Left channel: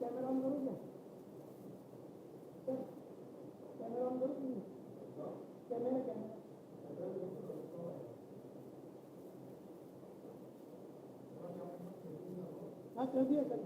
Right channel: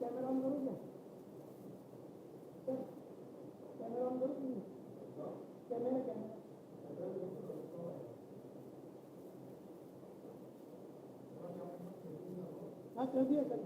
Camera on करून घ्या. Camera on करून घ्या. कॅमेरा हाँ कर दिया कर.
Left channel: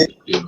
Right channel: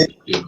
आगे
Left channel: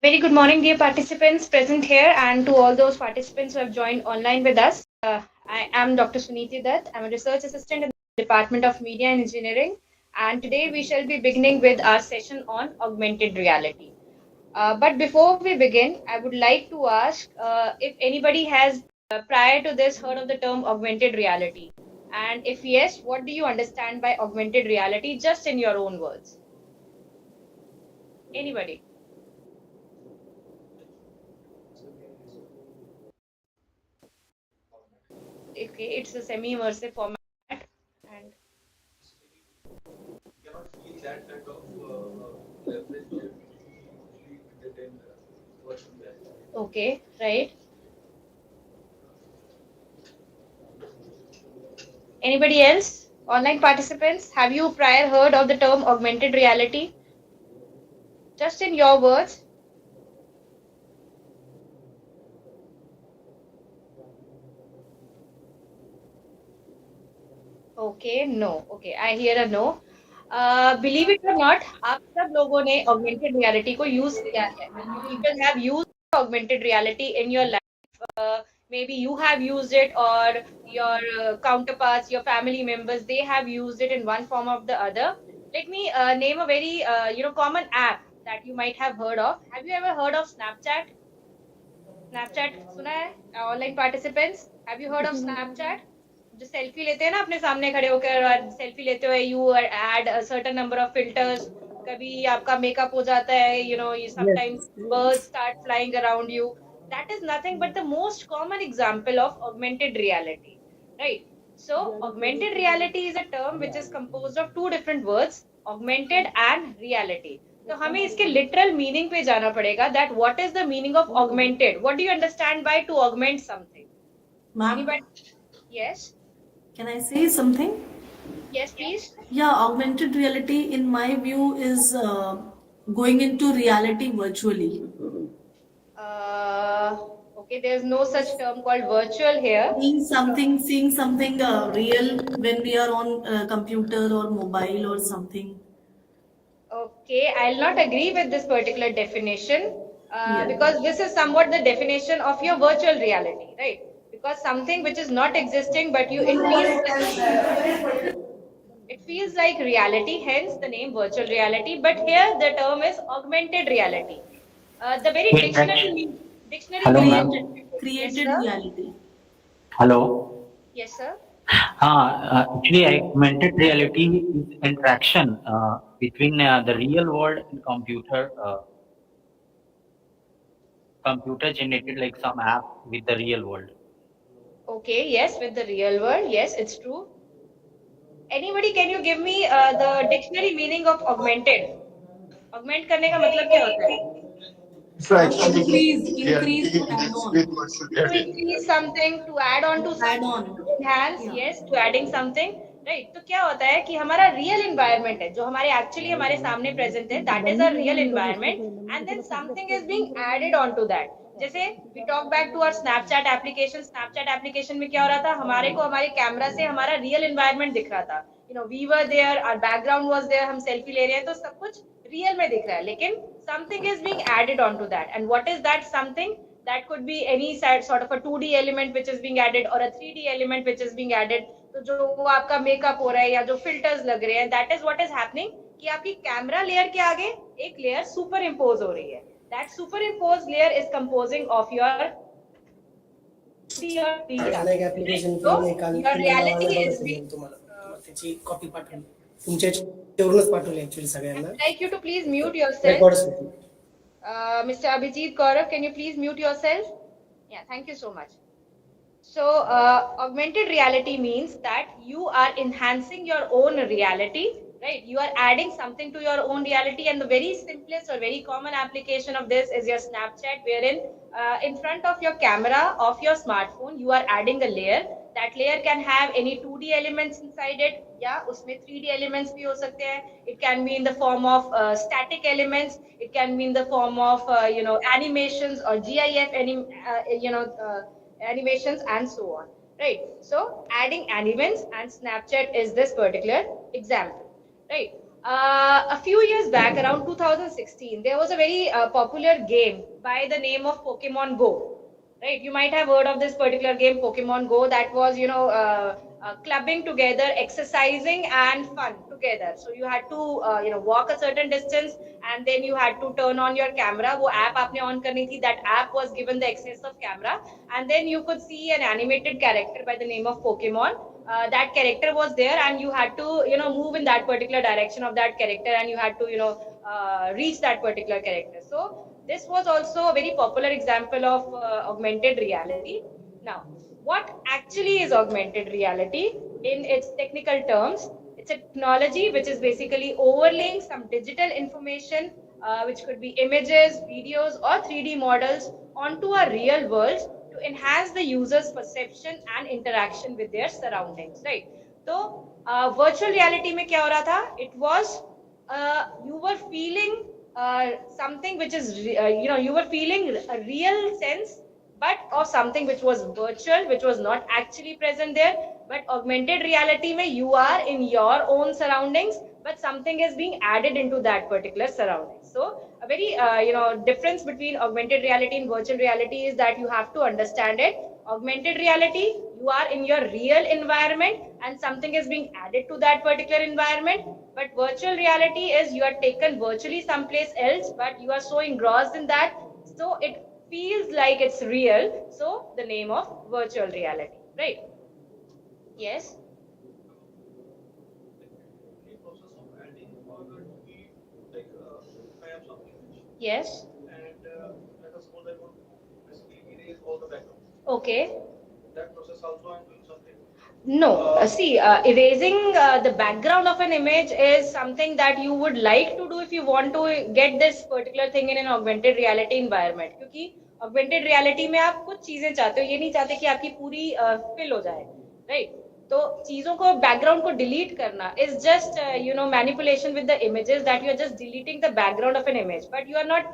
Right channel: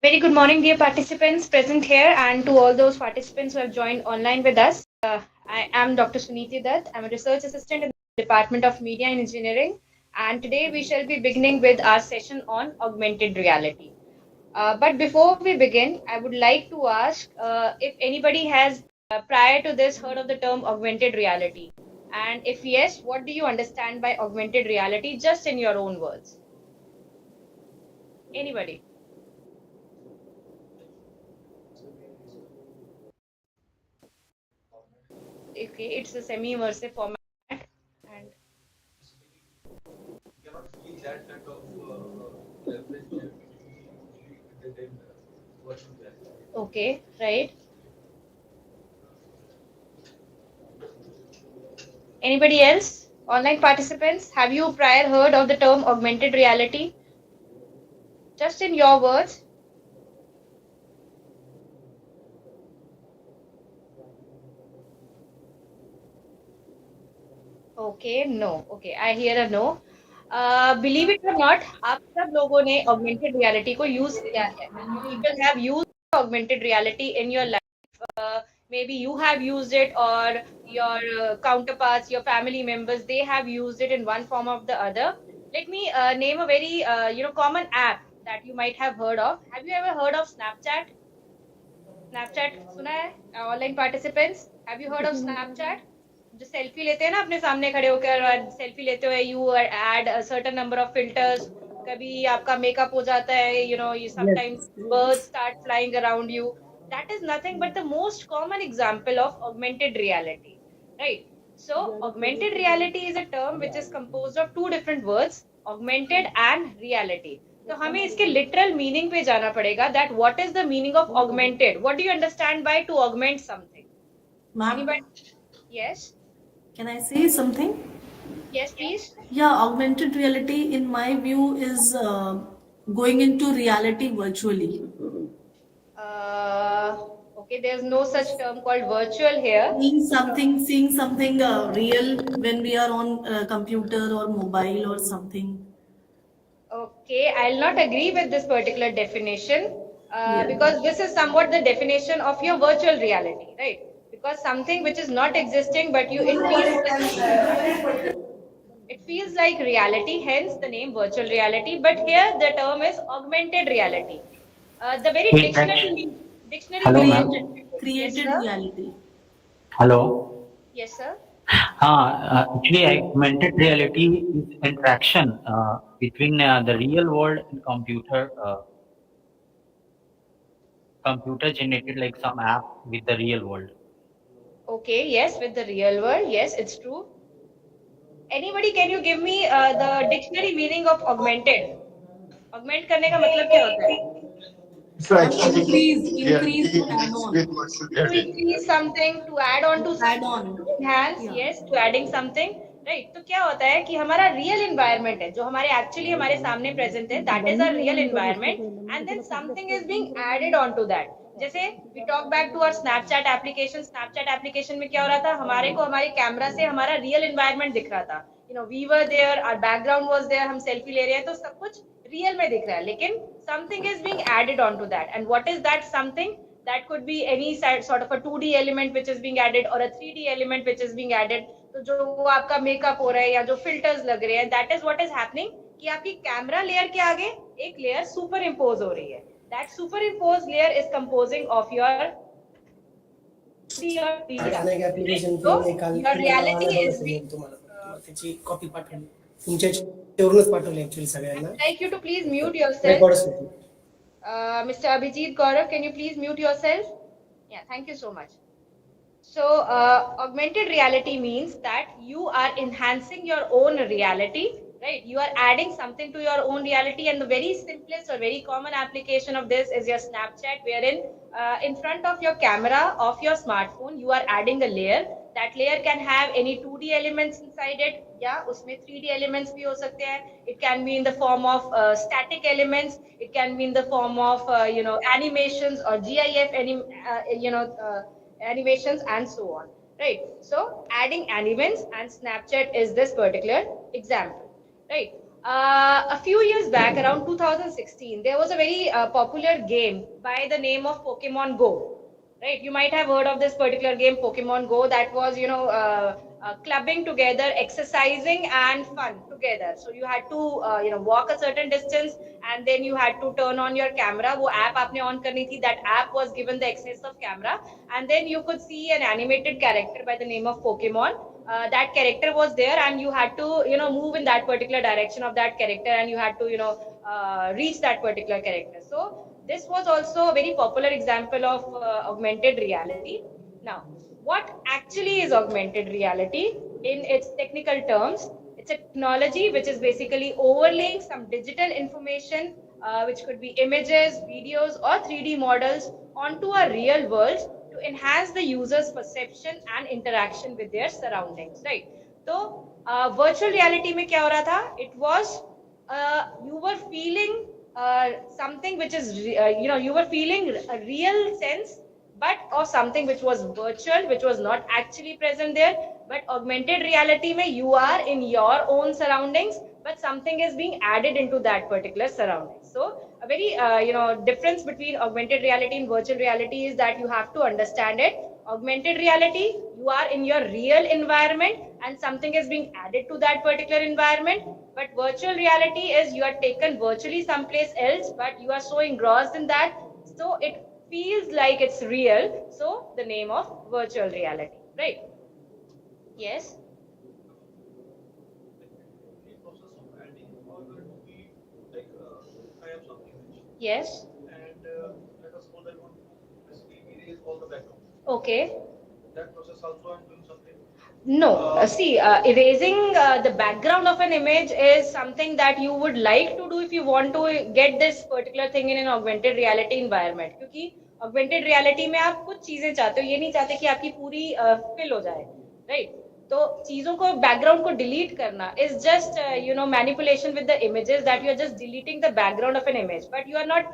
Very good morning, dear participants present here, and to all those participants who have joined online with us. I am Dr. Suniti Dutt. I'm a research assistant in the Department of Media and Engineering, and today we shall be beginning with our session on augmented reality. But before we begin, I would like to ask if anybody has prior to this heard of the term augmented reality, and if yes, what do you understand by augmented reality, just in your own words? Anybody? Okay, it's a semi-immersive format. And okay, right. Anybody else? Online participants, have you prior heard of the term augmented reality? Just in your words. Okay, no. Okay, I hear a no. Believe it or not, आप सब लोगों ने augmented reality को use किया है. You people have used augmented reality in your life. Maybe you have used it, or your counterparts, your family members, they have used it in one form or the other. Let me name a very common app that you might have heard of. Have you ever heard of Snapchat? Snapchat सुना है? Online participants, have you heard of Snapchat? जो selfie लेते हैं ना अपने सामने खड़े होकर, और सेल्फी लेते हुए you add a certain number of filters. कभी आपका मेकअप हो जाता है, you Yes, sometimes yes. Birds start flying around you. That is nothing but the most common example of augmented reality, right? So augmented reality is a term which is composed of two different words, augmented and reality. तो हमें इसके literal meaning पे जाना पड़ेगा, that what is the meaning of augmented. What do you understand by two augment something? Ma'am, anybody? Yes. can I say something? Yes, please. Yeah, augmented reality, in my view, is going into reality virtually. Okay, there's no such term called virtual here. Seeing something real when we are on computer or mobile or something. Okay, I'll not agree with this particular definition Yeah. because this is somewhat the definition of your virtual reality, right? Because something which is not existing, but it feels like reality, hence the name virtual reality. But here the term is augmented reality. The very Interaction. dictionary Hello, meaning. ma'am. Yes, Created sir. reality. Hello. Yes, sir. Actually, augmented reality is interaction between the real world and computer generated like some app with the real world. Okay, yes, with the real world. Yes, it's true. Anybody, can you give me the dictionary meaning of augmented? Augment करने का मतलब क्या होता है? So actually, Increase to reality add is on. with virtual To reality. increase something, to add on to Add something, on. to enhance, Yeah. yes, to adding something, right? तो क्या होता है कि हमारा real environment है जो हमारे actually हमारे सामने present है, that is our real environment, and then something is being added on to that. जैसे we talk back to our Snapchat application में क्या हो रहा था, हमारे को हमारे कैमरा से हमारा real environment दिख रहा था, we were there, our background was there, हम selfie ले रहे हैं तो सब कुछ real में दिख रहा है, लेकिन something is being added on to that, and what is that something? That could be any sort of a 2D element which is being added or a 3D element which is being added. तो जो वो आपका makeup हो रहा है या जो filters लग रहे हैं, that is what is happening कि आपकी कैमरा लेयर के आगे एक लेयर सुपर इम्पोज हो रही है. That superimposed layer is composing of your 2D or 3D एखाद्या एक aspect, right? ऍप्लिकेशन So मी काल your तुम्हाला reality नावाने is बघत being. होतो तुम्हाला त्याची कॉपी पाठवली तुमच्या याच्यावरूनच पाठवली ऍक्च्युअली सगळ्यांना I'd like you to please mute yourself. रेकॉर्डच होती. Mr. Abhijit Gaurav, can you please mute yourself? Yeah, thank you so much. So, augmented reality means that you are enhancing your own reality, right? You are adding something to your own reality, and the very simplest or very common application of this is your Snapchat, wherein in front of your camera of your smartphone, you are adding a layer. That layer can have any 2D elements inside it. Yeah, उसमें 3D elements भी हो सकते हैं. It can be in the form of static elements. It can be in the form of animations or GIF, animations and so on, right? So adding animations and Snapchat is this particular example, right? A few years back, around 2016, there was a very popular game by the name of Pokemon Go, right? You might have heard of this particular game, Pokemon Go, that was clubbing together, exercising and fun together. So you had to walk a certain distance, and then you had to turn on your camera. वो app आपने on करनी थी. That app was given the access of camera, and then you could see an animated character by the name of Pokemon. That character was there, and you had to move in that particular direction of that character, and you had to reach that particular character. So this was also a very popular example of augmented reality. Now, what actually is augmented reality in its technical terms? It's a technology which is basically overlaying some digital information, which could be images, videos, or 3D models onto a real world to enhance the user's perception and interaction with their surroundings, right? So, virtual reality में क्या हो रहा था? It was you were feeling something which is you were feeling a real sense, but of something which was virtual, which was not actually present there. But augmented reality mein you are in your own surroundings, but something is being added into that particular surrounding. So a very difference between augmented reality and virtual reality is that you have to understand it. Augmented reality, you are in your real environment and something is being added to that particular environment. But virtual reality is you are taken virtually someplace else, but you are so engrossed in that, so it feels like it's real. So the name of virtual reality, right? Yes. Yes. Okay. No, see, erasing the background of an image is something that you would like to do if you want to get this particular thing in an augmented reality environment. क्योंकि augmented reality में आप कुछ चीजें चाहते हो, ये नहीं चाहते कि आपकी पूरी fill हो जाए, right? तो चीजों को बैकग्राउंड को डिलीट करना is just manipulation with the images that you are just deleting the background of an image but you are not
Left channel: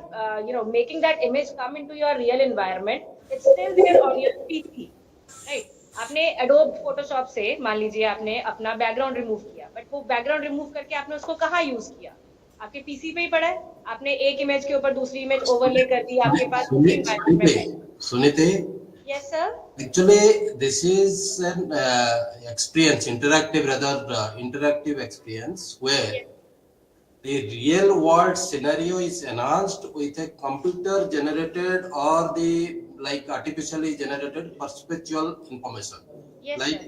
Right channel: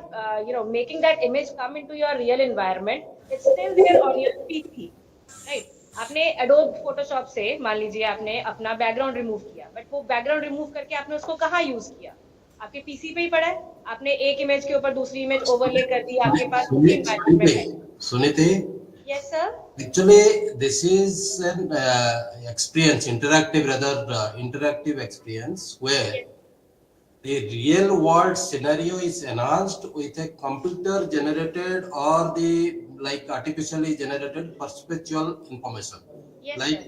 making that image come into your real environment it's still there on your PC right आपने Adobe Photoshop से मान लीजिए आपने अपना background remove किया but वो background remove करके आपने उसको कहाँ यूज किया आपके पीसी पे ही पड़ा है आपने एक इमेज के ऊपर दूसरी इमेज ओवरले कर दी आपके पास Sunite, yes sir actually this is an experience, interactive rather interactive experience where the real world scenario is enhanced with a computer generated or the like artificially generated perceptual information. Yes, Like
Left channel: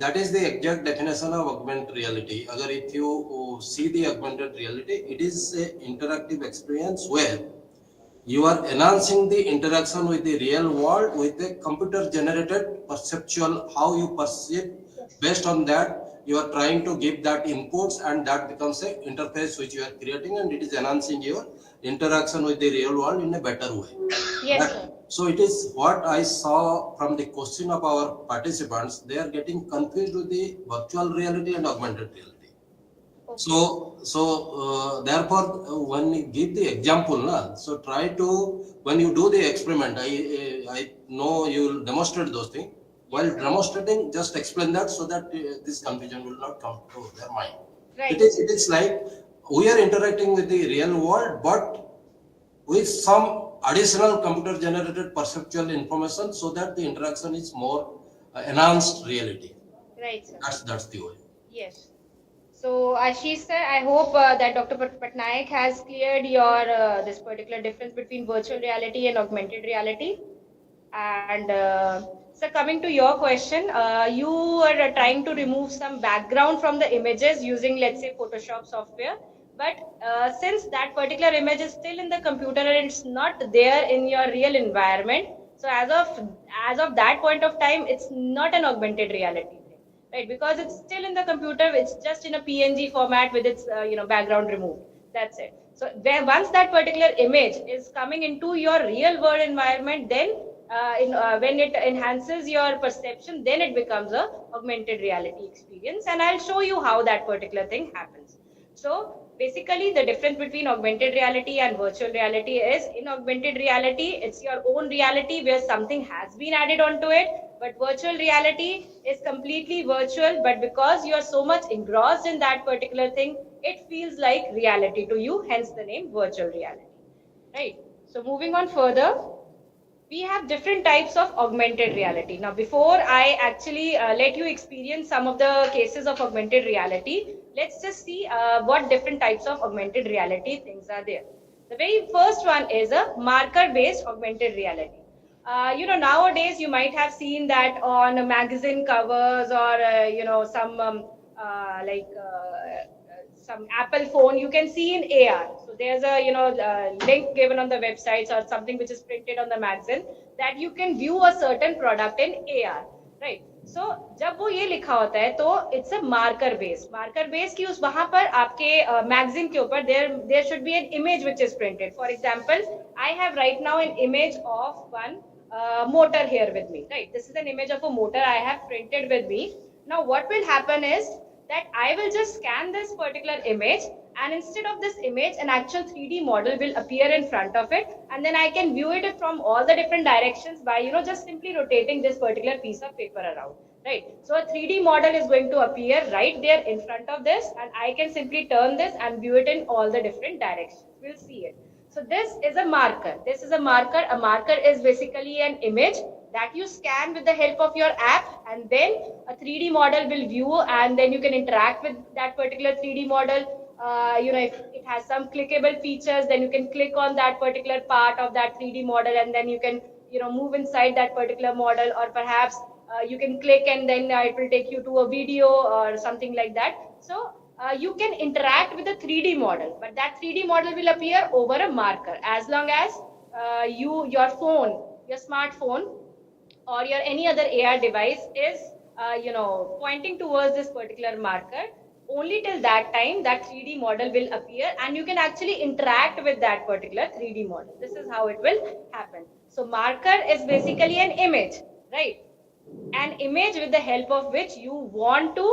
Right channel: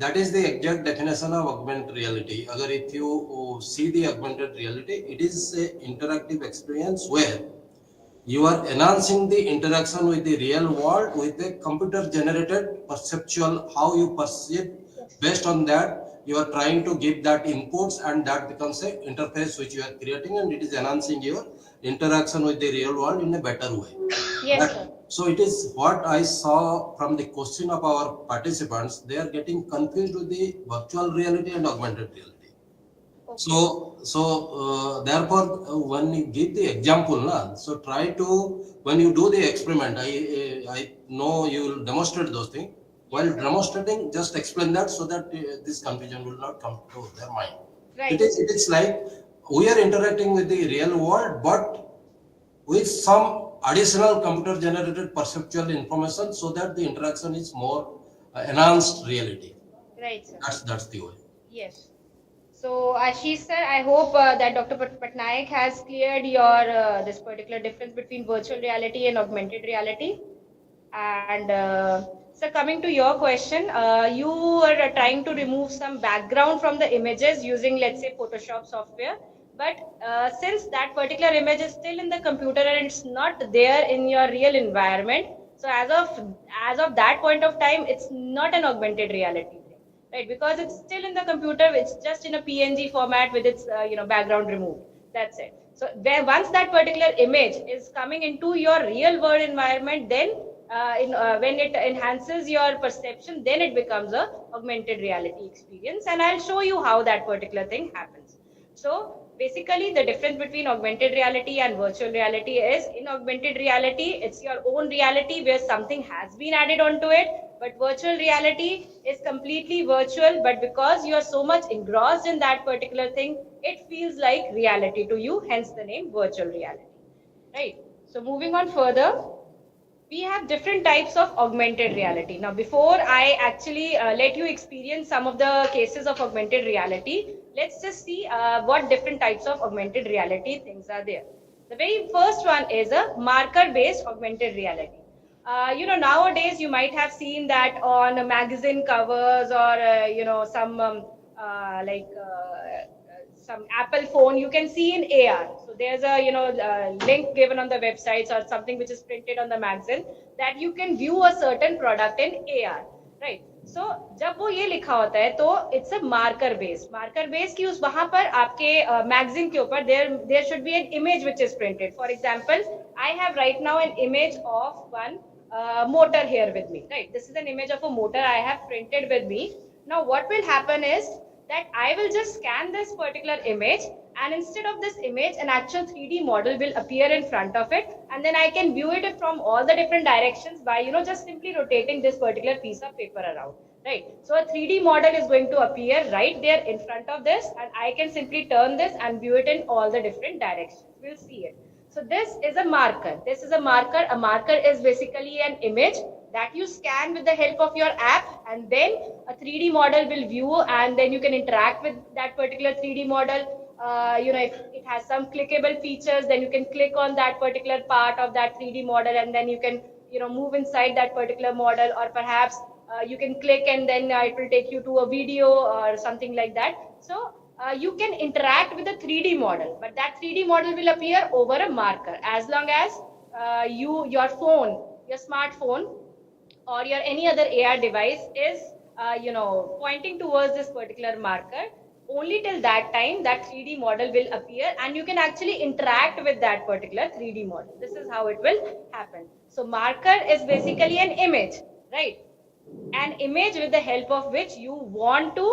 that is the exact definition of augmented reality. Agar if you see the augmented reality, it is a interactive experience where you are enhancing the interaction with the real world with a computer generated perceptual how you perceive. Based on that you are trying to give that inputs and that becomes a interface which you are creating and it is enhancing your interaction with the real world in a better way. Yes, But, so it is what I saw from the question of our participants. They are getting confused with the virtual reality and augmented reality. So therefore when you give the example so try to when you do the experiment I know you will demonstrate those things. While demonstrating just explain that so that this confusion will not come to their mind. right. It is like we are interacting with the real world but with some additional computer generated perceptual information so that the interaction is more enhanced reality. Right, sir. That's the way. Yes. So, Ashish sir, I hope that Dr. Patnaik has cleared your this particular difference between virtual reality and augmented reality. And so, coming to your question, you are trying to remove some background from the images using, let's say, Photoshop software. But since that particular image is still in the computer and it's not there in your real environment, so as of that point of time, it's not an augmented reality. Right, because it's still in the computer, it's just in a PNG format with its background removed. That's it. So once that particular image is coming into your real world environment, then when it enhances your perception, then it becomes a augmented reality experience. And I'll show you how that particular thing happens. So basically the difference between augmented reality and virtual reality is in augmented reality, it's your own reality where something has been added onto it. But virtual reality is completely virtual, but because you are so much engrossed in that particular thing, it feels like reality to you, hence the name virtual reality. Right? So moving on further, we have different types of augmented reality. Now, before I actually let you experience some of the cases of augmented reality, let's just see what different types of augmented reality things are there. The very first one is a marker-based augmented reality. Nowadays you might have seen that on magazine covers or some Apple phone, you can see in AR. So there's a link given on the websites or something which is printed on the magazine that you can view a certain product in AR, right? So जब वो ये लिखा होता है तो it's a marker base कि उस वहाँ पर आपके magazine के ऊपर there should be an image which is printed. For example, I have right now an image of one motor here with me, right? This is an image of a motor I have printed with me. Now what will happen is that I will just scan this particular image, and instead of this image, an actual 3D model will appear in front of it, and then I can view it from all the different directions by just simply rotating this particular piece of paper around, right? So a 3D model is going to appear right there in front of this, and I can simply turn this and view it in all the different directions. We'll see it. So this is a marker. This is a marker. A marker is basically an image that you scan with the help of your app, and then a 3D model will view, and then you can interact with that particular 3D model. If it has some clickable features, then you can click on that particular part of that 3D model, and then you can move inside that particular model, or perhaps you can click and then it will take you to a video or something like that. So you can interact with the 3D model, but that 3D model will appear over a marker as long as your phone, your smartphone, or your any other AR device is pointing towards this particular marker. Only till that time that 3D model will appear, and you can actually interact with that particular 3D model. This is how it will happen. So marker is basically an image, right? an image with the help of which you want to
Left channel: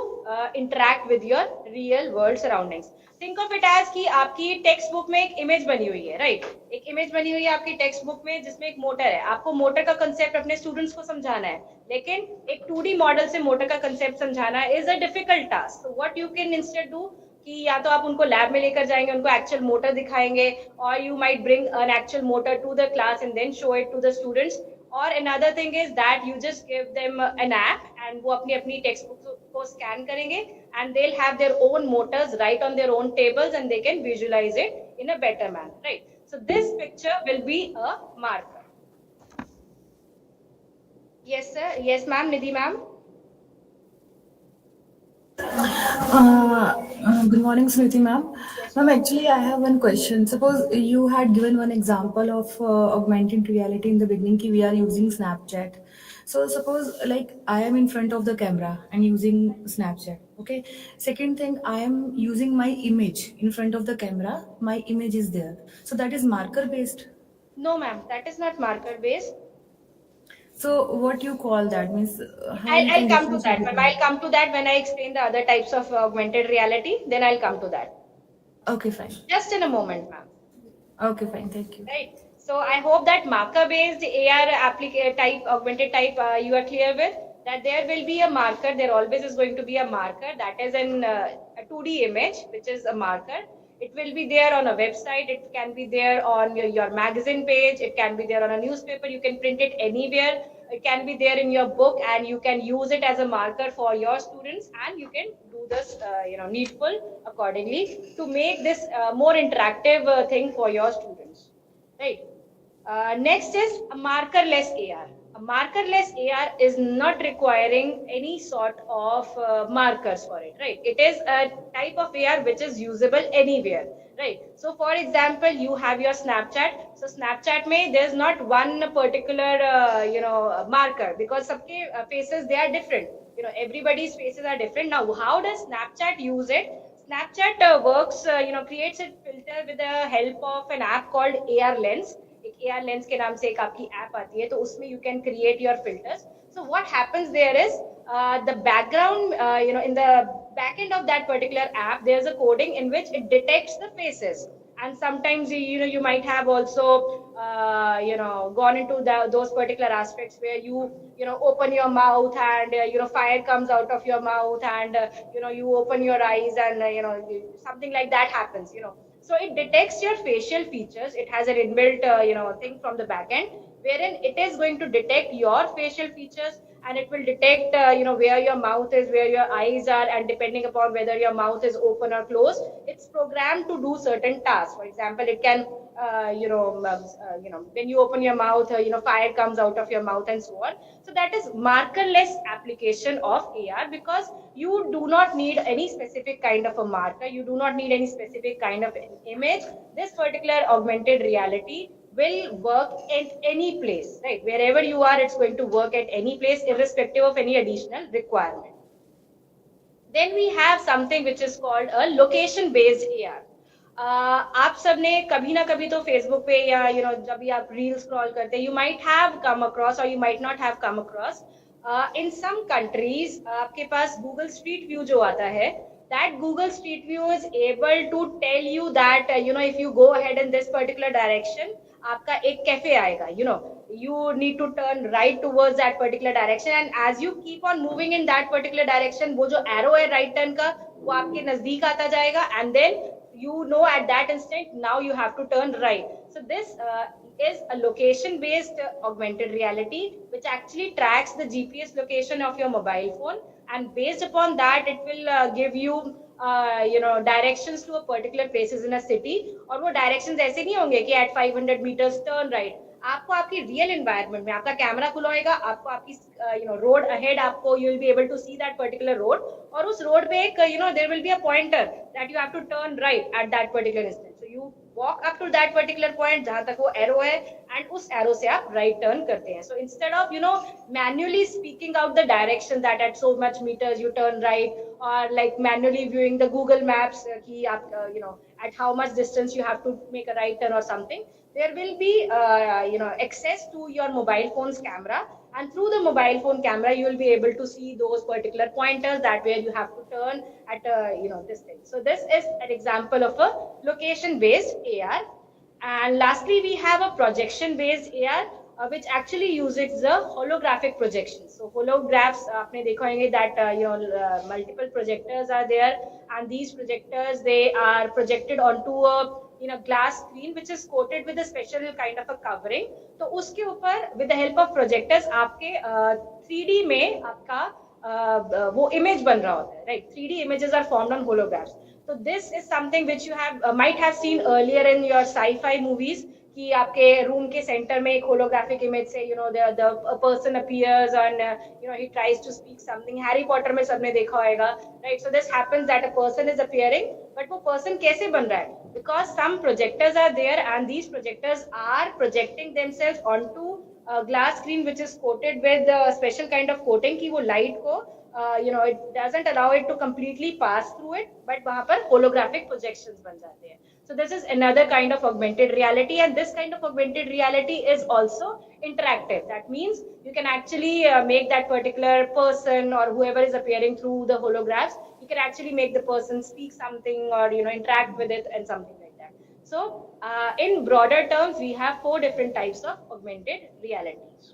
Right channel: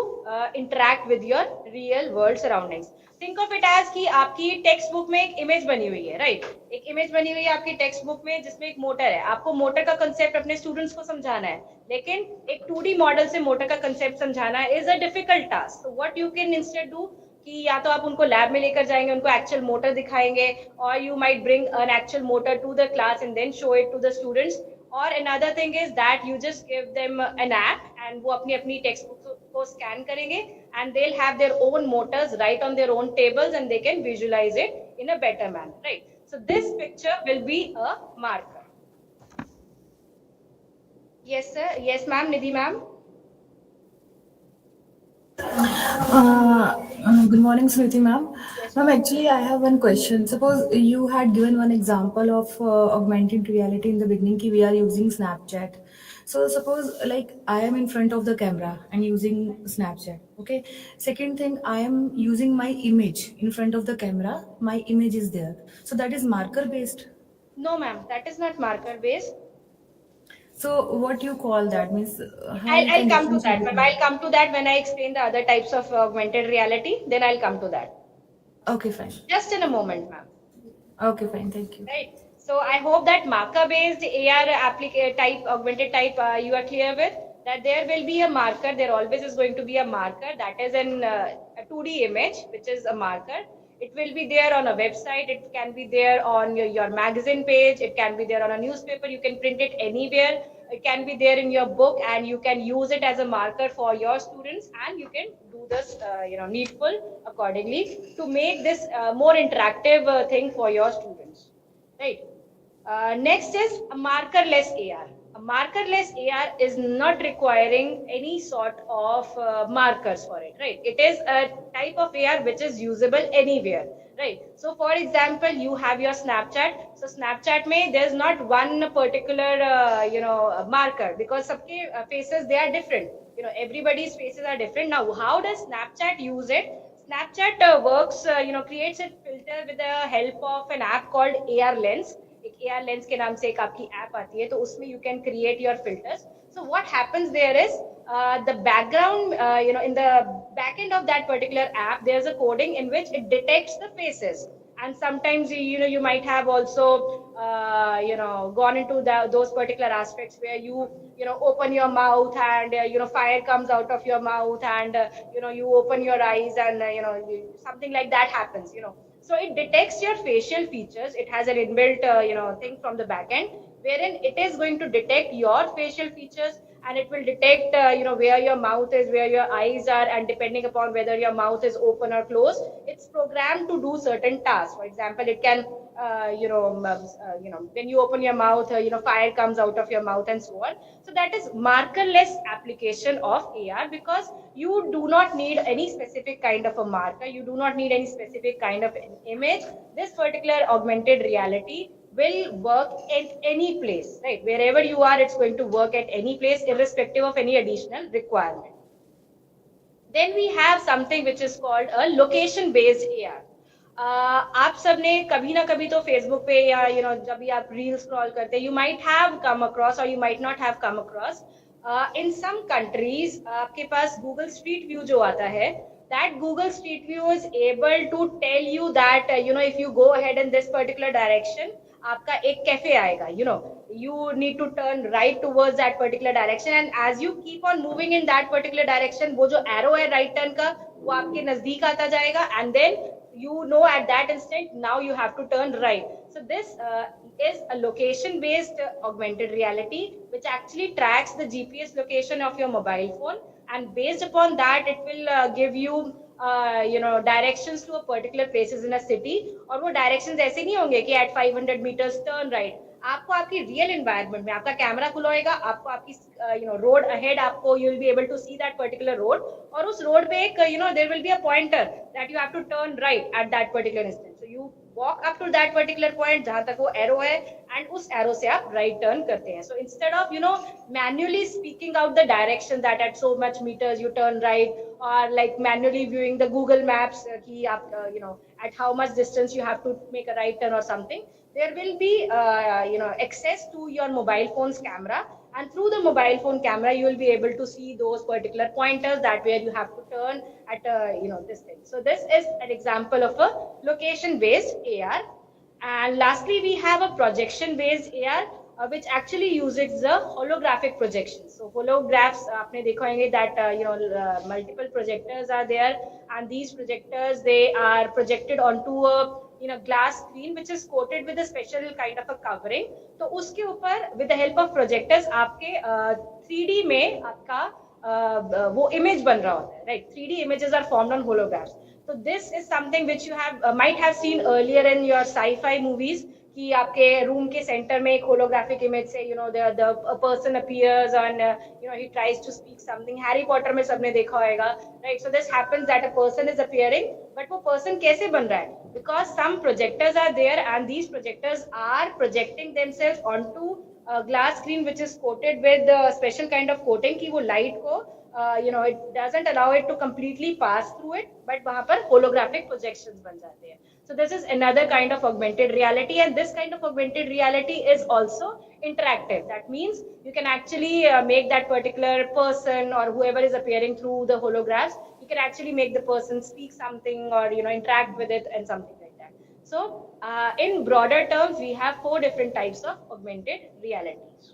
interact with your real world surroundings. Think of it as कि आपकी text book में एक image बनी हुई है, right? एक image बनी हुई है आपकी टेक्स्ट बुक में जिसमें एक मोटर है. आपको मोटर का कंसेप्ट अपने स्टूडेंट्स को समझाना है, लेकिन एक 2D मॉडल से मोटर का कंसेप्ट समझाना is a difficult task. So what you can instead do कि या तो आप उनको लैब में लेकर जाएंगे, उनको एक्चुअल मोटर दिखाएंगे, और you might bring an actual motor to the class and then show it to the students. और another thing is that you just give them an app and वो अपनी अपनी टेक्स्ट बुक को scan करेंगे and they'll have their own motors right on their own tables and they can visualize it in a better manner, right? So this picture will be a marker. Yes sir, yes ma'am, Nidhi ma'am. Good morning, Smriti ma'am. Ma'am, actually, I have one question. Suppose you had given one example of augmented reality in the beginning, ki we are using Snapchat. So suppose like I am in front of the camera and using Snapchat. Okay. Second thing, I am using my image in front of the camera. My image is there. So that is marker based. No ma'am, that is not marker based. So what you call that means? How you I'll can come to differentiate that, between- ma'am. I'll come to that when I explain the other types of augmented reality. Then I'll come to that. Okay, fine. Just in a moment, ma'am. Okay, fine. Thank you. Right. So I hope that marker-based AR type, augmented type, you are clear with that there will be a marker. There always is going to be a marker that is in a 2D image, which is a marker. It will be there on a website. It can be there on your magazine page. It can be there on a newspaper. You can print it anywhere. It can be there in your book, and you can use it as a marker for your students. And you can do this, needful accordingly to make this more interactive thing for your students. Right. Next is a markerless AR. A markerless AR is not requiring any sort of markers for it, right? It is a type of AR which is usable anywhere, right? So, for example, you have your Snapchat. So, Snapchat mein there's not one particular, marker because सबके faces they are different. Everybody's faces are different. Now, how does Snapchat use it? Snapchat works, creates a filter with the help of an app called AR Lens. एक AR Lens के नाम से एक आपकी app आती है, तो उसमें you can create your filters. So what happens there is the background, in the back end of that particular app, there's a coding in which it detects the faces. And sometimes you might have also gone into those particular aspects where you open your mouth and fire comes out of your mouth and you open your eyes and something like that happens. So it detects your facial features. It has an inbuilt thing from the back end wherein it is going to detect your facial features, and it will detect where your mouth is, where your eyes are, and depending upon whether your mouth is open or closed, it's programmed to do certain tasks. For example, it can when you open your mouth, fire comes out of your mouth and so on. So that is markerless application of AR, because you do not need any specific kind of a marker, you do not need any specific kind of image. This particular augmented reality will work at any place, right? Wherever you are, it's going to work at any place, irrespective of any additional requirement. Then we have something which is called a location based AR. आप सब ने कभी ना कभी तो Facebook पे या जब भी आप रील स्क्रॉल करते हैं, you might have come across or you might not have come across, in some countries आपके पास Google Street View जो आता है, that Google Street View is able to tell you that if you go ahead in this particular direction, आपका एक cafe आएगा, you need to turn right towards that particular direction, and as you keep on moving in that particular direction, वो जो arrow है right turn का, वो आपके नजदीक आता जाएगा, and then at that instant now you have to turn right. So this is a location based augmented reality which actually tracks the GPS location of your mobile phone, and based upon that it will give you directions to a particular places in a city. और वो directions ऐसे नहीं होंगे कि at 500 meters turn right. आपको आपकी real environment में आपका कैमरा खुला होएगा, आपको आपकी रोड अहेड, आपको you will be able to see that particular road, और उस रोड पे एक there will be a pointer that you have to turn right at that particular instant. So you walk up to that particular point जहां तक वो arrow है, and उस arrow से आप राइट टर्न करते हैं. So instead of manually speaking out the direction that at so much metres you turn right, और like manually viewing the Google Maps कि आप at how much distance you have to make a right turn or something, there will be access to your mobile phone's camera, and through the mobile phone camera you will be able to see those particular pointers that where you have to turn at this thing. So this is an example of a location based AR. And lastly, we have a projection based AR, which actually uses the holographic projection. So holographs, आपने देखा होंगे that multiple projectors are there, and these projectors, they are projected onto a glass screen which is coated with a special kind of a covering. तो उसके ऊपर with the help of projectors आपके 3D में आपका वो image बन रहा होता है, right? 3D images are formed on holographs. So this is something which you have might have seen earlier in your sci-fi movies कि आपके रूम के सेंटर में एक holographic image से the a person appears and he tries to speak something. Harry Potter में सबने देखा होगा, right? So this happens that a person is appearing, but वो person कैसे बन रहा है? Because some projectors are there and these projectors are projecting themselves onto a glass screen which is coated with a special kind of coating कि वो light को it doesn't allow it to completely pass through it, but वहाँ पर holographic projections बन जाते हैं. So this is another kind of augmented reality, and this kind of augmented reality is also interactive. That means you can actually make that particular person or whoever is appearing through the holographs, you can actually make the person speak something or interact with it and something like that. So in broader terms, we have 4 different types of augmented realities.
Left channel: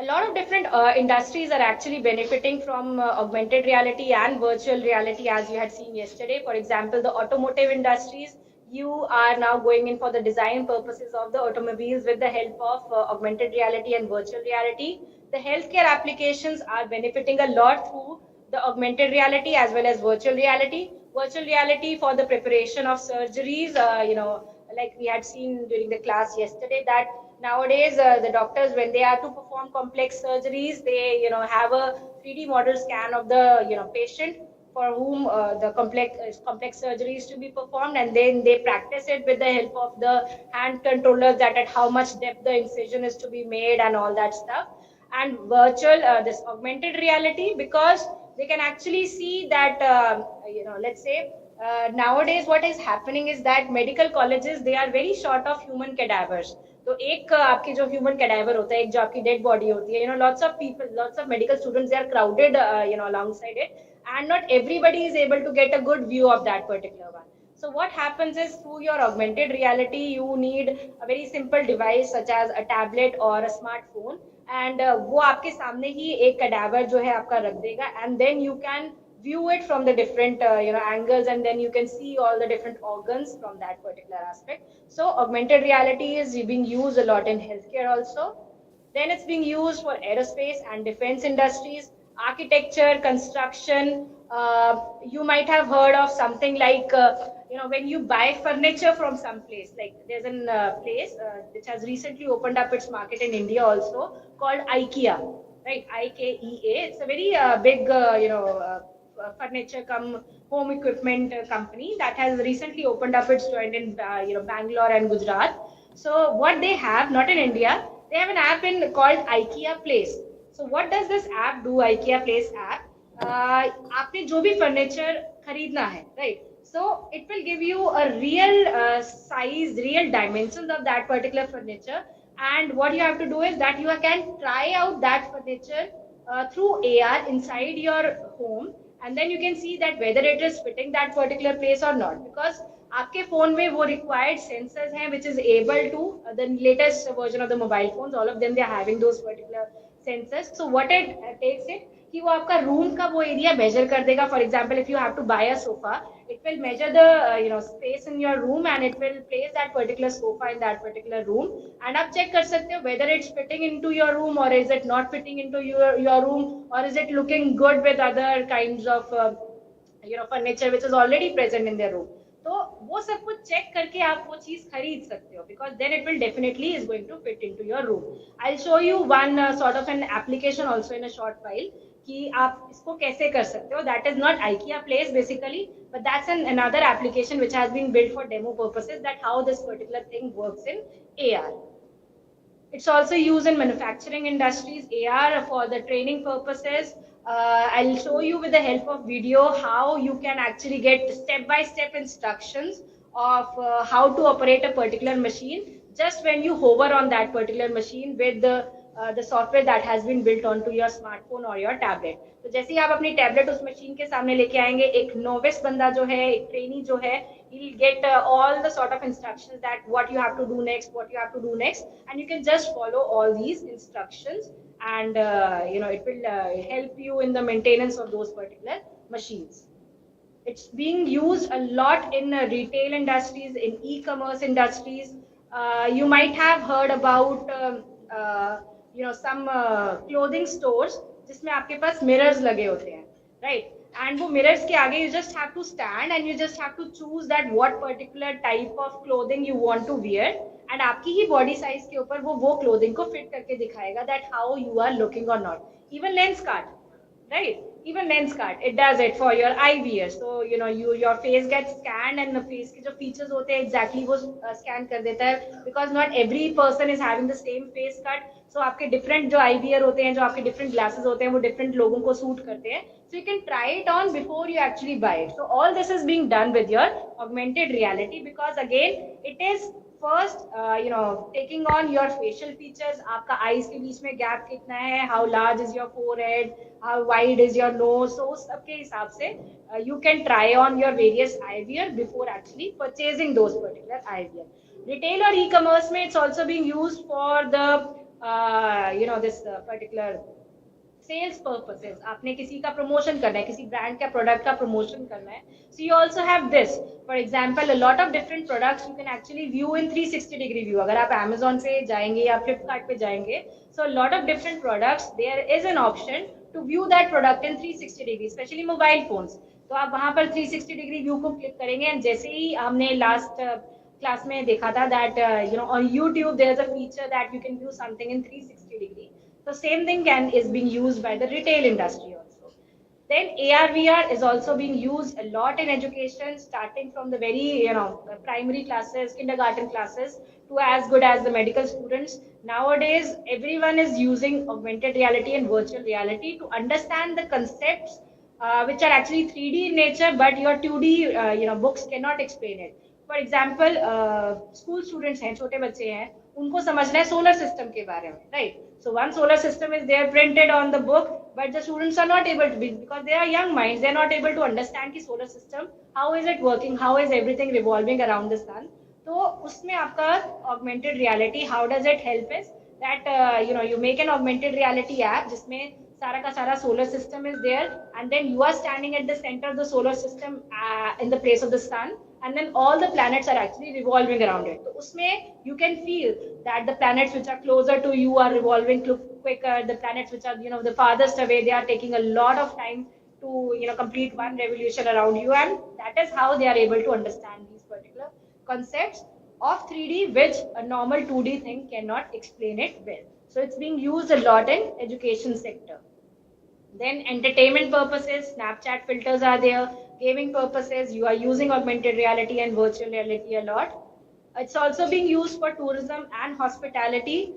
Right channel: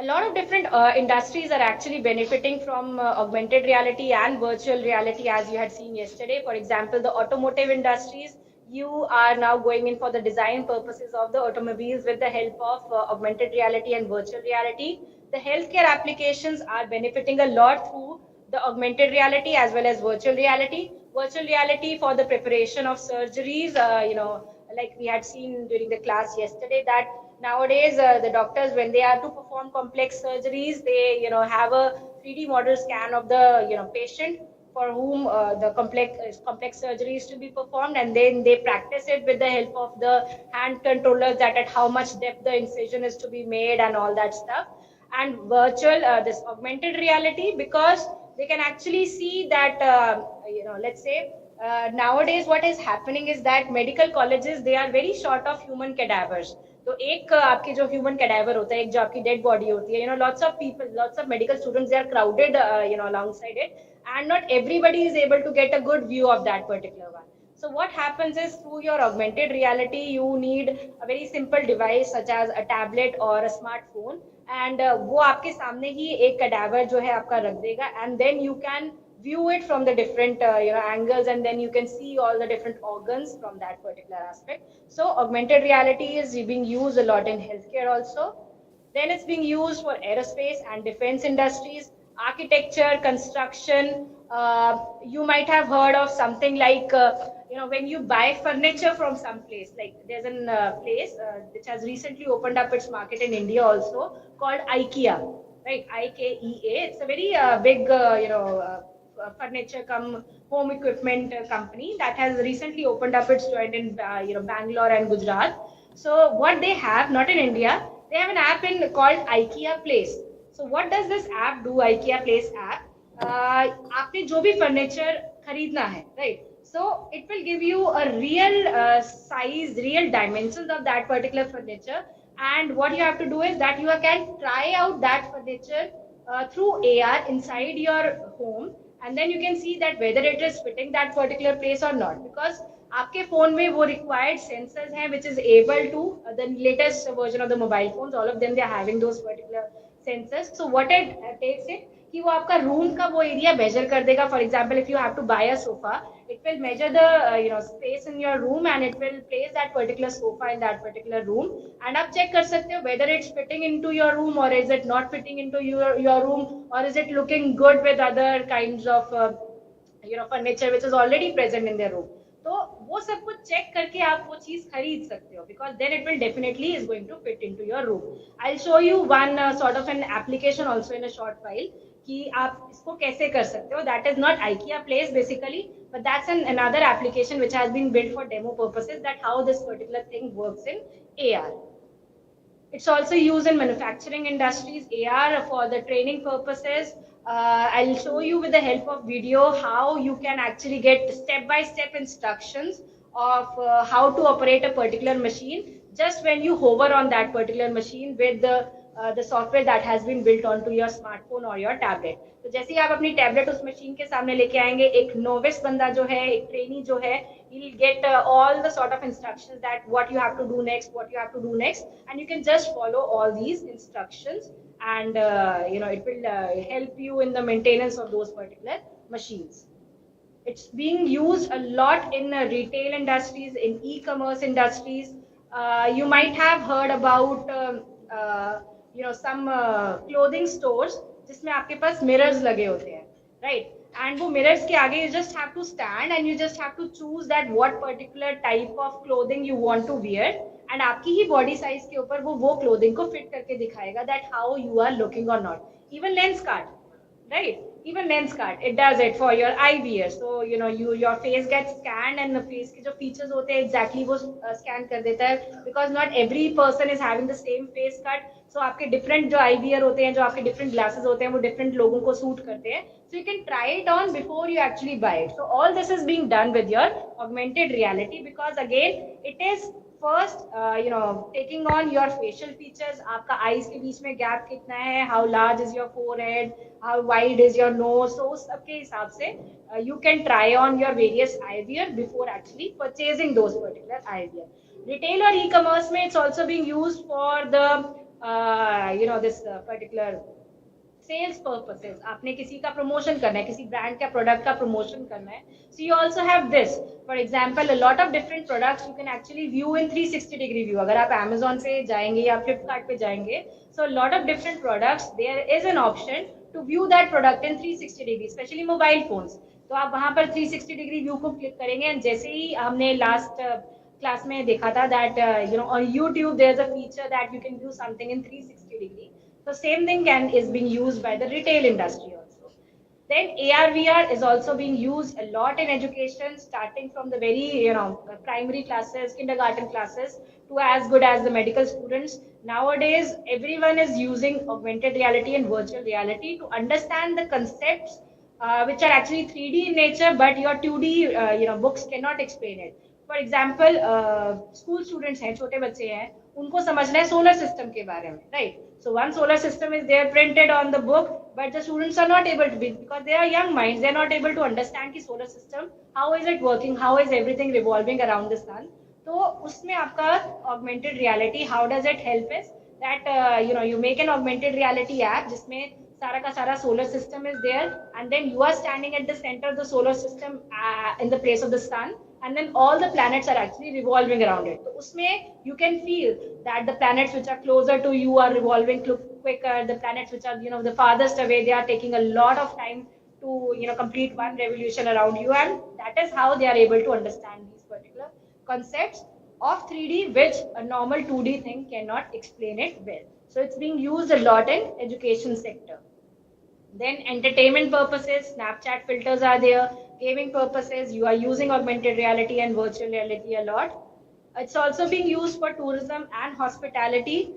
A lot of different industries are actually benefiting from augmented reality and virtual reality, as you had seen yesterday. For example, the automotive industries, you are now going in for the design purposes of the automobiles with the help of augmented reality and virtual reality. The healthcare applications are benefiting a lot through the augmented reality as well as virtual reality. Virtual reality for the preparation of surgeries, like we had seen during the class yesterday, that nowadays the doctors, when they are to perform complex surgeries, they have a 3D model scan of the patient for whom the complex surgery is to be performed, and then they practice it with the help of the hand controllers, that at how much depth the incision is to be made and all that stuff. And virtual this augmented reality, because they can actually see that let's say nowadays what is happening is that medical colleges, they are very short of human cadavers. तो एक आपके जो human cadaver होता है, एक जो आपकी dead body होती है, lots of people, lots of medical students, they are crowded alongside it, and not everybody is able to get a good view of that particular one. So what happens is, through your augmented reality, you need a very simple device such as a tablet or a smartphone, and वो आपके सामने ही एक cadaver जो है आपका रख देगा, and then you can view it from the different angles, and then you can see all the different organs from that particular aspect. So augmented reality is being used a lot in healthcare also. Then it's being used for aerospace and defense industries, architecture, construction. You might have heard of something like when you buy furniture from some place, like there's a place which has recently opened up its market in India also, called IKEA, right? IKEA. It's a very big furniture come home equipment company that has recently opened up its joint in Bangalore and Gujarat. So what they have, not in India, they have an app called IKEA Place. So what does this app do? IKEA Place app, आपने जो भी furniture खरीदना है, right? So it will give you a real size, real dimensions of that particular furniture, and what you have to do is that you can try out that furniture through AR inside your home, and then you can see that whether it is fitting that particular place or not, because आपके phone में वो required sensors हैं which is able to the latest version of the mobile phones, all of them, they are having those particular sensors. So what it takes it कि वो आपका room का वो area measure कर देगा. For example, if you have to buy a sofa, it will measure the space in your room, and it will place that particular sofa in that particular room, and आप check कर सकते हो whether it's fitting into your room or is it not fitting into your room, or is it looking good with other kinds of furniture which is already present in their room. तो वो सब कुछ check करके आप वो चीज खरीद सकते हो, because then it will definitely is going to fit into your room. I'll show you one sort of an application also in a short while कि आप इसको कैसे कर सकते हो. That is not IKEA Place basically, but that's another application which has been built for demo purposes, that how this particular thing works in AR. It's also used in manufacturing industries, AR for the training purposes. I'll show you with the help of video how you can actually get step-by-step instructions of how to operate a particular machine just when you hover on that particular machine with the software that has been built onto your smartphone or your tablet. तो जैसे ही आप अपनी tablet उस machine के सामने लेके आएंगे, एक नोविस बंदा जो है, एक ट्रेनी जो है, he'll get all the sort of instructions that what you have to do next, what you have to do next, and you can just follow all these instructions, and it will help you in the maintenance of those particular machines. It's being used a lot in retail industries, in e-commerce industries. You might have heard about some clothing stores जिसमें आपके पास mirrors लगे होते हैं, right? And वो mirrors के आगे you just have to stand and you just have to choose that what particular type of clothing you want to wear, and आपकी ही body size के ऊपर वो clothing को fit करके दिखाएगा that how you are looking or not. Even lens card, right? Even lens card, it does it for your eye wear. So your face gets scanned and the face के जो features होते हैं exactly वो scan कर देता है, because not every person is having the same face cut. So आपके different जो eye wear होते हैं, जो आपके different glasses होते हैं, वो different लोगों को suit करते हैं. So you can try it on before you actually buy it. So all this is being done with your augmented reality, because again it is first taking on your facial features. आपका eyes के बीच में gap कितना है, how large is your forehead, how wide is your nose. So उस सबके हिसाब से you can try on your various eyewear before actually purchasing those particular eyewear. Retail or e-commerce में it's also being used for the this particular sales purposes. आपने किसी का promotion करना है, किसी brand का product का promotion करना है, so you also have this. For example, a lot of different products you can actually view in 360 degree view. अगर आप Amazon से जाएंगे या Flipkart पे जाएंगे, so a lot of different products, there is an option to view that product in 360 degree, especially mobile phones. तो आप वहाँ पर 360 degree view को click करेंगे, and जैसे ही हमने last class में देखा था that on YouTube there's a feature that you can view something in 360 degree. So same thing is being used by the retail industry also. Then AR VR is also being used a lot in education, starting from the very primary classes, kindergarten classes, to as good as the medical students. Nowadays, everyone is using augmented reality and virtual reality to understand the concepts which are actually 3D in nature, but your 2D books cannot explain it. For example, school students हैं, छोटे बच्चे हैं, उनको समझना है solar system के बारे में, right? So one solar system is there printed on the book, but the students are not able to be, because they are young minds, they are not able to understand the solar system, how is it working, how is everything revolving around the sun. तो उसमें आपका augmented reality, how does it help is that you make an augmented reality app जिसमें सारा का सारा solar system is there, and then you are standing at the center of the solar system in the place of the sun, and then all the planets are actually revolving around it. So उसमें you can feel that the planets which are closer to you are revolving quicker, the planets which are the farthest away, they are taking a lot of time to complete one revolution around you, and that is how they are able to understand these particular concepts of 3D, which a normal 2D thing cannot explain it well. So it's being used a lot in education sector. Then entertainment purposes, Snapchat filters are there. Gaming purposes, you are using augmented reality and virtual reality a lot. It's also being used for tourism and hospitality.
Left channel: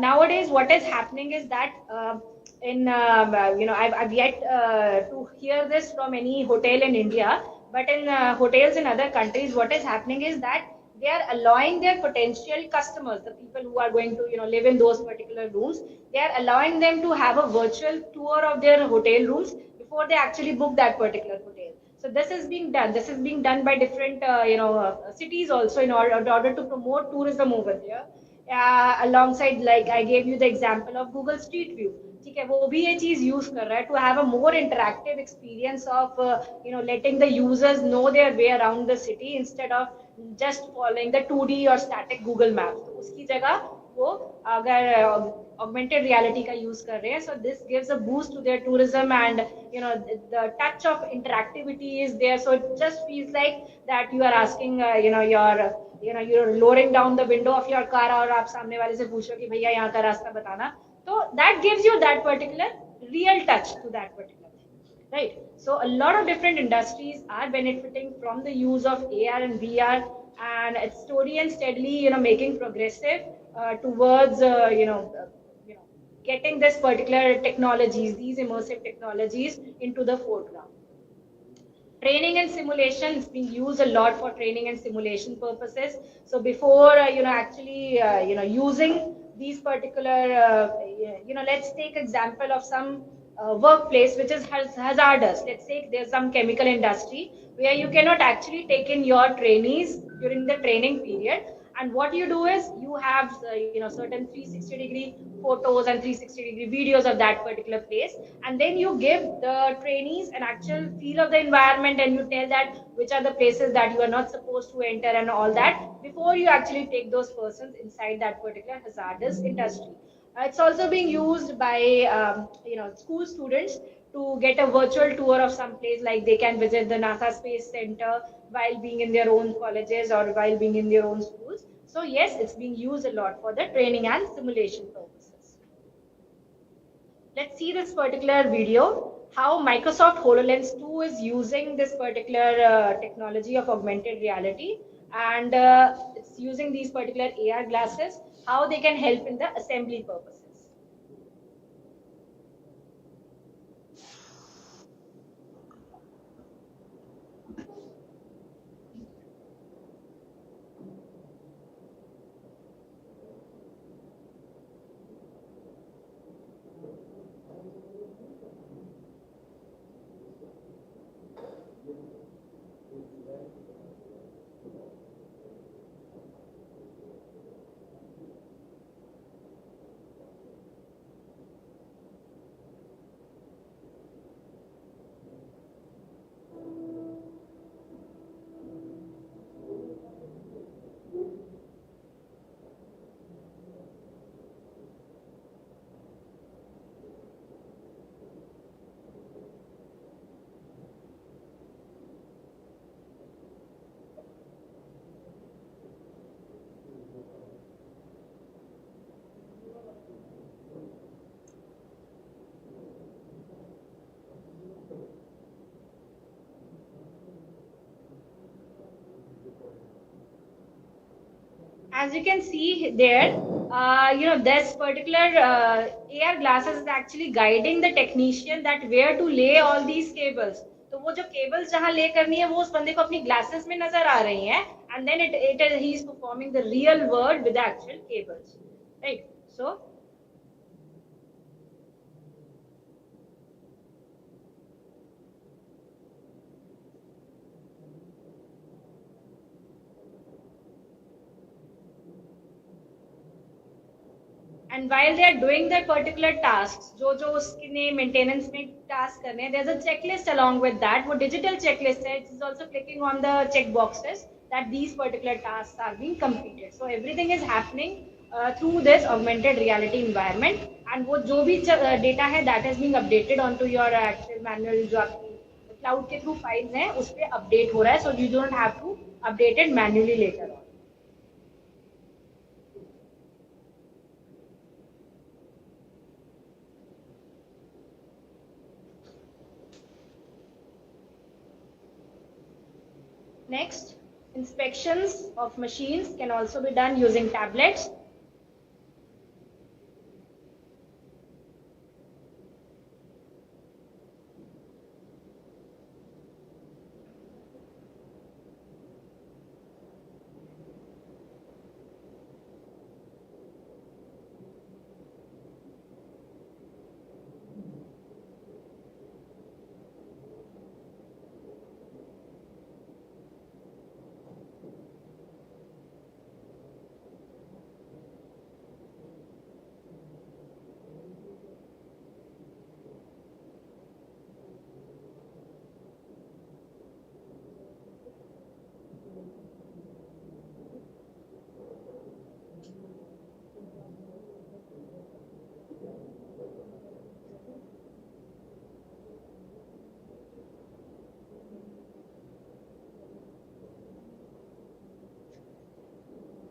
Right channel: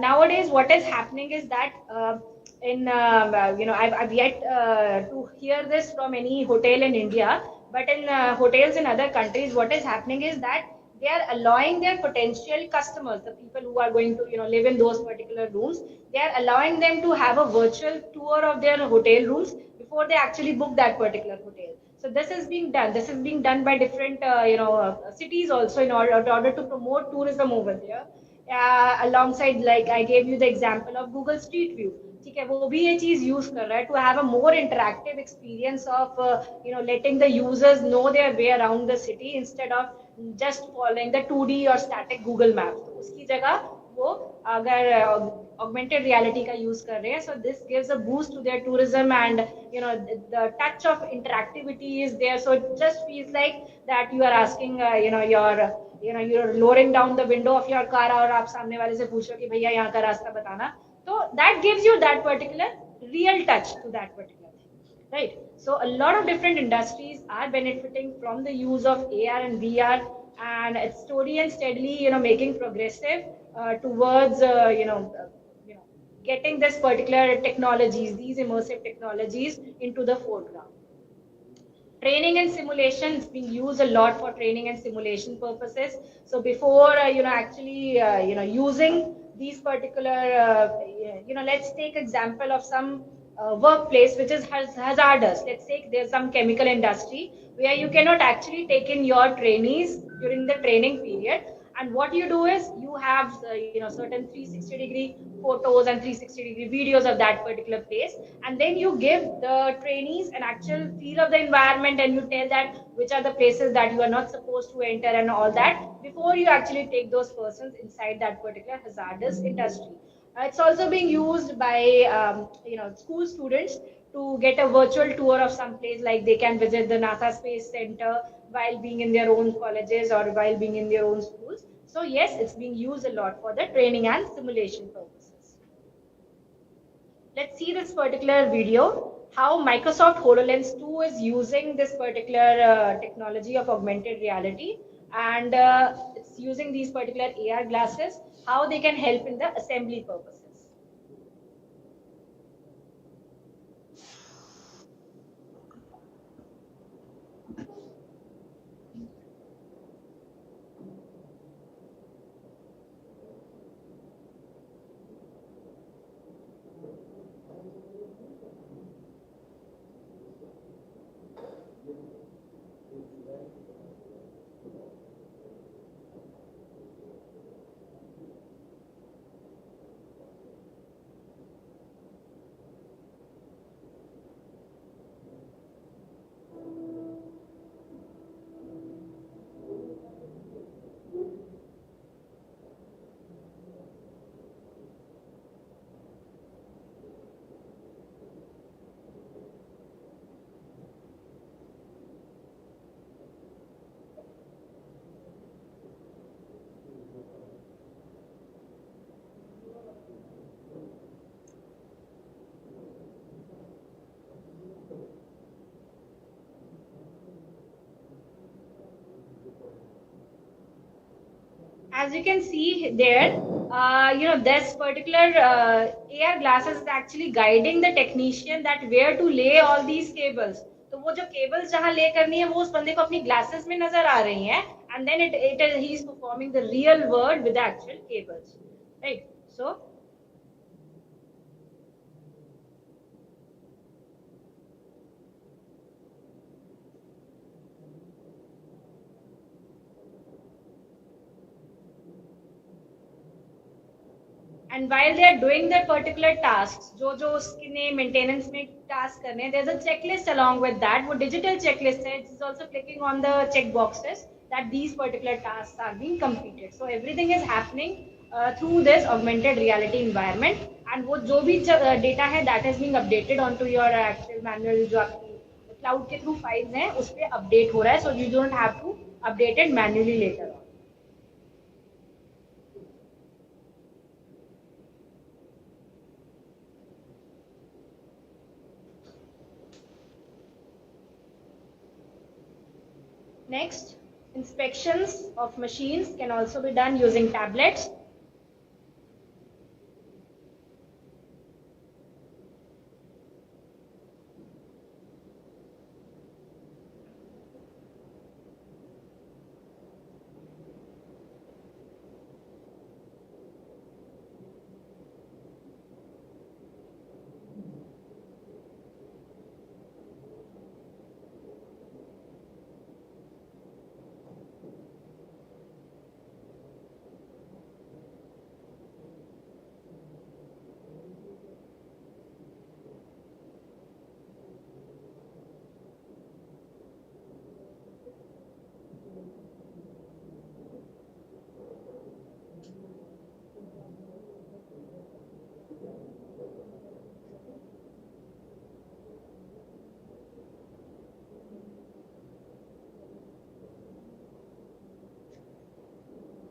Nowadays, what is happening is that I've yet to hear this from any hotel in India, but in hotels in other countries, what is happening is that they are allowing their potential customers, the people who are going to live in those particular rooms, they are allowing them to have a virtual tour of their hotel rooms before they actually book that particular hotel. So this is being done. This is being done by different cities also in order to promote tourism over there. Alongside, like I gave you the example of Google Street View. ठीक है, वो भी ये चीज use कर रहा है to have a more interactive experience of letting the users know their way around the city instead of just following the 2D or static Google Maps. तो उसकी जगह वो अगर augmented reality का यूज कर रहे हैं, so this gives a boost to their tourism, and the touch of interactivity is there, so it just feels like that you are asking you're lowering down the window of your car और आप सामने वाले से पूछ रहे हो कि भैया यहाँ का रास्ता बताना. So that gives you that particular real touch to that particular thing, right? So a lot of different industries are benefiting from the use of AR and VR, and it's slowly and steadily, making progressive towards, getting this particular technologies, these immersive technologies into the foreground. Training and simulation is being used a lot for training and simulation purposes. So before actually using these particular let's take example of some workplace which is hazardous. Let's say there's some chemical industry where you cannot actually take in your trainees during the training period, and what you do is you have certain 360-degree photos and 360-degree videos of that particular place, and then you give the trainees an actual feel of the environment, and you tell that which are the places that you are not supposed to enter and all that before you actually take those persons inside that particular hazardous industry. It's also being used by school students to get a virtual tour of some place, like they can visit the NASA Space Center while being in their own colleges or while being in their own schools. So yes, it's being used a lot for the training and simulation purposes. Let's see this particular video, how Microsoft HoloLens 2 is using this particular technology of augmented reality, and it's using these particular AR glasses, how they can help in the assembly purposes. As you can see there, this particular AR glasses is actually guiding the technician that where to lay all these cables. तो वो जो cables जहाँ lay करनी है वो उस बंदे को अपनी glasses में नजर आ रही हैं, and then he is performing the real work with the actual cables, right? So and while they are doing their particular tasks, जो उसके maintenance में task करने, there's a checklist along with that. वो digital checklist है. It's also clicking on the check boxes that these particular tasks are being completed. So everything is happening through this augmented reality environment, and वो जो भी data है that is being updated onto your actual manual जो आपकी cloud के through files हैं उस पे update हो रहा है. So you don't have to update it manually later on. Next, inspections of machines can also be done using tablets.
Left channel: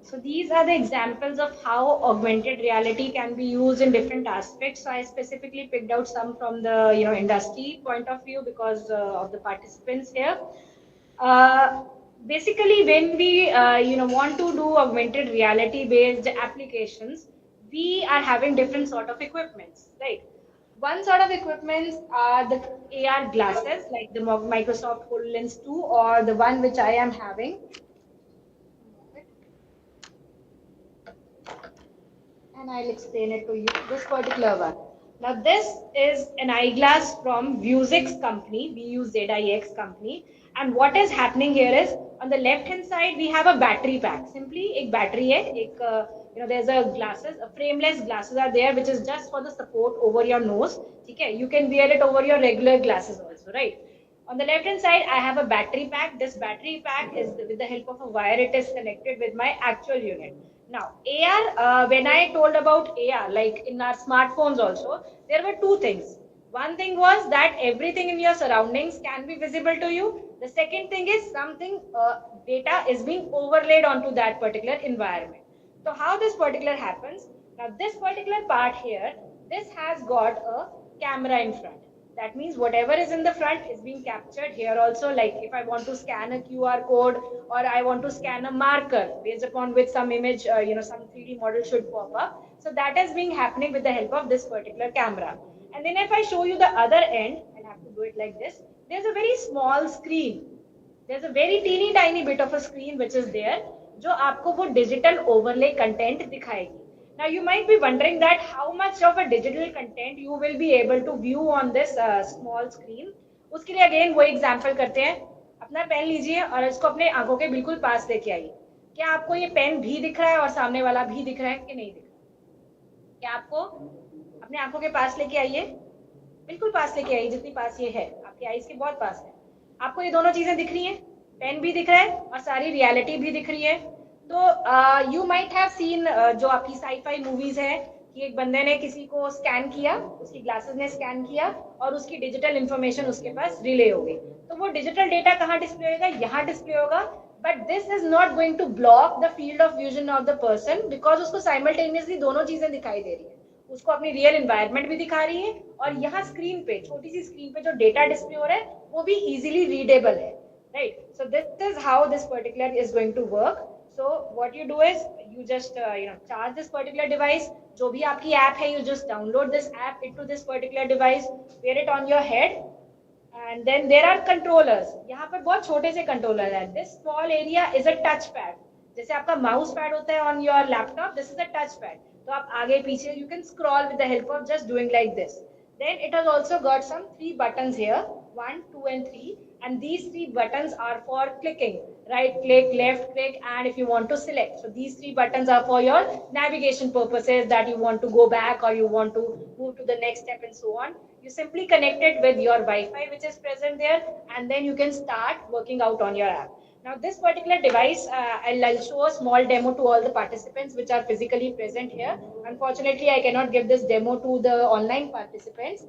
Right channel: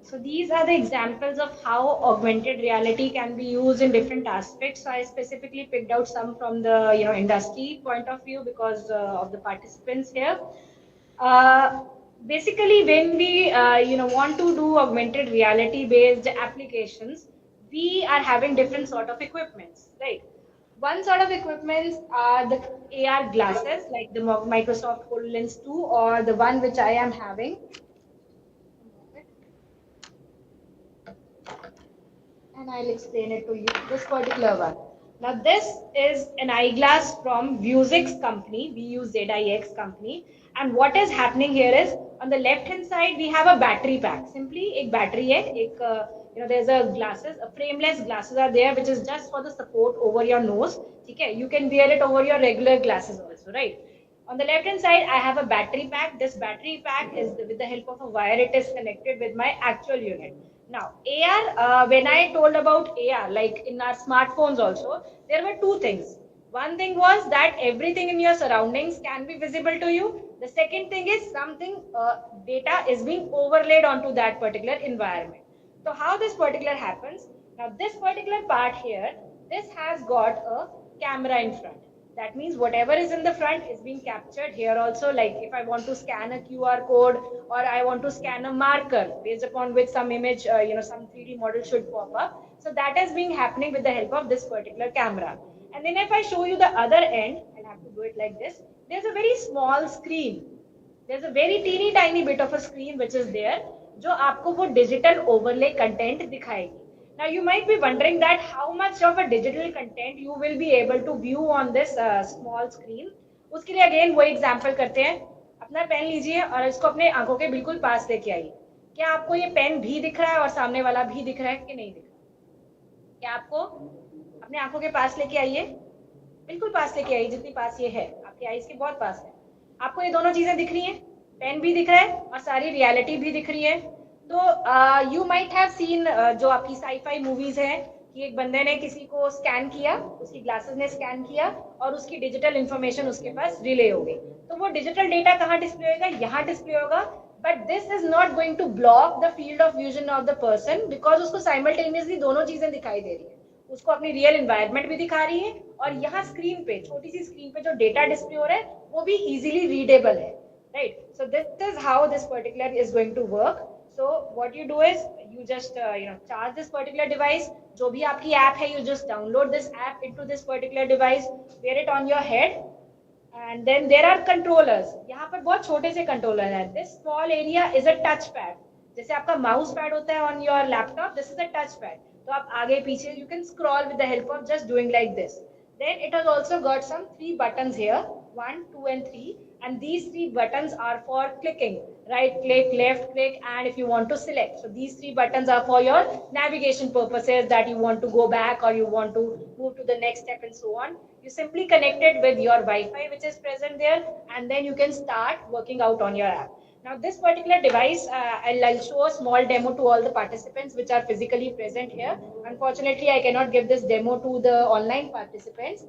So these are the examples of how augmented reality can be used in different aspects. So I specifically picked out some from the industry point of view because of the participants here. Basically, when we want to do augmented reality based applications, we are having different sort of equipments, right? One sort of equipments are the AR glasses, like the Microsoft HoloLens 2 or the one which I am having. And I'll explain it to you, this particular one. Now this is an eyeglass from Vuzix company, VUZIX company. And what is happening here is, on the left hand side, we have a battery pack. Simply एक battery है, there's a glasses, a frameless glasses are there, which is just for the support over your nose. Okay, you can wear it over your regular glasses also, right? On the left hand side, I have a battery pack. This battery pack is with the help of a wire, it is connected with my actual unit. Now, AR, when I told about AR, like in our smartphones also, there were two things. One thing was that everything in your surroundings can be visible to you. The second thing is something data is being overlaid onto that particular environment. So how this particular happens? Now, this particular part here, this has got a camera in front. That means whatever is in the front is being captured here also. Like if I want to scan a QR code or I want to scan a marker based upon which some image, some 3D model should pop up. So that is being happening with the help of this particular camera. And then if I show you the other end, I'll have to do it like this. There's a very small screen. There's a very teeny tiny bit of a screen which is there, जो आपको वो digital overlay content दिखाएगी. Now you might be wondering that how much of a digital content you will be able to view on this small screen. उसके लिए again वो example करते हैं. अपना पेन लीजिए और इसको अपने आंखों के बिल्कुल पास लेके आइए. क्या आपको ये पेन भी दिख रहा है और सामने वाला भी दिख रहा है कि नहीं दिख रहा? क्या आपको अपने आंखों के पास लेके आइए, बिल्कुल पास लेके आइए, जितनी पास ये है आपकी आईज के बहुत पास है. आपको ये दोनों चीजें दिख रही हैं, पेन भी दिख रहा है और सारी रियलिटी भी दिख रही है. तो यू माइट हैव सीन जो आपकी साई-फाई मूवीज है कि एक बंदे ने किसी को स्कैन किया, उसकी ग्लासेस ने स्कैन किया और उसकी डिजिटल इंफॉर्मेशन उसके पास रिले हो गई. तो वो डिजिटल डेटा कहाँ डिस्प्ले होगा? यहाँ डिस्प्ले होगा. But this is not going to block the field of vision of the person, because उसको साइमल्टेनियसली दोनों चीजें दिखाई दे रही है. उसको अपनी रियल एनवायरनमेंट भी दिखा रही है और यहाँ स्क्रीन पे, छोटी सी स्क्रीन पे जो डेटा डिस्प्ले हो रहा है वो भी इजीली रीडेबल है, right? So this is how this particular is going to work. So what you do is you just charge this particular device. जो भी आपकी app है, you just download this app into this particular device, wear it on your head, and then there are controllers. यहाँ पर बहुत छोटे से controller हैं. This small area is a touch pad. जैसे आपका mouse pad होता है on your laptop, this is a touch pad. तो आप आगे पीछे you can scroll with the help of just doing like this. Then it has also got some 3 buttons here, 1, 2 and 3, and these 3 buttons are for clicking. Right click, left click, and if you want to select. So these 3 buttons are for your navigation purposes, that you want to go back or you want to move to the next step and so on. You simply connect it with your Wi-Fi which is present there, and then you can start working out on your app. Now this particular device, I'll show a small demo to all the participants which are physically present here. Unfortunately, I cannot give this demo to the online participants.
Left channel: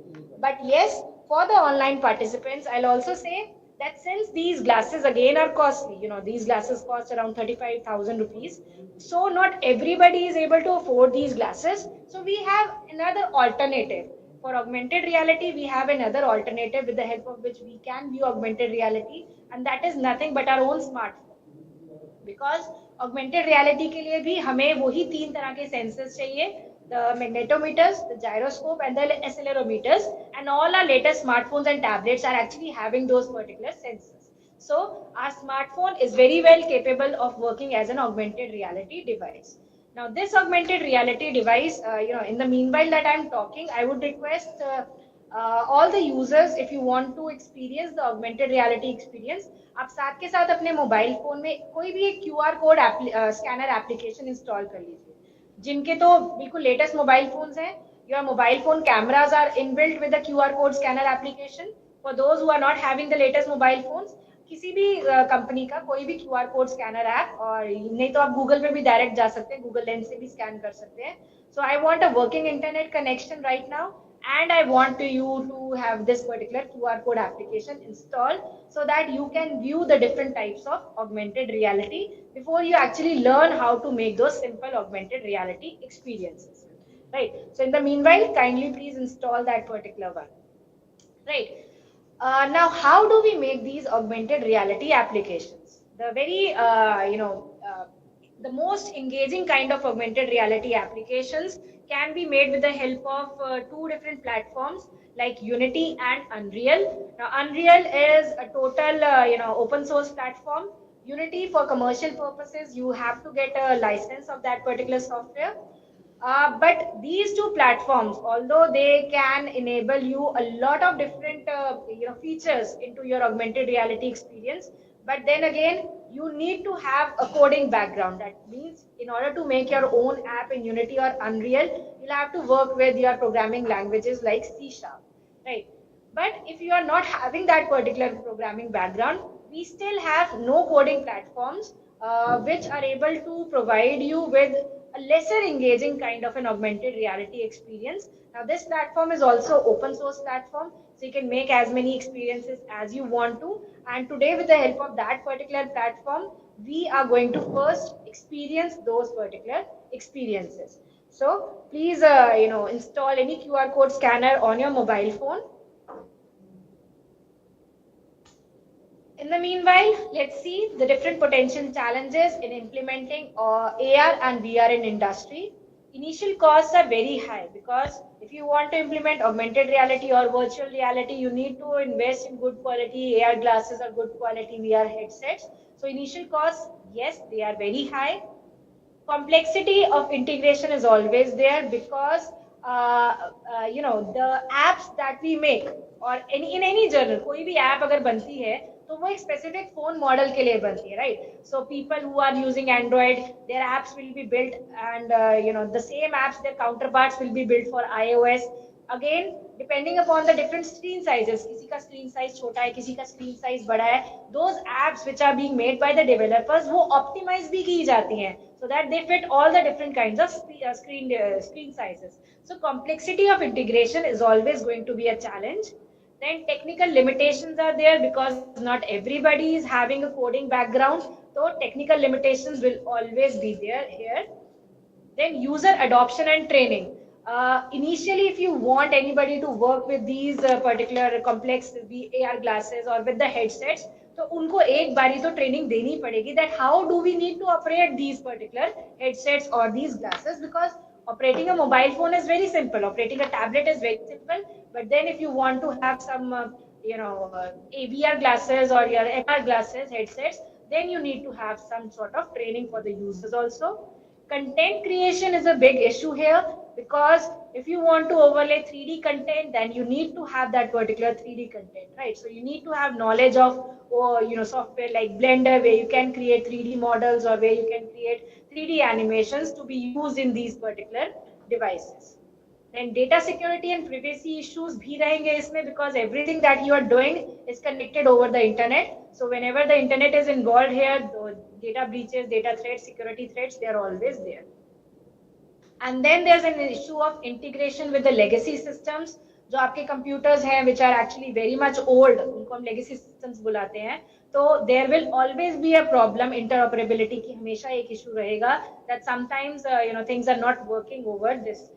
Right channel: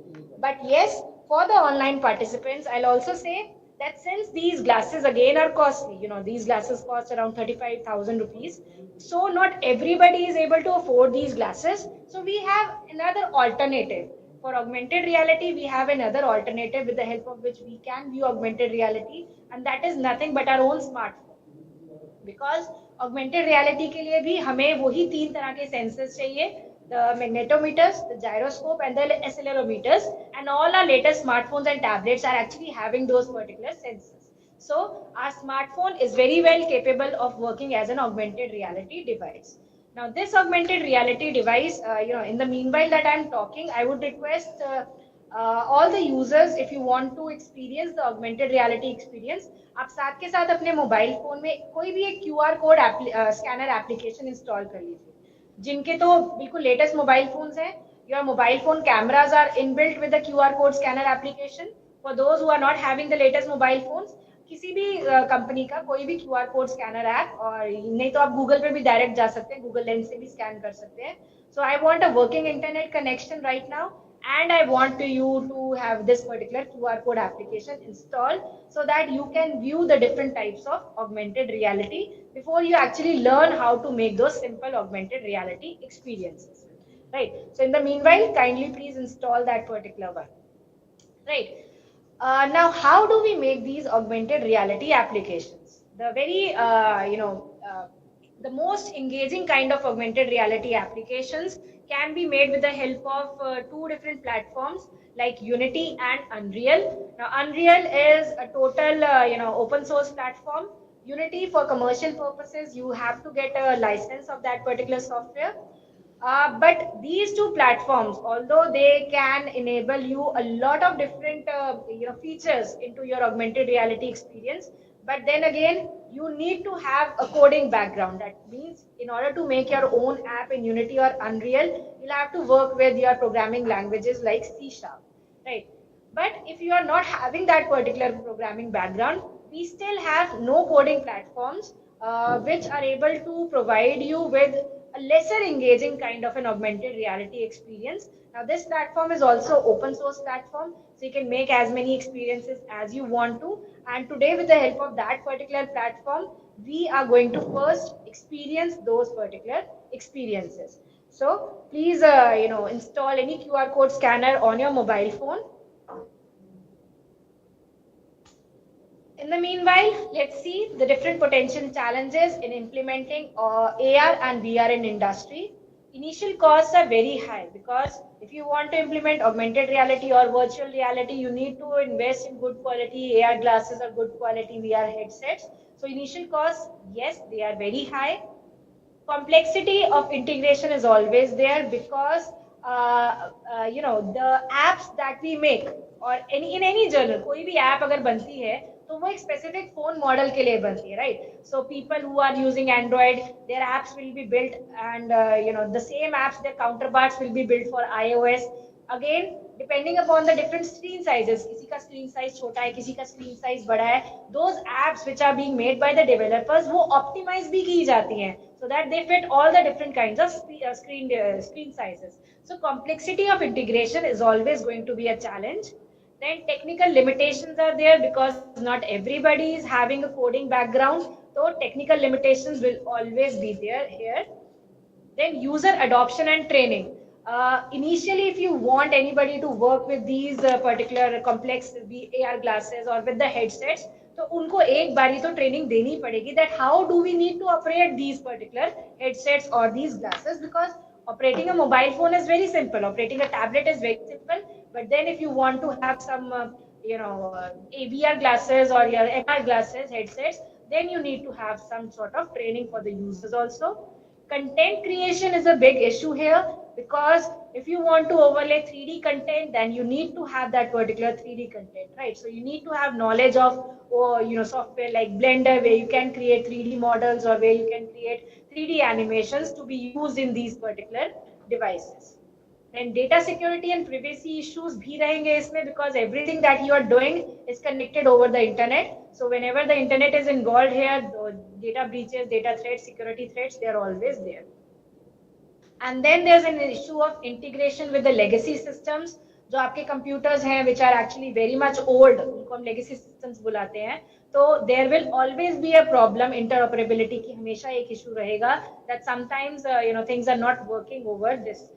But yes, for the online participants, I'll also say that since these glasses again are costly, these glasses cost around 35,000 rupees. So not everybody is able to afford these glasses. So we have another alternative. For augmented reality, we have another alternative with the help of which we can view augmented reality, and that is nothing but our own smartphone. Because augmented reality के लिए भी हमें वही 3 तरह के sensors चाहिए, the magnetometers, the gyroscope and the accelerometers, and all our latest smartphones and tablets are actually having those particular sensors. So our smartphone is very well capable of working as an augmented reality device. Now this augmented reality device, in the meanwhile that I'm talking, I would request all the users, if you want to experience the augmented reality experience, आप साथ के साथ अपने mobile phone में कोई भी एक QR code scanner application install कर लीजिए. जिनके तो बिल्कुल लेटेस्ट मोबाइल फोन्स हैं, your mobile phone cameras are inbuilt with the QR code scanner application. For those who are not having the latest mobile phones, किसी भी कंपनी का कोई भी QR कोड स्कैनर ऐप, और नहीं तो आप गूगल पे भी डायरेक्ट जा सकते हैं, गूगल लेंस से भी स्कैन कर सकते हैं. So I want a working internet connection right now, and I want you to have this particular QR code application installed so that you can view the different types of augmented reality before you actually learn how to make those simple augmented reality experiences. Right. So in the meanwhile, kindly please install that particular one. Right. Now, how do we make these augmented reality applications? The very, the most engaging kind of augmented reality applications can be made with the help of two different platforms like Unity and Unreal. Now, Unreal is a total, open source platform. Unity, for commercial purposes, you have to get a license of that particular software. But these two platforms, although they can enable you a lot of different features into your augmented reality experience, but then again, you need to have a coding background. That means in order to make your own app in Unity or Unreal, you'll have to work with your programming languages like C Sharp, right? But if you are not having that particular programming background, we still have no coding platforms which are able to provide you with a lesser engaging kind of an augmented reality experience. Now, this platform is also open source platform, so you can make as many experiences as you want to. And today, with the help of that particular platform, we are going to first experience those particular experiences. So please, install any QR code scanner on your mobile phone. In the meanwhile, let's see the different potential challenges in implementing AR and VR in industry. Initial costs are very high because if you want to implement augmented reality or virtual reality, you need to invest in good quality AR glasses or good quality VR headsets. So initial costs, yes, they are very high. Complexity of integration is always there because the apps that we make or in any journal, कोई भी app अगर बनती है तो वो एक specific phone model के लिए बनती है, right? So people who are using Android, their apps will be built, and the same apps, their counterparts will be built for iOS. Again, depending upon the different screen sizes, किसी का screen size छोटा है, किसी का screen size बड़ा है, those apps which are being made by the developers वो optimize भी की जाती हैं so that they fit all the different kinds of screen sizes. So complexity of integration is always going to be a challenge. Then technical limitations are there because not everybody is having a coding background, so technical limitations will always be there here. Then user adoption and training. Initially, if you want anybody to work with these particular complex AR glasses or with the headsets, तो उनको एक बारी तो training देनी पड़ेगी that how do we need to operate these particular headsets or these glasses, because operating a mobile phone is very simple, operating a tablet is very simple, but then if you want to have some VR glasses or your MR glasses headsets, then you need to have some sort of training for the users also. Content creation is a big issue here because if you want to overlay 3D content, then you need to have that particular 3D content, right? So you need to have knowledge of software like Blender, where you can create 3D models or where you can create 3D animations to be used in these particular devices. And data security and privacy issues bhi rahenge isme because everything that you are doing is connected over the internet. So whenever the internet is involved here, the data breaches, data threats, security threats, they are always there. And then there's an issue of integration with the legacy systems. जो आपके computers हैं which are actually very much old, उनको हम legacy systems बुलाते हैं, तो there will always be a problem interoperability की हमेशा एक issue रहेगा that sometimes things are not working over this.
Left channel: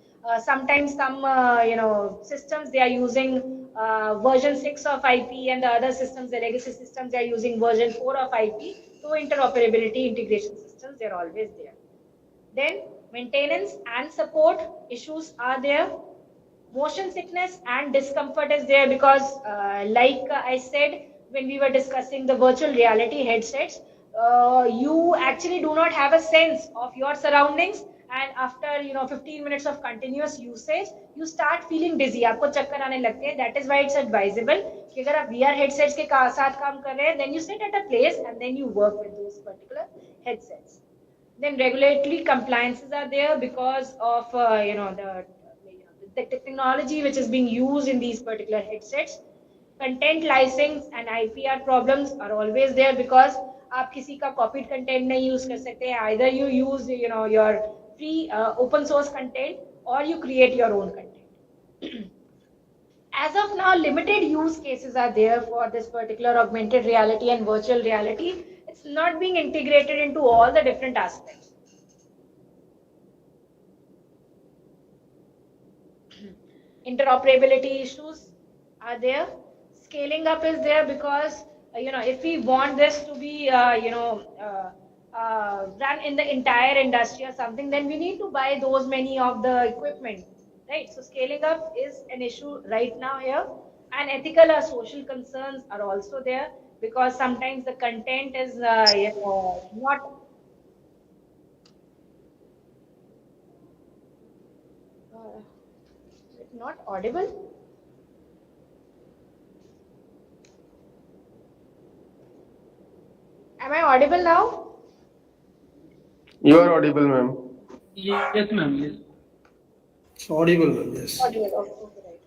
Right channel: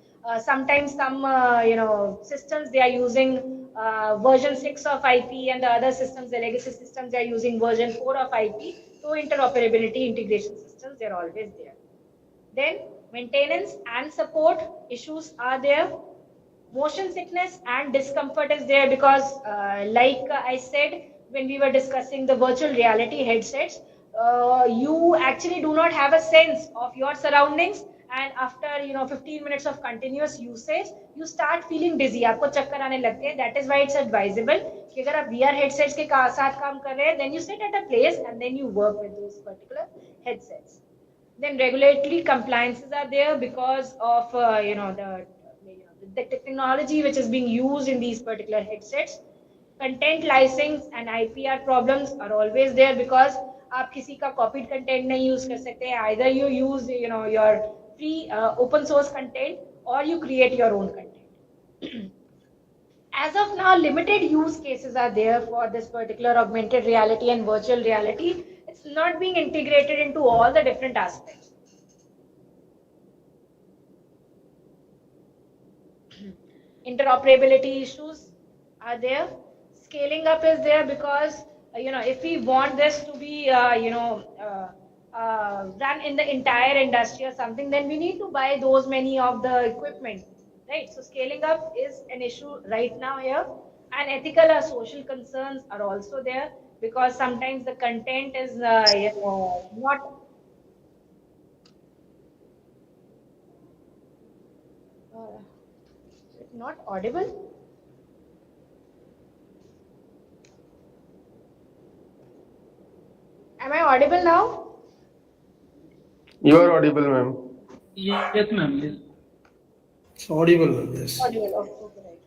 Sometimes some systems they are using version 6 of IP, and the other systems, the legacy systems, they are using version 4 of IP. So interoperability integration systems, they're always there. Then maintenance and support issues are there. Motion sickness and discomfort is there because like I said when we were discussing the virtual reality headsets, you actually do not have a sense of your surroundings, and after 15 minutes of continuous usage you start feeling dizzy, आपको चक्कर आने लगते हैं. That is why it's advisable कि अगर आप VR headsets के साथ काम कर रहे हैं, then you sit at a place and then you work with those particular headsets. Then regulatory compliances are there because of the technology which is being used in these particular headsets. Content license and IPR problems are always there because आप किसी का copied content नहीं use कर सकते. Either you use your free open source content or you create your own content. As of now, limited use cases are there for this particular augmented reality and virtual reality. It's not being integrated into all the different aspects. Interoperability issues are there. Scaling up is there because if we want this to be a run in the entire industry or something, then we need to buy those many of the equipment, right? So scaling up is an issue right now here, and ethical or social concerns are also there because sometimes the content is not uh, not audible. Am I audible now? You are audible, ma'am. Yes, ma'am. Yes. Audible, ma'am, yes. Audible. Okay, right.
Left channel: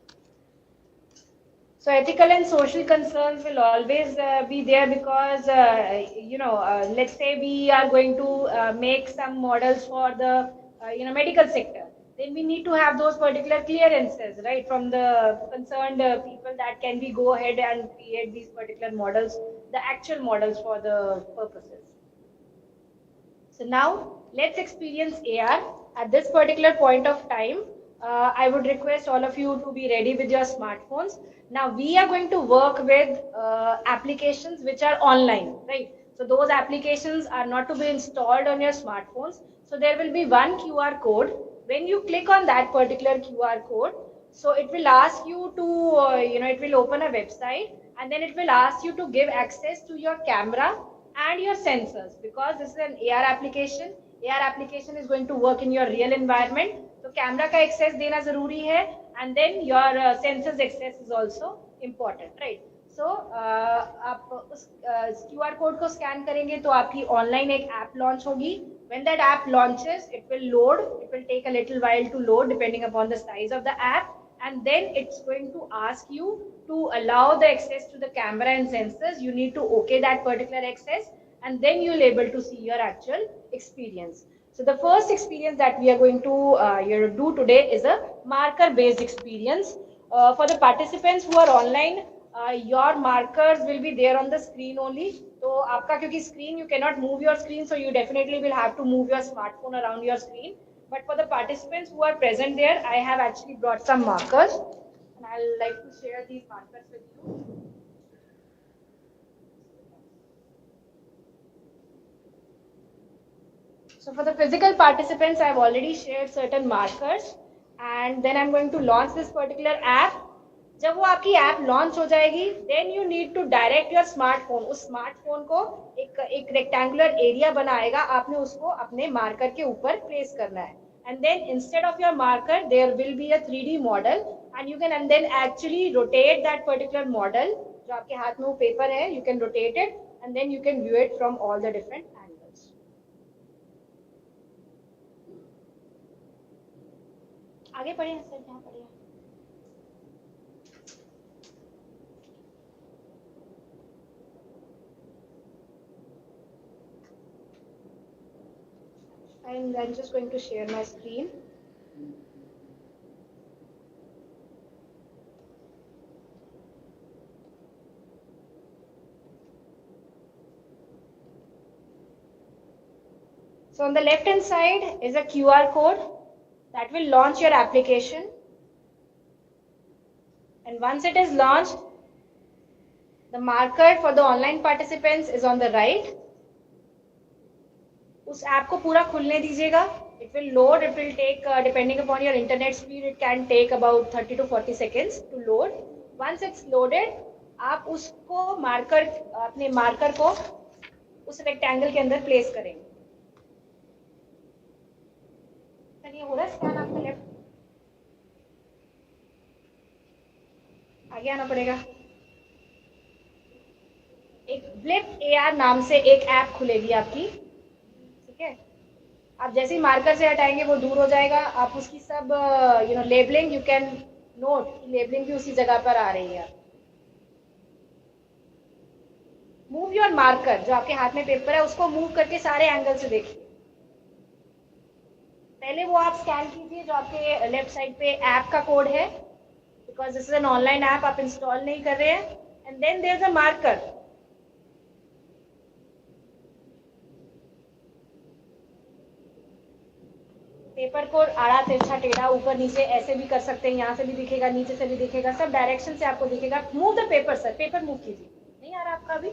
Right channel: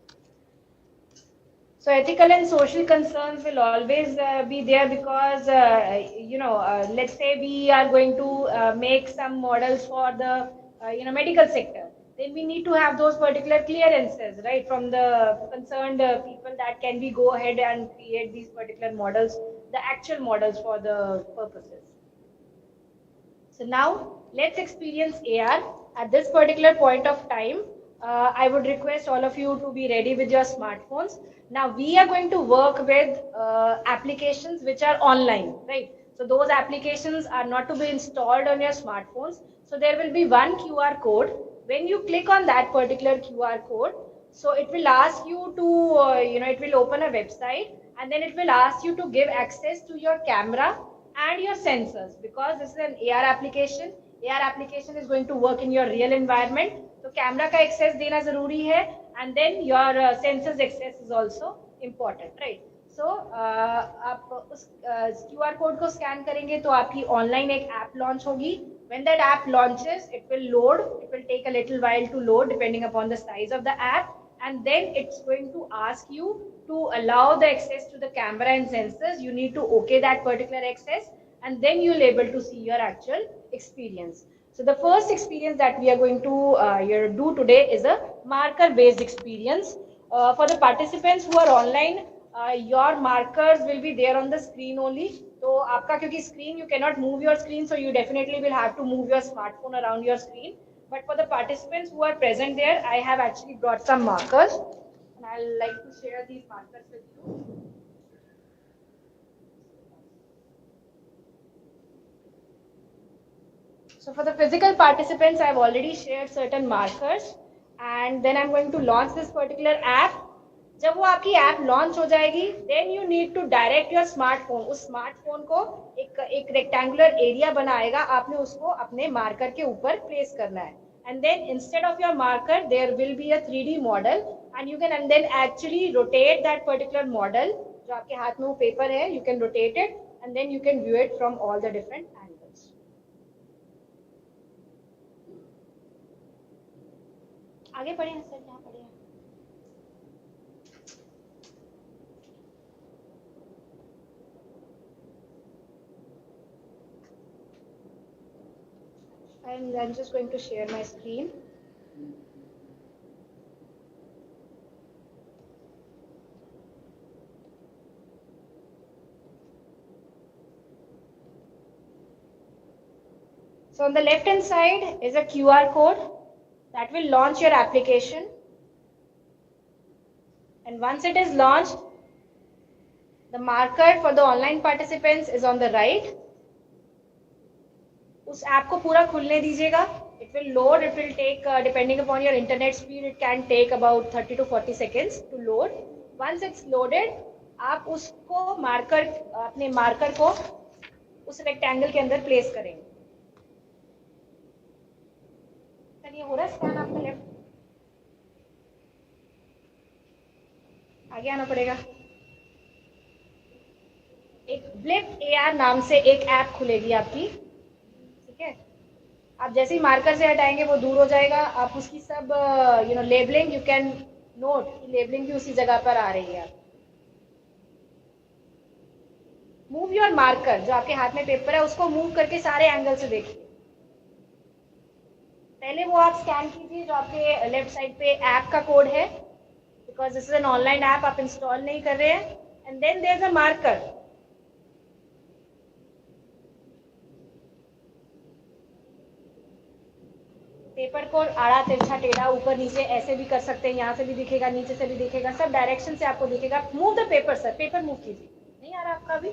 So ethical and social concerns will always be there because let's say we are going to make some models for the medical sector. Then we need to have those particular clearances, right, from the concerned people that can we go ahead and create these particular models, the actual models for the purposes. So now let's experience AR. At this particular point of time, I would request all of you to be ready with your smartphones. Now we are going to work with applications which are online, right? So those applications are not to be installed on your smartphones. So there will be one QR code. When you click on that particular QR code, so it will ask you to, it will open a website and then it will ask you to give access to your camera and your sensors because this is an AR application. AR application is going to work in your real environment. So camera ka access dena zaruri hai and then your sensors access is also important, right? So आप उस QR code को scan करेंगे तो आपकी online एक app launch होगी. When that app launches, it will load. It will take a little while to load depending upon the size of the app. And then it's going to ask you to allow the access to the camera and sensors. You need to okay that particular access and then you'll able to see your actual experience. So the first experience that we are going to do today is a marker based experience. For the participants who are online, your markers will be there on the screen only. So आपका क्योंकि screen you cannot move your screen, so you definitely will have to move your smartphone around your screen. But for the participants who are present there, I have actually brought some markers and I'll like to share these markers with you. So for the physical participants, I've already shared certain markers and then I'm going to launch this particular app. जब वो आपकी app launch हो जाएगी then you need to direct your smartphone. उस smartphone को एक rectangular area बनाएगा, आपने उसको अपने मार्कर के ऊपर प्लेस करना है and then instead of your marker there will be a 3D model and you can and then actually rotate that particular model. जो आपके हाथ में वो पेपर है, you can rotate it and then you can view it from all the different angles. आगे बढ़िए sir, यहाँ बढ़िए. And I'm just going to share my screen. So on the left hand side is a QR code that will launch your application. And once it is launched, the marker for the online participants is on the right. उस app को पूरा खुलने दीजिएगा. It will load. It will take depending upon your internet speed, it can take about 30 to 40 seconds to load. Once it's loaded, आप उसको marker अपने marker को उस रेक्टेंगल के अंदर प्लेस करेंगे. सर ये हो रहा है स्कैन आपका लेफ्ट. आगे आना पड़ेगा. एक फ्लिप AR नाम से एक ऐप खुलेगी आपकी. आप जैसे ही मार्कर से हटाएंगे वो दूर हो जाएगा. आप उसकी सब labelling you can note labelling भी उसी जगह पर आ रही है. मूव योर मार्कर, जो आपके हाथ में पेपर है उसको मूव करके सारे एंगल से देखिए. पहले वो आप स्कैन कीजिए जो आपके लेफ्ट साइड पे ऐप का कोड है, because this is an online app, आप इंस्टॉल नहीं कर रहे हैं. And then there is a marker. Paper को आड़ा तिरछा टेढ़ा ऊपर नीचे ऐसे भी कर सकते हैं. यहाँ से भी दिखेगा, नीचे से भी दिखेगा, सब डायरेक्शन से आपको दिखेगा. Move the paper sir, paper move कीजिए. नहीं आ रहा आपका अभी.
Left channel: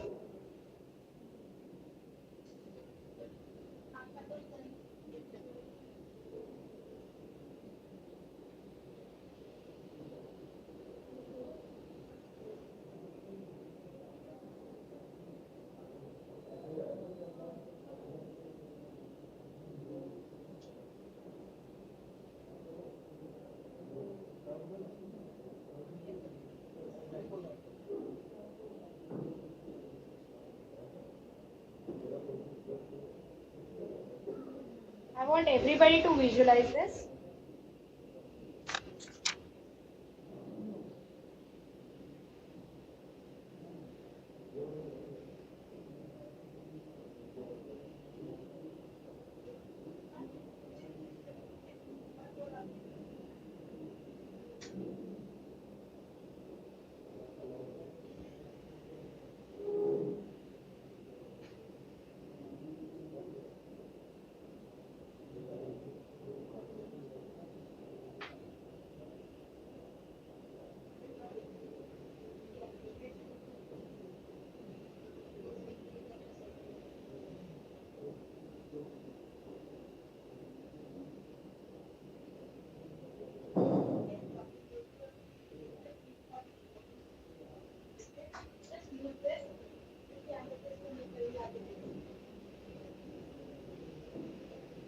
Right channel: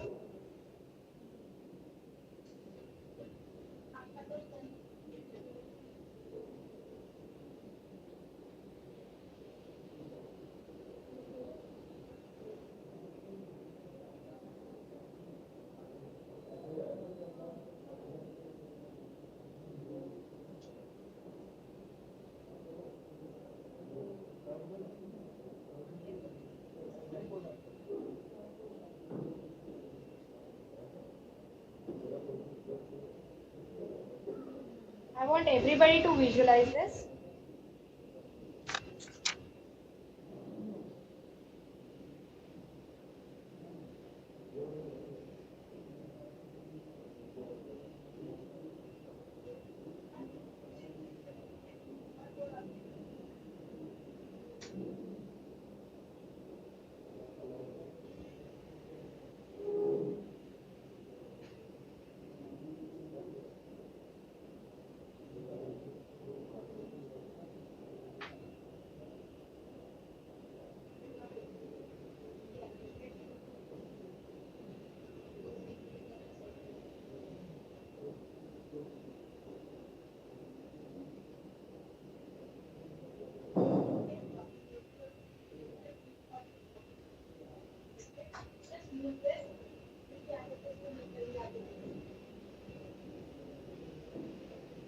I want everybody to visualize this.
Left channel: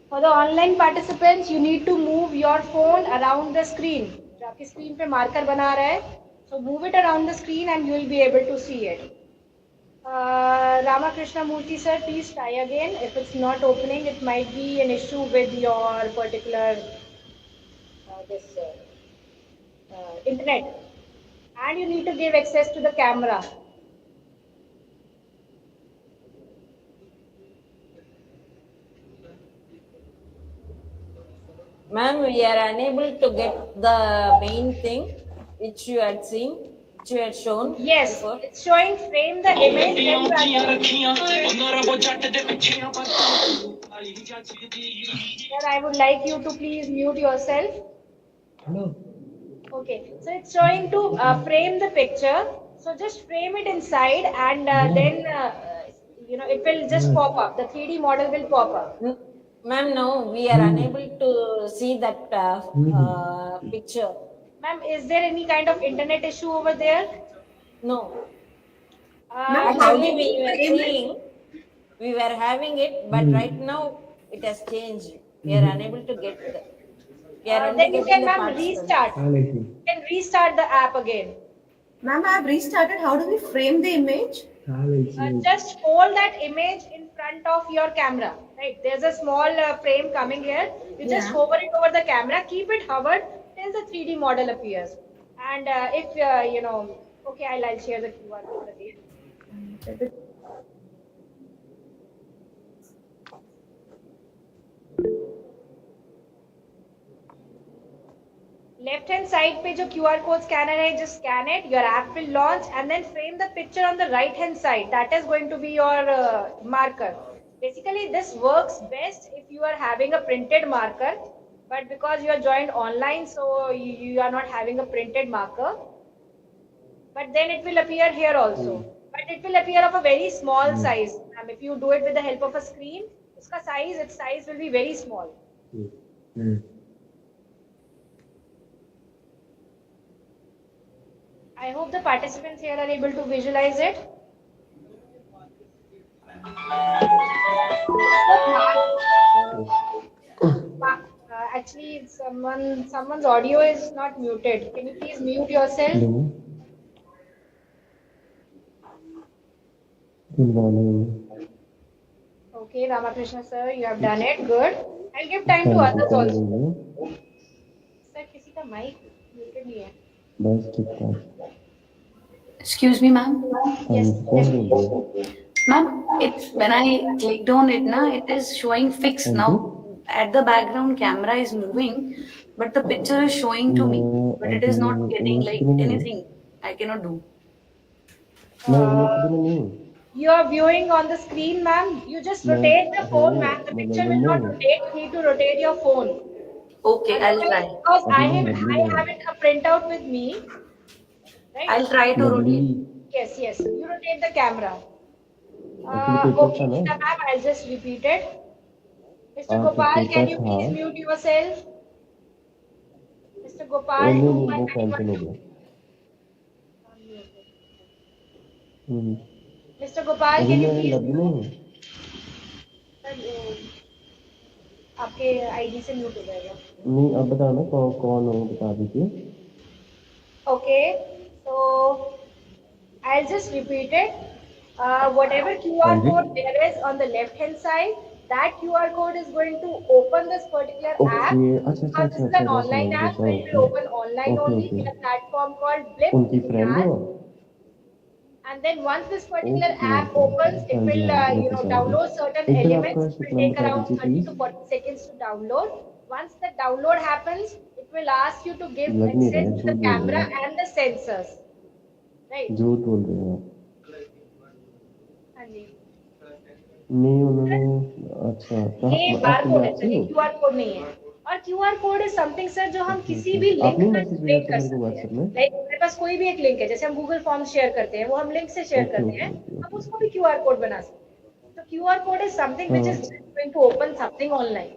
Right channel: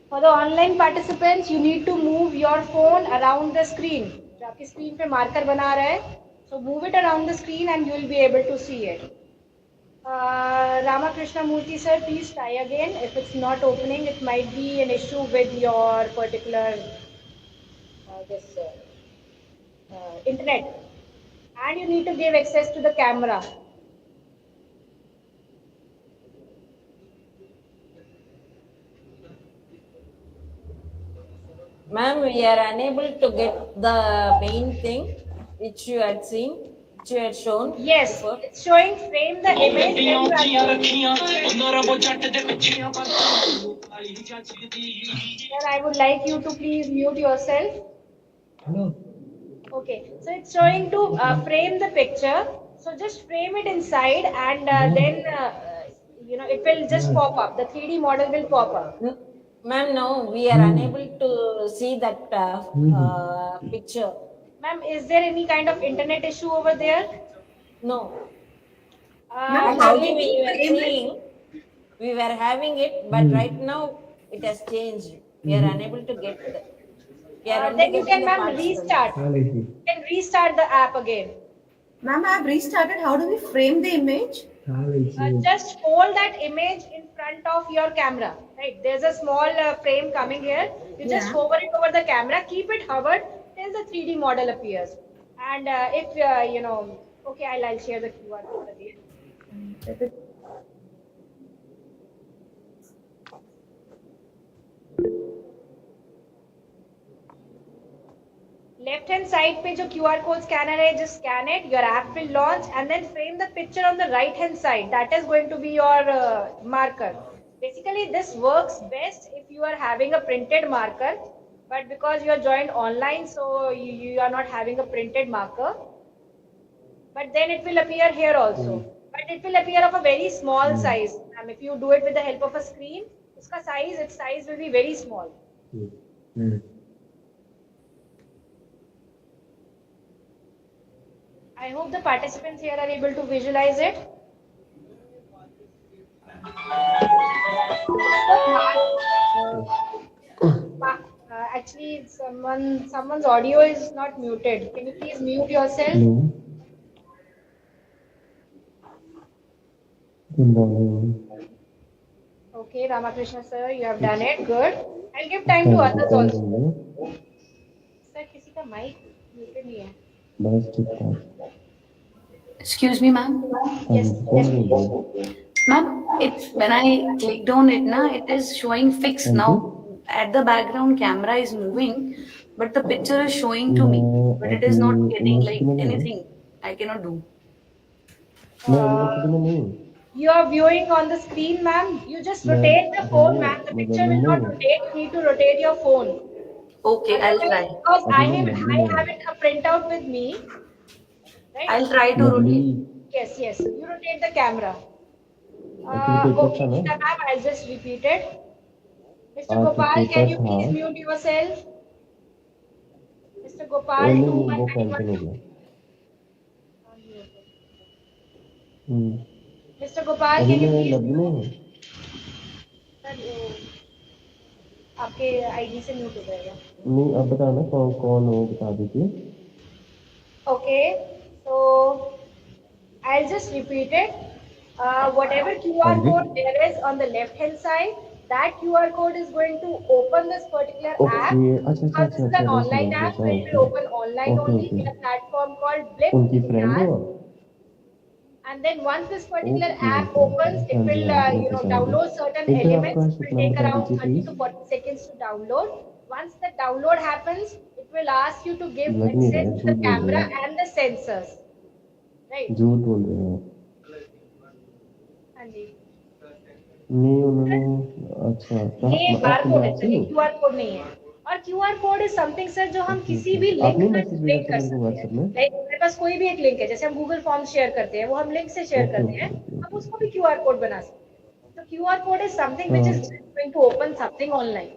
For the online participants, you need to move your phone around the screen. जो आपकी screen पे marker बना रहा है, so move it around the screen and you will be able to see it. Ramakrishna Murthy sir, please try again. If it's not opening, it might be an issue with your particular internet. And you need to give access to the camera. Ma'am, we are unable to get the main thing which you had seen, which you had shown. Yes, before. it's showing frame the image. Sir, I would like you to please mute yourself. Hello. Okay, so it's showing to frame the picture. So just frame it inside and then it will just pop up. The 3D model will pop up. Ma'am, no, we are unable to see that picture. Ma'am, is there any kind of internet issue over there? No. Uh, Actually, we were having it, but right now it has changed. We are unable to get that. We are only then you getting can, the ma'am, participants. restart. You can restart the app again. Ma'am, I have restarted. How do we frame the image? Just hold that image in front of your camera. Right? There's a small frame coming here. You just hover it over the camera. Keep it hovered till the 3D model appears. And if okay, I'll share the QR code again. Left hand side पे जो QR code scanner है, just scan it. Your app will launch and then frame the picture on the right hand side. That is going to be your marker. Basically, this works best if you are having a printed marker, but because you are joined online, so you are not having a printed marker. But then it will appear here also. But it will appear of a very small size. If you do it with the help of a screen, its size will be very small. I hope the participants here are able to visualize it. Actually, someone's audio is not muted. Can you please mute yourself? Good morning. Okay, Ramakrishna sir, you have done it. Good. I'll give time to others also. Sir, किसी का mic muted नहीं है. बस ठीक ठाक. Excuse me, ma'am. Yes. Ma'am, it's when I clicked on it, it is showing fixed now. At the background, camera is moving, but the picture is showing to me, but it is not getting like anything. I cannot do. You are viewing on the screen, ma'am. You just rotate the phone, ma'am. The picture will not rotate. You need to rotate your phone. Okay, I'll try. Because I haven't a printout with me. Right? I'll try to rotate. Yes. You rotate the camera. Okay, Nita ma'am, I'll just repeat it. Mr. Gopal, can you please mute yourself? Mr. Gopal, Mr. Gopal, can you please? आपके ID से mute हो जाएगा. नहीं, अब बताना कौन हो, बता दीजिए. Okay, so I'll just repeat it. Whatever QR code there is on the left hand side, that QR code is going to open this particular app. Okay अच्छा अच्छा Because अच्छा this is अच्छा an मैं समझ online गया app, so it समझ will गया open online okay only okay in a platform called Blip उनकी फ्रेंड हो app. आप? And then once this particular okay app okay okay opens, it हाँ जी will हाँ जी ओके समझ download certain गया एक बार elements. आपका It शुक्र will नाम take बता around दीजिए 30 please to 40 seconds to download. Once the download happens, it will ask you to give लग नहीं रहा access है to झूठ the बोल रहे camera हो आप and the sensors. Right? झूठ बोल रहे हो आप हाँ जी. नहीं उन्होंने अच्छा ये कहा आप बारकोड है पंजाब सर, से ये हो क्यूआर कोड नहीं है. और QR code is something sir जो हम ओके किसी ओके भी लिंक आपने में मैसेज भेजा जनरेट था कर मेरे को सकते हैं. व्हाट्सएप में लाइक मेरे पास कोई भी एक लिंक है, जैसे हम गूगल फॉर्म शेयर करते हैं, वो हम लिंक से शेयर ओके करते ओके हैं, ओके हम ओके उसको भी क्यूआर कोड बना सकते हैं. तो QR code is something which is हाँ going to open something online.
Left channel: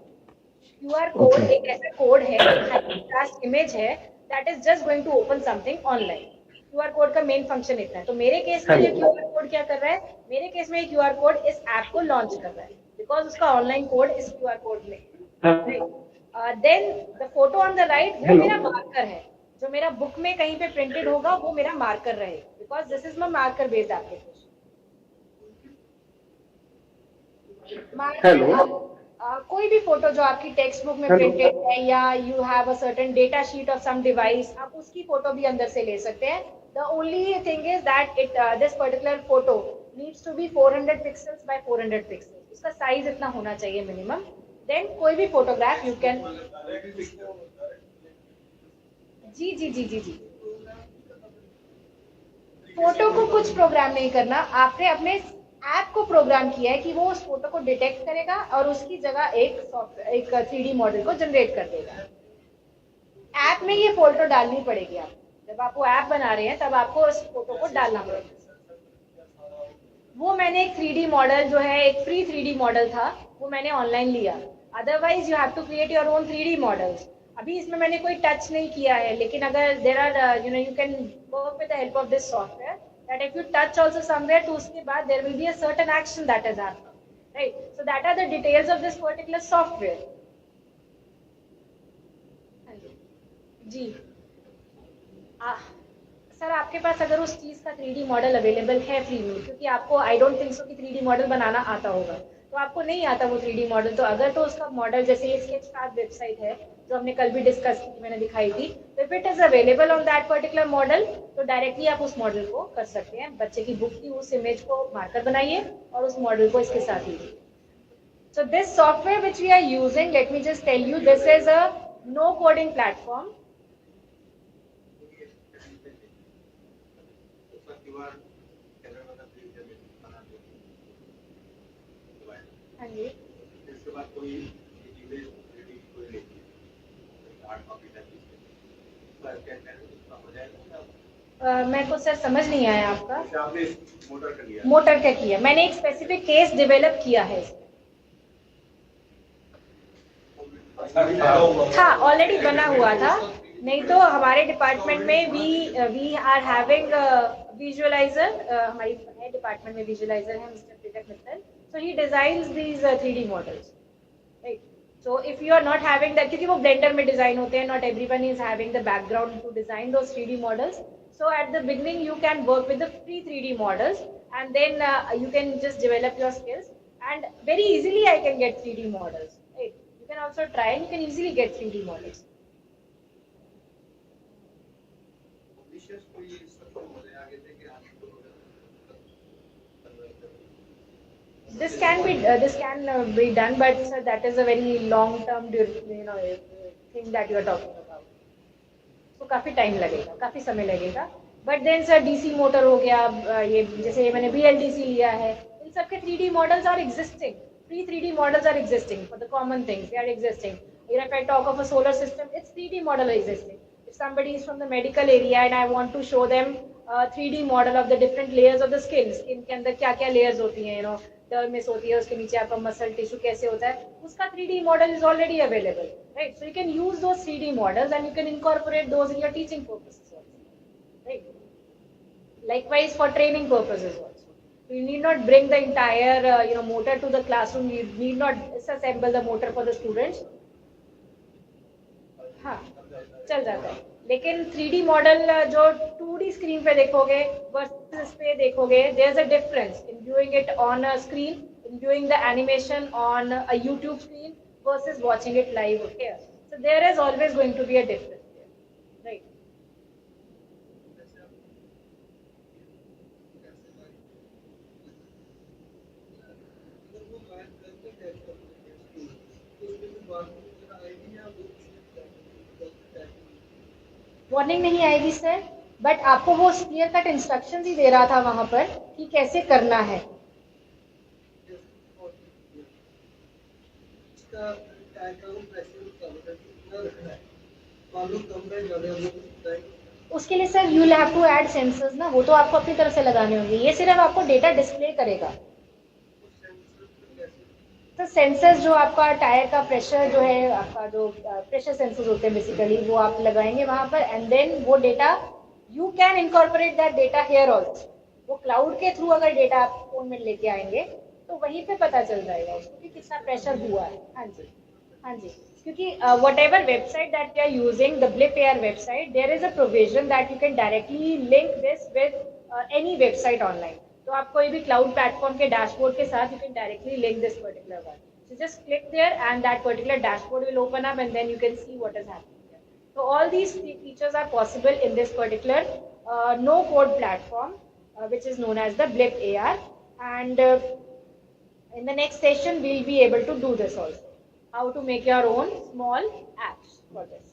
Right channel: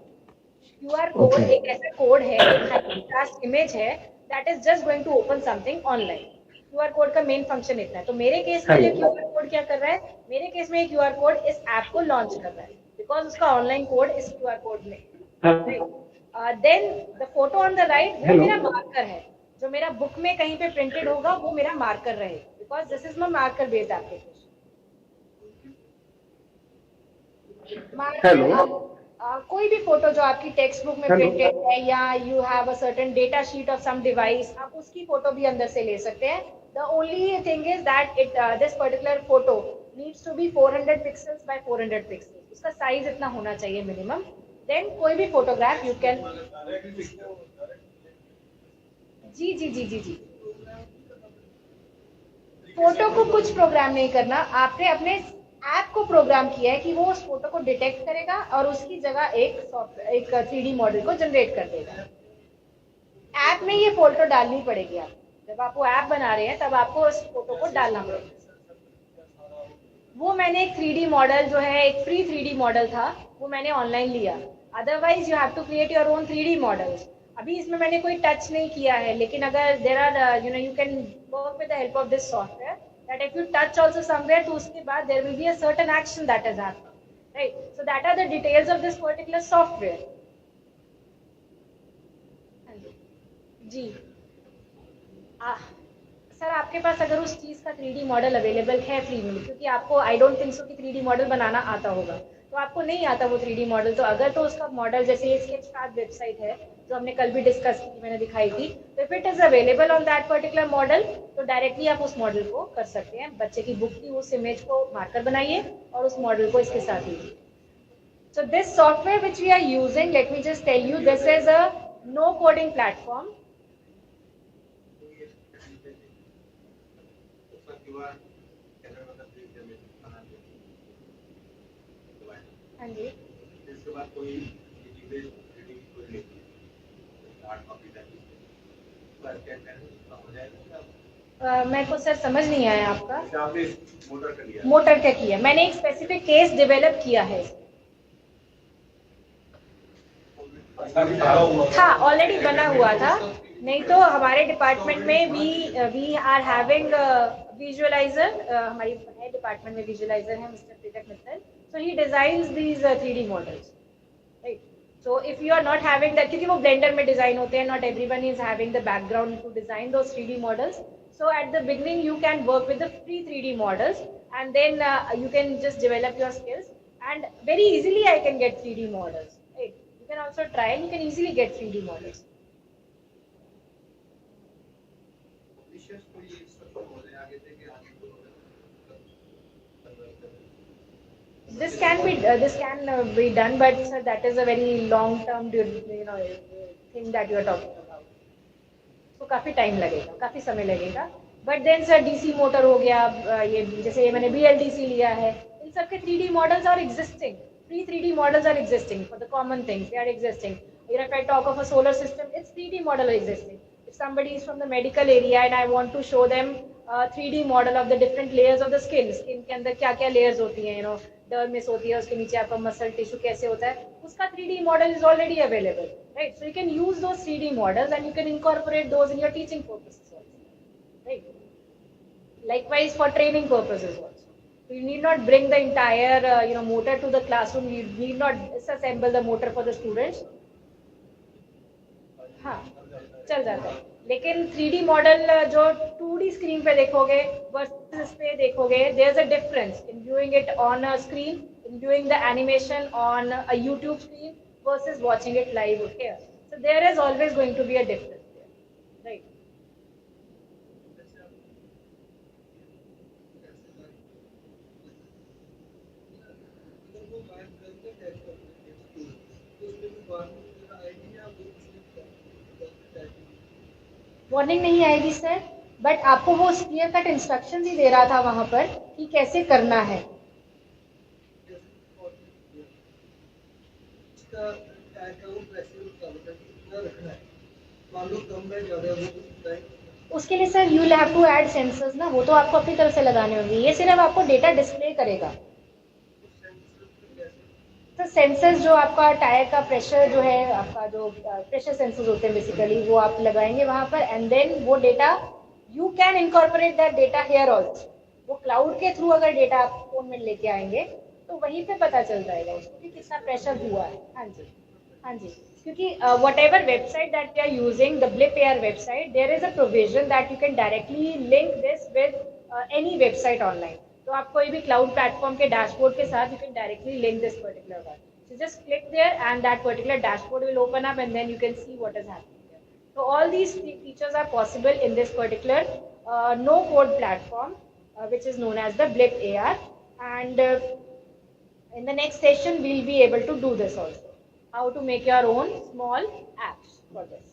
QR code okay एक ऐसा कोड है, एक हाई कंट्रास्ट इमेज है, that is just going to open something online. QR code का मेन फंक्शन इतना है. तो मेरे केस में ये क्यूआर कोड क्या कर रहा है, मेरे केस में ये क्यूआर कोड इस ऐप को लॉन्च कर रहा है, बिकॉज उसका ऑनलाइन कोड इस क्यूआर कोड में. Then the photo on the right वो मेरा मार्कर है, जो मेरा बुक में कहीं पे प्रिंटेड होगा वो मेरा मार्कर रहे, because this is my marker based application. Marker कोई भी फोटो जो आपकी टेक्स्ट बुक में प्रिंटेड है, या you have a certain data sheet of some device, आप उसकी फोटो भी अंदर से ले सकते हैं. The only thing is that it this particular photo needs to be 400 pixels by 400 pixels. उसका साइज इतना होना चाहिए मिनिमम. देन कोई भी फोटोग्राफ यू कैन. जी जी जी जी जी. फोटो को कुछ प्रोग्राम नहीं करना, आपने अपने ऐप को प्रोग्राम किया है कि वो उस फोटो को डिटेक्ट करेगा और उसकी जगह एक सॉफ्टवेयर, एक 3D मॉडल को जनरेट कर देगा. ऐप में ये फोटो डालनी पड़ेगी. आप जब आप वो ऐप बना रहे हैं तब आपको उस फोटो को डालना पड़ेगा. वो मैंने एक 3D मॉडल जो है, एक फ्री 3D मॉडल था, वो मैंने ऑनलाइन लिया. Otherwise you have to create your own 3D models. अभी इसमें मैंने कोई टच नहीं किया है, लेकिन अगर there are you can work with the help of this software, that if you touch also somewhere, तो उसके बाद there will be a certain action that is happening, right? So that are the details of this particular software. जी. Sir आपके पास अगर उस चीज का 3D मॉडल अवेलेबल है फ्री में, क्योंकि आपको आई डोंट थिंक सो कि 3D मॉडल बनाना आता होगा, तो आपको नहीं आता वो 3D मॉडल, तो अगर तो उसका मॉडल जैसे ये स्केचपैड वेबसाइट है जो हमने कल भी डिस्कस की, मैंने दिखाई थी, तो if it is available on that particular model, तो डायरेक्टली आप उस मॉडल को कर सकते हैं. बच्चे की बुक की उस इमेज को मार्कर बनाइए और उस मॉडल को इसके साथ लीजिए. So this software which we are using, let me just tell you, this is a no coding platform. हाँ जी. मेरे को सर समझ नहीं आया आपका. मोटर का किया, मैंने एक स्पेसिफिक केस डेवलप किया है. हाँ ऑलरेडी बना हुआ था. नहीं तो हमारे डिपार्टमेंट में वी आर हैविंग विजुअलाइजर. हमारी है डिपार्टमेंट में विजुअलाइजर है mister Preetak Mittal. So he designs these 3D models, right. So if you are not having that, क्योंकि वो ब्लेंडर में डिजाइन होते हैं, not everyone is having the background to design those 3D models. So at the beginning you can work with the free 3D models, and then you can just develop your skills, and very easily I can get 3D models, right? You can also try and you can easily get 3D models. This can be done, but sir, that is a very long term thing that you are talking about. तो काफी time लगेगा, काफी समय लगेगा. But then sir DC motor हो गया, ये जैसे मैंने BLDC लिया है, इन सब के 3D models are existing. Free 3D models are existing for the common things, they are existing. If I talk of a solar system, its 3D model existing. If somebody is from the medical area and I want to show them a 3D model of the different layers of the skin के अंदर क्या क्या layers होती हैं, dermis होती है, उसके नीचे आपका मसल टिश्यू कैसे होता है, उसका 3D model is already available, right? So you can use those 3D models and you can incorporate those in your teaching purposes also, right? Likewise for training purposes also. So you need not bring the entire motor to the classroom. You need not disassemble the motor for the students. हाँ चल जाता है. लेकिन 3D model जो 2D screen पे देखोगे versus इस पे देखोगे, there is a difference in viewing it on a screen, in doing the animation on a YouTube screen versus watching it live here. So there is always going to be a difference there, right? Warning नहीं आएगी sir, but आपको वो clear cut instruction ही दे रहा था वहां पर कि कैसे करना है. उसके लिए sir you have to add sensors ना, वो तो आपको अपनी तरफ से लगाने होंगे. ये सिर्फ आपको डेटा डिस्प्ले करेगा. तो सेंसर्स जो आपका टायर का प्रेशर जो है, आपका जो प्रेशर सेंसर्स होते हैं बेसिकली, वो आप लगाएंगे वहां पर, एंड देन वो data you can incorporate that data here also. वो क्लाउड के थ्रू अगर डेटा आप फोन में लेके आएंगे तो वहीं पे पता चल जाएगा उसको कि कितना प्रेशर हुआ है. हाँ जी, हाँ जी, क्योंकि whatever website that we are using, the Blip Air website, there is a provision that you can directly link this with any website online. तो आप कोई भी क्लाउड प्लेटफॉर्म के डैशबोर्ड के साथ you can directly link this particular one. So just click there and that particular dashboard will open up and then you can see what is happening there. So all these features are possible in this particular no code platform which is known as the Blip AR, and in the next session we'll be able to do this also. How to make your own small apps for this,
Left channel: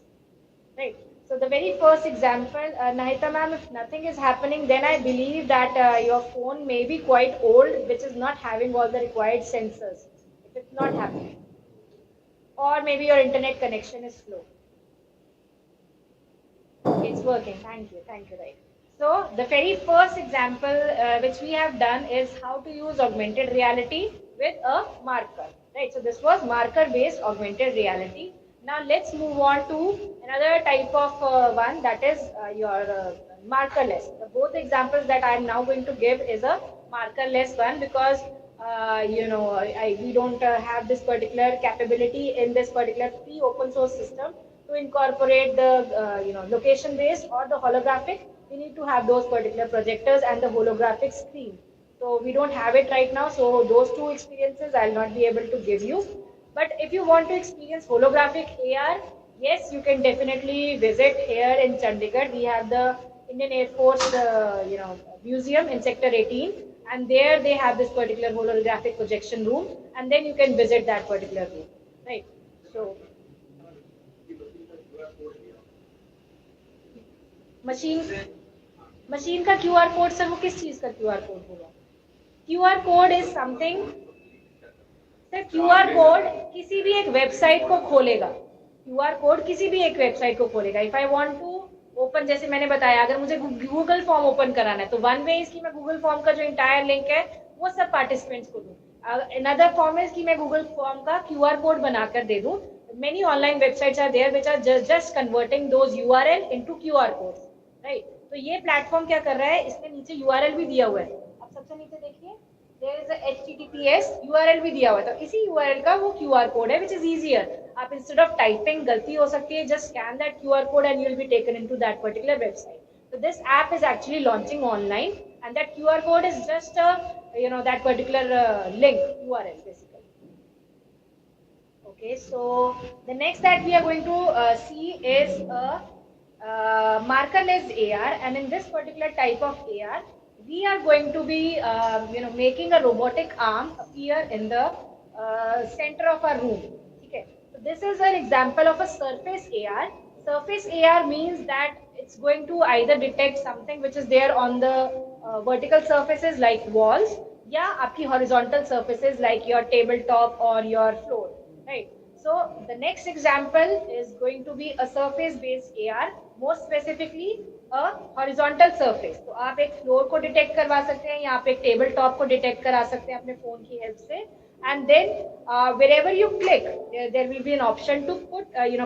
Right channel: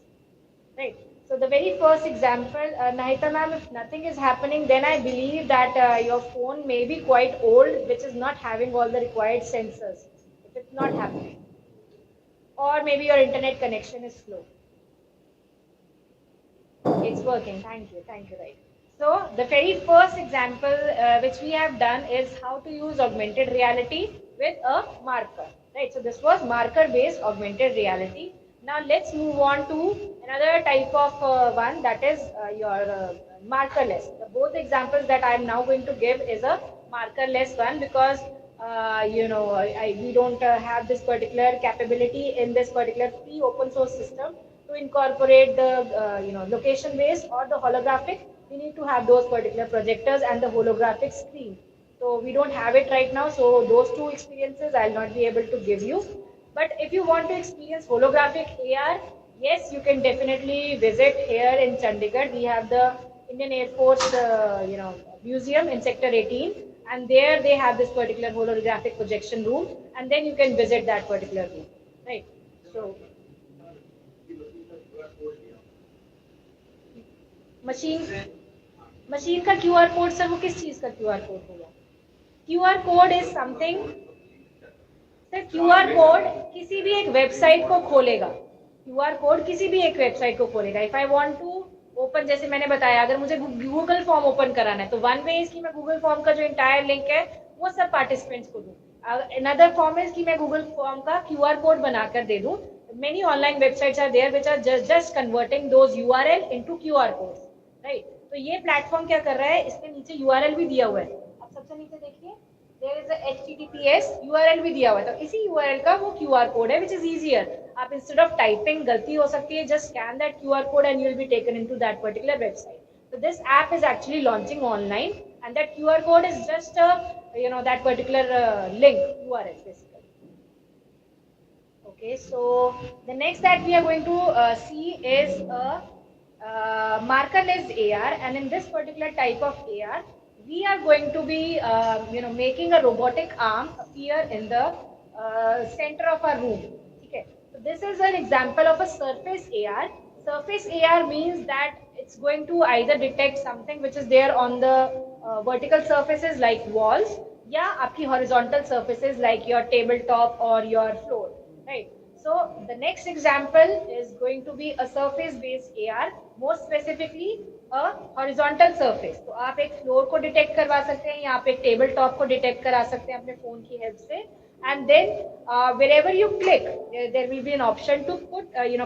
right? So the very first example, Nahita ma'am, if nothing is happening, then I believe that your phone may be quite old, which is not having all the required sensors. If it's not happening, or maybe your internet connection is slow. It's working. Thank you. Thank you. Right. So the very first example which we have done is how to use augmented reality with a marker. Right. So this was marker-based augmented reality. Now let's move on to another type of one, that is your markerless. The both examples that I am now going to give is a markerless one, because we don't have this particular capability in this particular free open source system to incorporate the location based or the holographic. We need to have those particular projectors and the holographic screen. So we don't have it right now. So those two experiences I'll not be able to give you. But if you want to experience holographic AR, yes, you can definitely visit here in Chandigarh. We have the Indian Air Force, museum in Sector 18, and there they have this particular holographic projection room, and then you can visit that particular room, right? So, machine का QR code sir, वो किस चीज का QR code होगा? QR code is something. Sir QR code किसी भी एक website को खोलेगा. QR कोड किसी भी एक वेबसाइट को खोलेगा. If I want to open, जैसे मैंने बताया, अगर मुझे गूगल फॉर्म ओपन कराना है तो वन वे इज कि मैं गूगल फॉर्म का जो इंटायर लिंक है वो सब पार्टिसिपेंट्स को दूं. अनदर फॉर्म इज कि मैं गूगल फॉर्म का QR कोड बनाकर दे दूं. Many online websites are there which are just converting those URL into QR codes, right? तो ये प्लेटफॉर्म क्या कर रहा है, इसके नीचे URL भी दिया हुआ है. आप सबसे नीचे देखिए, there is a HTTPS URL भी दिया हुआ है. तो इसी URL का वो QR कोड है, which is easier. आप instead of typing, गलती हो सकती है, just scan that QR code and you will be taken into that particular website. So this app is actually launching online, and that QR code is just that particular link URL basically. Okay, so the next that we are going to see is a markerless AR, and in this particular type of AR, we are going to be making a robotic arm appear in the center of our room. Okay, so this is an example of a surface AR. Surface AR means that it's going to either detect something which is there on the vertical surfaces like walls, या आपकी horizontal surfaces like your tabletop or your floor, right? So the next example is going to be a surface-based AR, more specifically a horizontal surface. तो आप एक floor को detect करवा सकते हैं, या आप एक tabletop को detect करा सकते हैं अपने phone की help से. And then wherever you click, there will be an option to put,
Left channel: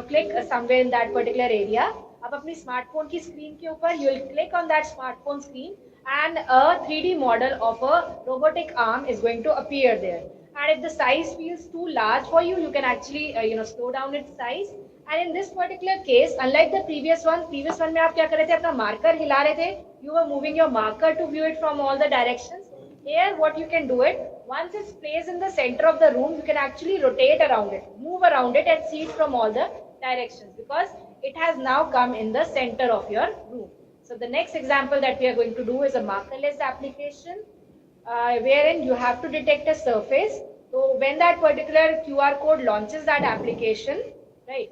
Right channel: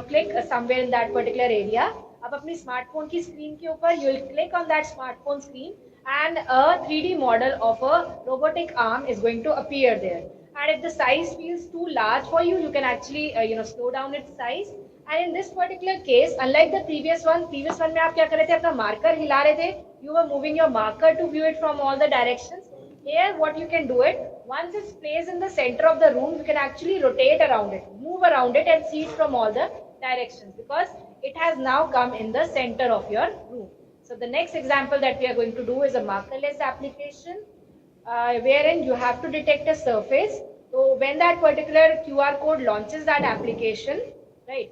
click somewhere in that particular area. आप अपनी smartphone की screen के ऊपर, you will click on that smartphone screen, and a 3D model of a robotic arm is going to appear there. And if the size feels too large for you, you can actually slow down its size. And in this particular case, unlike the previous one में आप क्या कर रहे थे, अपना marker हिला रहे थे, you were moving your marker to view it from all the directions. Here what you can do it, once it's placed in the center of the room, you can actually rotate around it, move around it, and see it from all the directions because it has now come in the center of your room. So the next example that we are going to do is a markerless application, wherein you have to detect a surface. So when that particular QR code launches that application, right,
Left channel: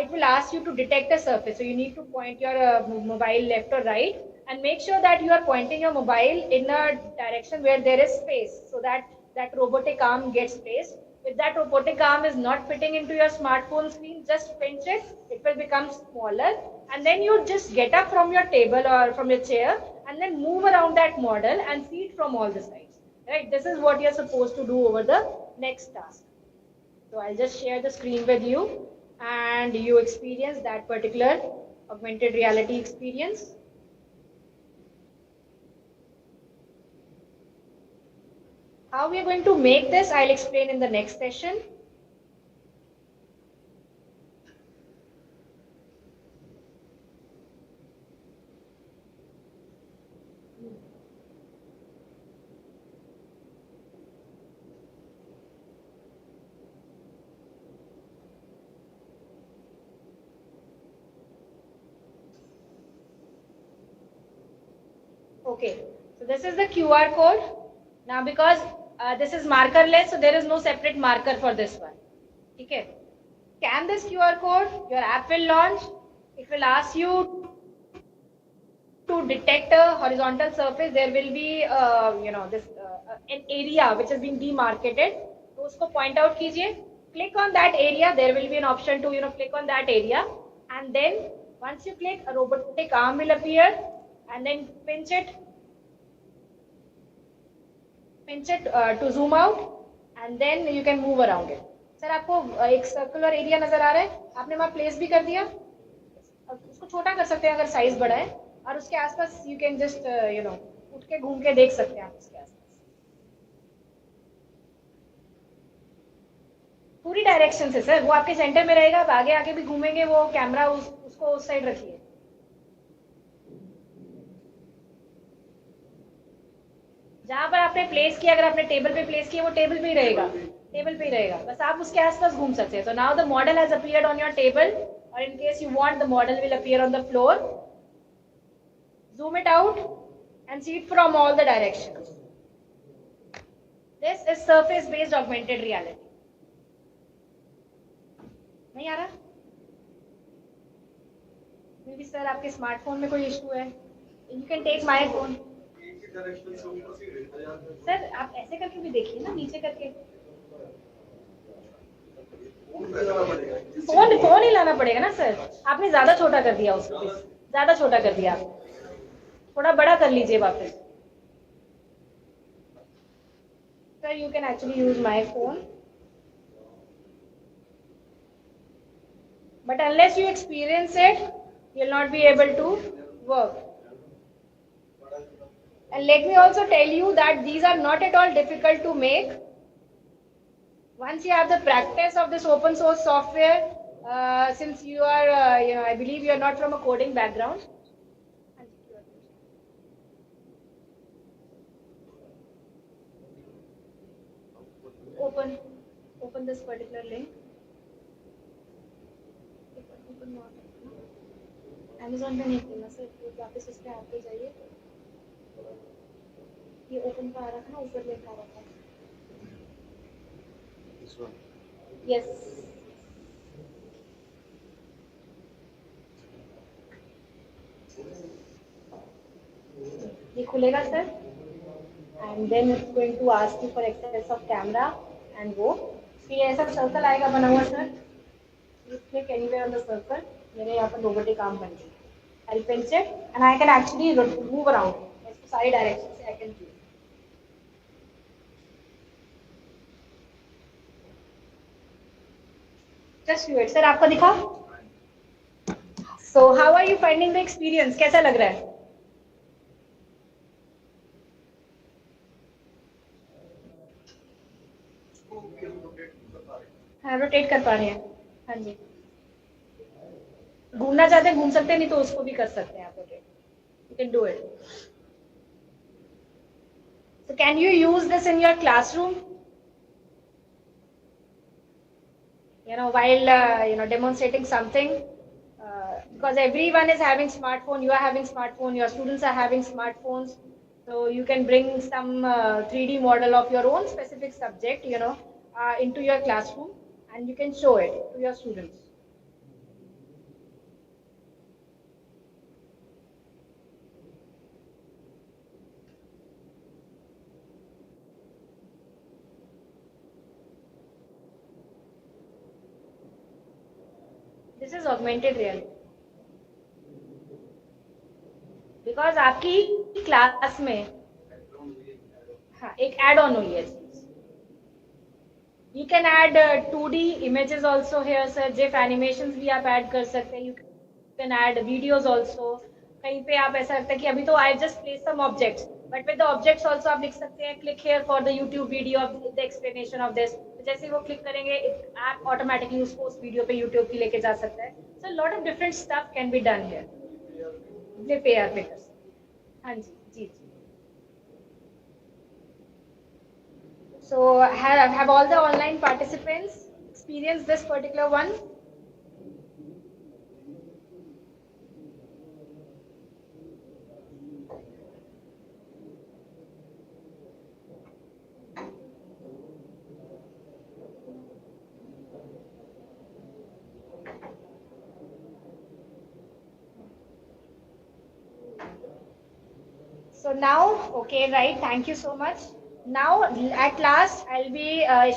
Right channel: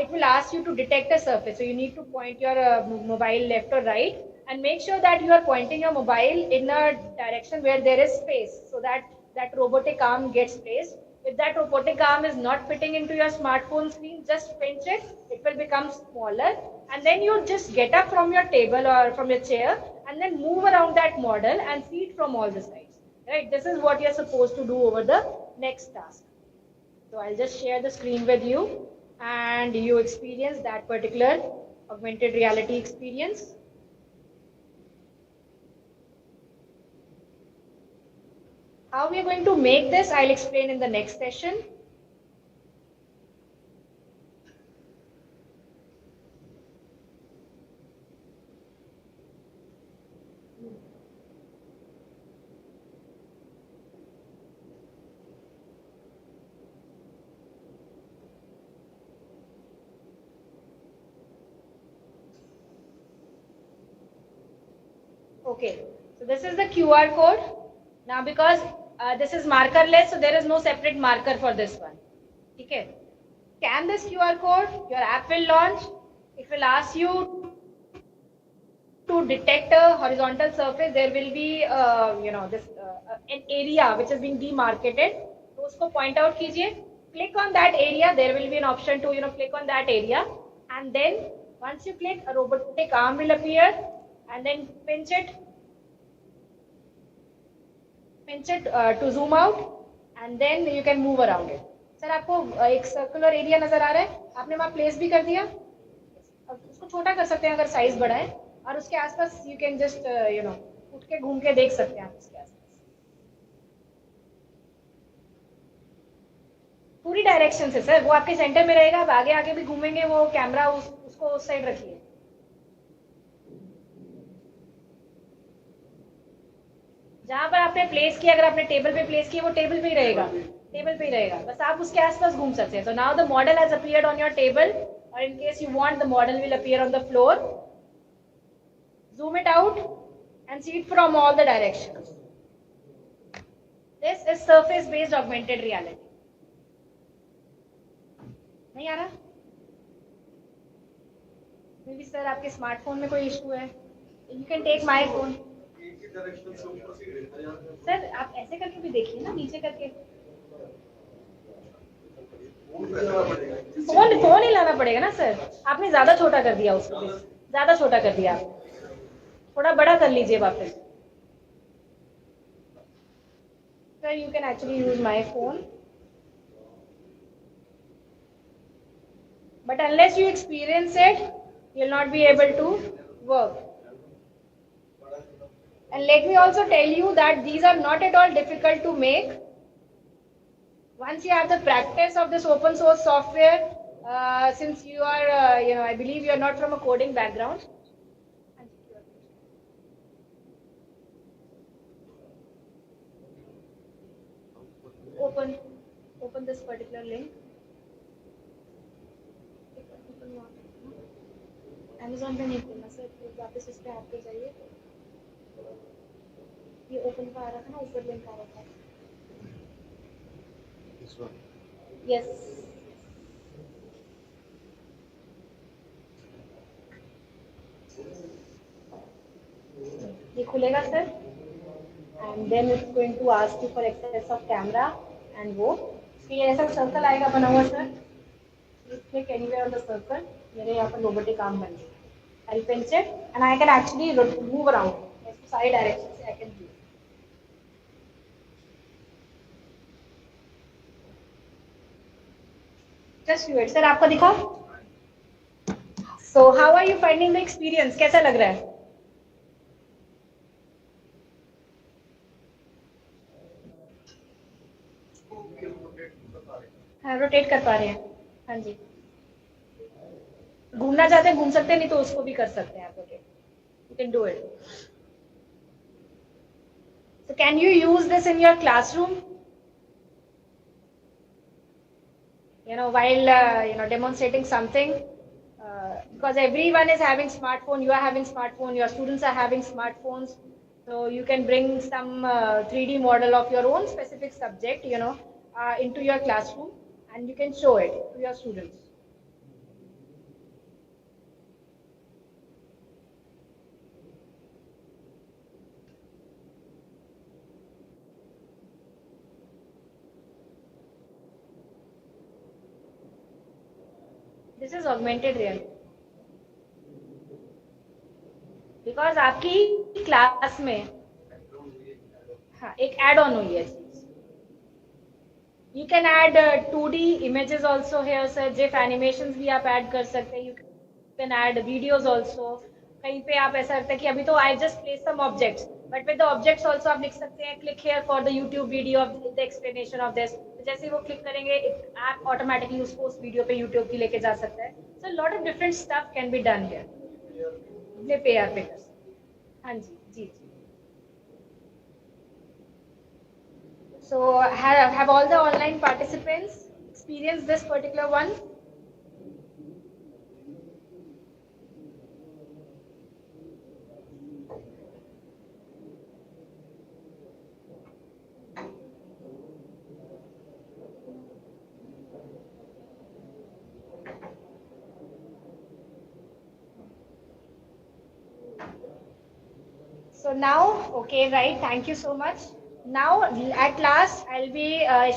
it will ask you to detect a surface. So you need to point your mobile left or right and make sure that you are pointing your mobile in a direction where there is space so that that robotic arm gets placed. If that robotic arm is not fitting into your smartphone screen, just pinch it, it will become smaller, and then you just get up from your table or from your chair and then move around that model and see it from all the sides. Right? This is what you're supposed to do over the next task. So I'll just share the screen with you and you experience that particular augmented reality experience. How we are going to make this, I'll explain in the next session. Okay, so this is the QR code. Now because this is markerless, so there is no separate marker for this one. Okay. Scan this QR code, your app will launch. It will ask you to detect a horizontal surface. There will be, this an area which is being demarcated. So usko point out kijiye. Click on that area. There will be an option to click on that area, and then once you click, a robotic arm will appear, and then pinch it to zoom out, and then you can move around it. Sir आपको एक circular area नजर आ रहा है, आपने वहां place भी कर दिया. अब उसको छोटा कर सकते हैं अगर साइज बड़ा है, और उसके आसपास यू कैन जस्ट उठ के घूम के देख सकते हैं आप उसके आसपास पूरी डायरेक्शन से. सर वो आपके सेंटर में रहेगा, आप आगे आगे भी घूमेंगे, वो कैमरा उसको उस साइड रखिए. जहां पर आपने प्लेस किया, अगर आपने टेबल पे प्लेस किया, वो टेबल पे ही रहेगा, बस आप उसके आसपास घूम सकते हैं. So now the model has appeared on your table, or in case you want, the model will appear on the floor. Zoom it out and see it from all the directions. This is surface based augmented reality. नहीं आ रहा? Maybe sir आपके smartphone में कोई issue है. You can take my phone. Sir आप ऐसे करके भी देखिए ना, नीचे करके. फोन ही लाना पड़ेगा ना सर. आपने ज्यादा छोटा कर दिया उसको, ज्यादा छोटा कर दिया. आप थोड़ा बड़ा कर लीजिए वापस. Sir you can actually use my phone, but unless you experience it, you'll not be able to work. And let me also tell you that these are not at all difficult to make. Once you have the practice of this open source software, since you are, I believe you are not from a coding background. Open this particular link. Amazon पे नहीं खोलना sir, वापस उस पे आप पे जाइए. ये ओपन का आ रहा था ना, ऊपर लिंक आ रहा था. Yes. ये खुलेगा sir, and then it's going to ask you for access of camera and वो फिर ऐसा सर्कल आएगा बना हुआ sir. Click anywhere on the circle. मेरे यहाँ पर रोबोटिक आर्म बन गई. I'll pinch it and I can actually move around. सारी डायरेक्शन से I can do. Just do it. Sir आपको दिखा? So how are you finding the experience? कैसा लग रहा है? हाँ रोटेट कर पा रहे हैं. हाँ जी. घूमना चाहते हैं घूम सकते हैं, नहीं तो उसको भी कर सकते हैं आप. Rotate. You can do it. So can you use this in your classroom? While demonstrating something, because everyone is having smartphone, you are having smartphone, your students are having smartphones, so you can bring some 3D model of your own specific subject, into your classroom, and you can show it to your students. This is augmented reality. Because आपकी class में हाँ एक add on हुई है चीज you can add 2D images also here sir GIF animations भी आप add कर सकते हैं you can add videos also कहीं पे आप ऐसा लगता है कि अभी तो I just place some objects but with the objects also आप लिख सकते हैं click here for the YouTube video of the explanation of this जैसे ही वो क्लिक करेंगे ऐप ऑटोमेटिकली उसको उस वीडियो पे यूट्यूब की लेके जा सकता है so lot of different stuff can be done here flip AR पे कर सकते हैं हाँ जी जी जी So have all the online participants experienced this particular one? So now, okay, right, thank you so much. Now at last I'll be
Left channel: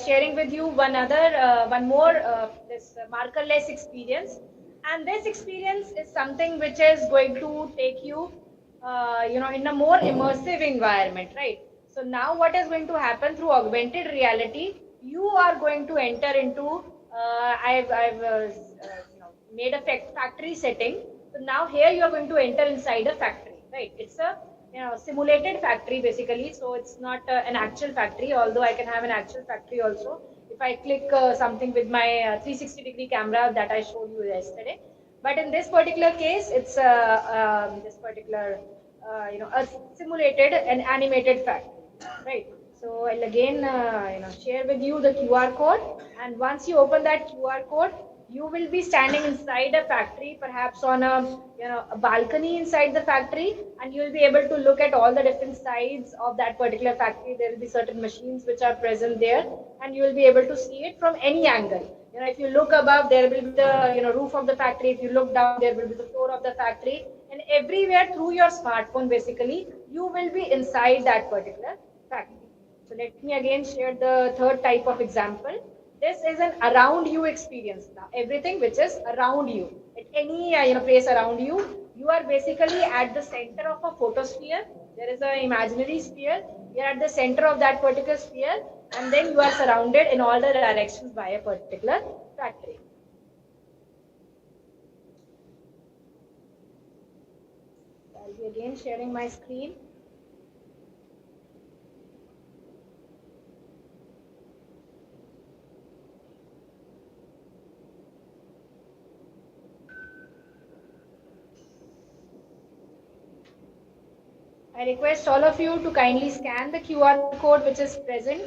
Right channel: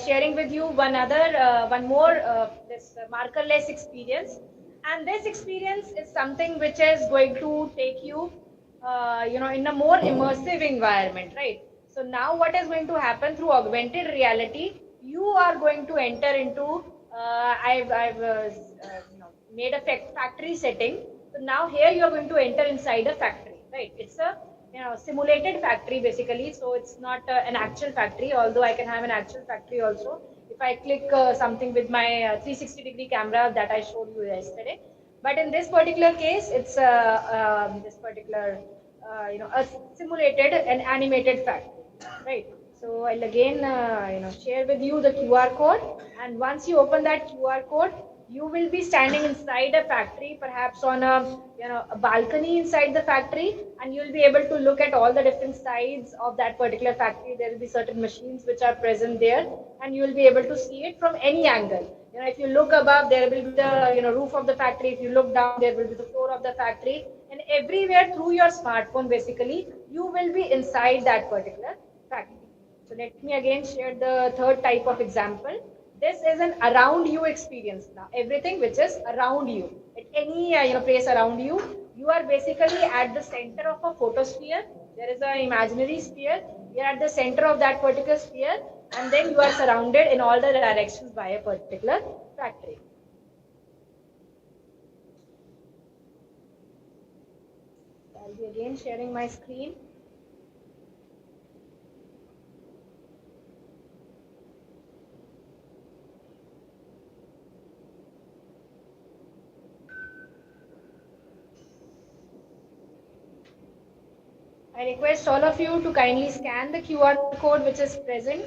sharing with you one more this markerless experience, and this experience is something which is going to take you in a more immersive environment, right? So now what is going to happen through augmented reality, you are going to enter into I've made a factory setting. So now here you are going to enter inside a factory, right? It's a simulated factory basically, so it's not an actual factory, although I can have an actual factory also if I click something with my 360-degree camera that I showed you yesterday. But in this particular case, it's this particular a simulated and animated factory, right? So I'll again share with you the QR code, and once you open that QR code, you will be standing inside a factory, perhaps on a balcony inside the factory, and you will be able to look at all the different sides of that particular factory. There will be certain machines which are present there, and you will be able to see it from any angle. If you look above, there will be the roof of the factory. If you look down, there will be the floor of the factory, and everywhere through your smartphone, basically, you will be inside that particular factory. So let me again share the third type of example. This is an around you experience now. Everything which is around you, at any place around you, you are basically at the center of a photosphere. There is an imaginary sphere. You are at the center of that particular sphere, and then you are surrounded in all the directions by a particular factory. I'll be again sharing my screen. I request all of you to kindly scan the QR code which is present.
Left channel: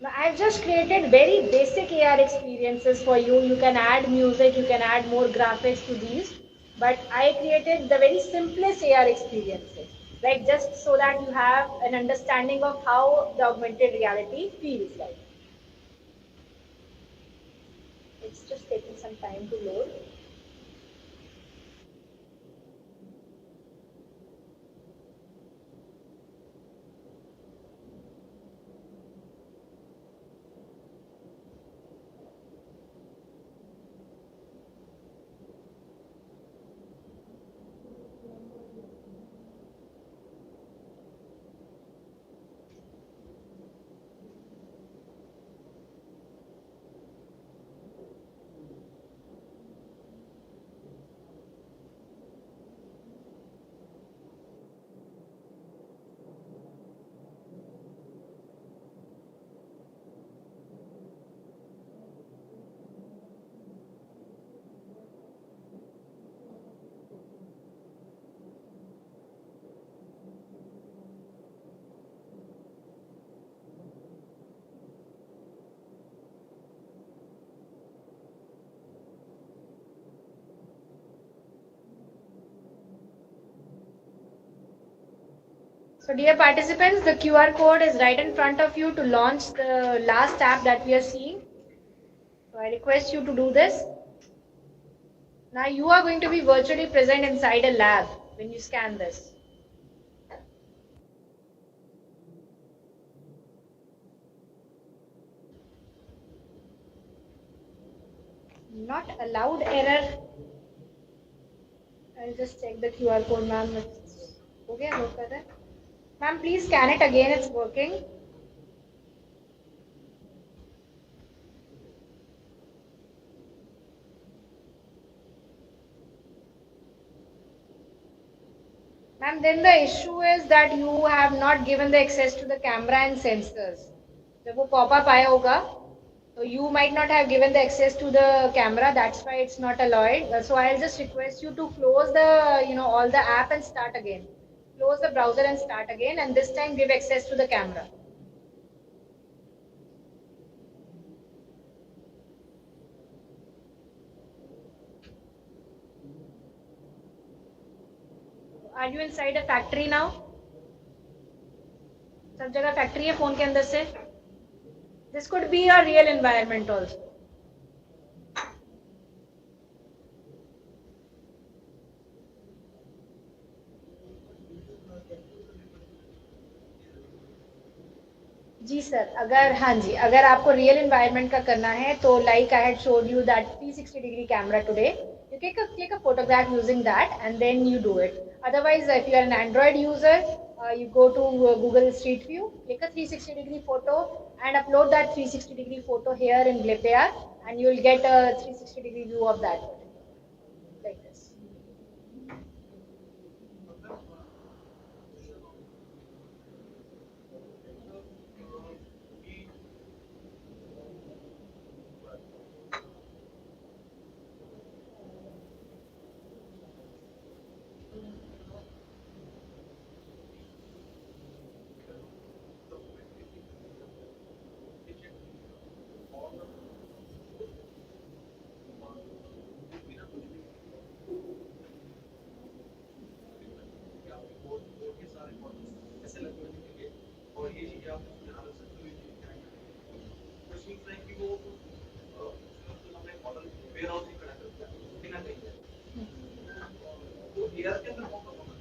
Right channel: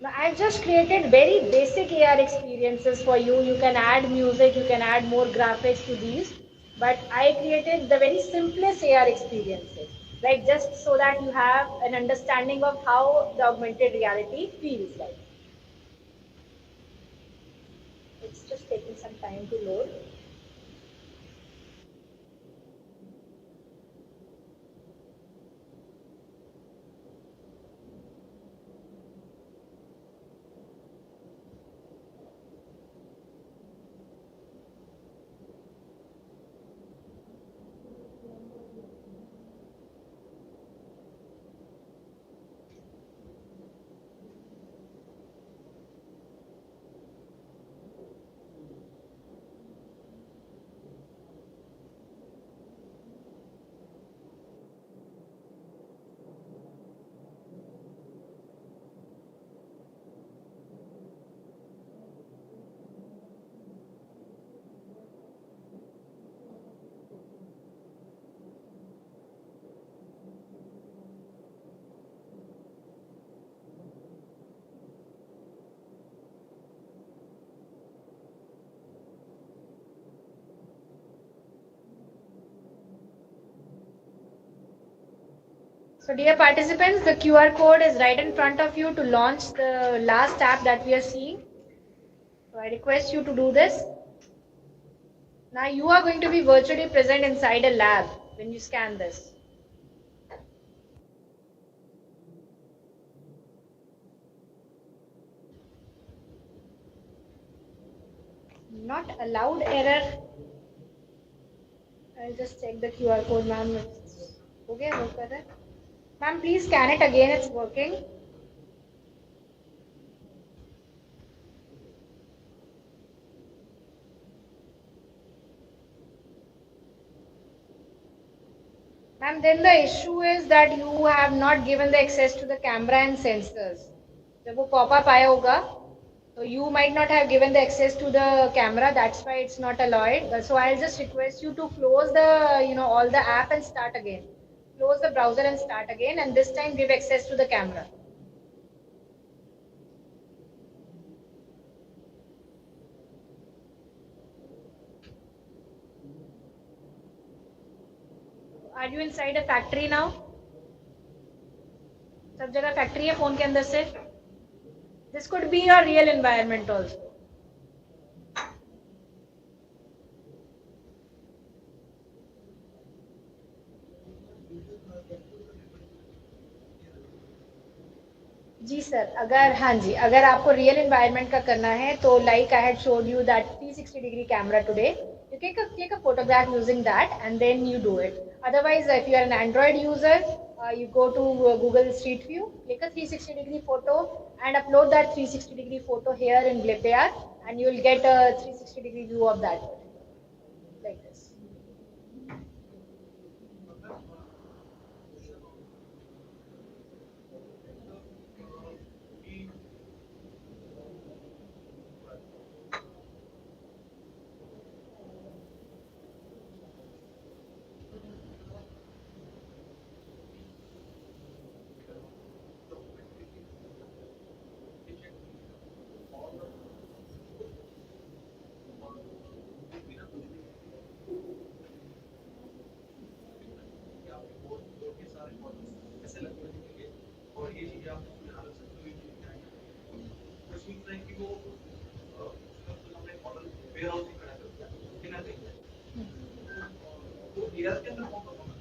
Now, I've just created very basic AR experiences for you. You can add music, you can add more graphics to these, but I created the very simplest AR experiences, like just so that you have an understanding of how the augmented reality feels like. It's just taking some time to load. So dear participants, the QR code is right in front of you to launch the last app that we are seeing. So I request you to do this. Now you are going to be virtually present inside a lab when you scan this. Not allowed error. I'll just check the QR code, ma'am. Okay, work कर रहा है. Ma'am, please scan it again. It's working. And then the issue is that you have not given the access to the camera and sensors. जब वो pop-up आया होगा, so you might not have given the access to the camera. That's why it's not allowed. So I'll just request you to close the, all the app and start again. Close the browser and start again, and this time give access to the camera. Are you inside a factory now? सब जगह factory है phone के अंदर से. This could be your real environment also. जी sir, अगर आपको real environment का करना है तो like I had showed you that 360 degree camera today. You click a photograph using that and then you do it. Otherwise, if you are an Android user, you go to Google Street View, click a 360 degree photo and upload that 360 degree photo here in Glibbear and you will get a 360 degree view of that. Like this.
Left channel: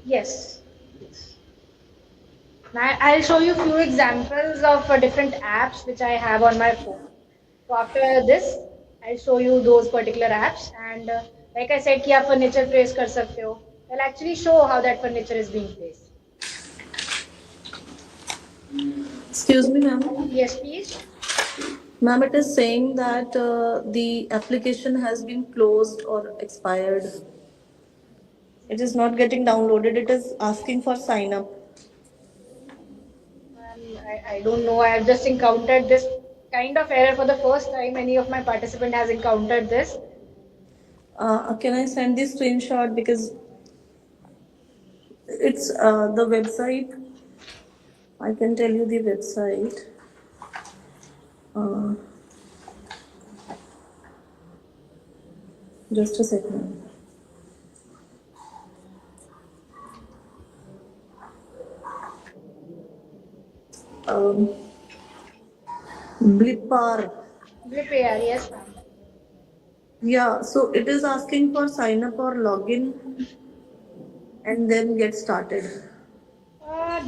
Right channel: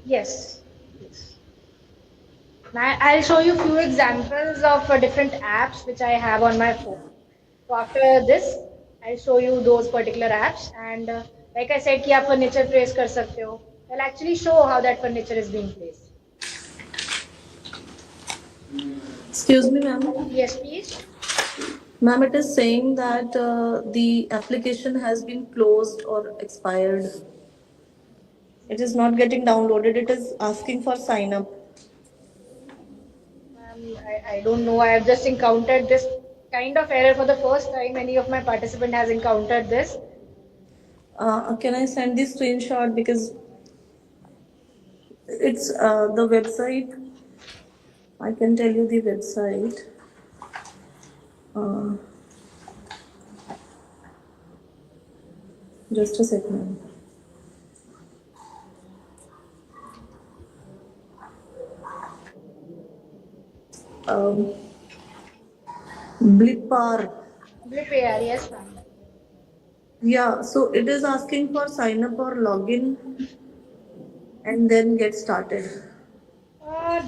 Yes. Now I'll show you few examples of different apps which I have on my phone. So after this, I'll show you those particular apps and like I said कि आप furniture place कर सकते हो. I'll actually show how that furniture is being placed. Excuse me, ma'am. Yes, please. Ma'am, it is saying that the application has been closed or expired. It is not getting downloaded. It is asking for sign up. I don't know. I have just encountered this kind of error for the first time. Any of my participant has encountered this. Can I send this screenshot because it's the website? I can tell you the website. Just a second. Blipar. Blipper, yes, ma'am. Yeah, so it is asking for sign up or login and then get started.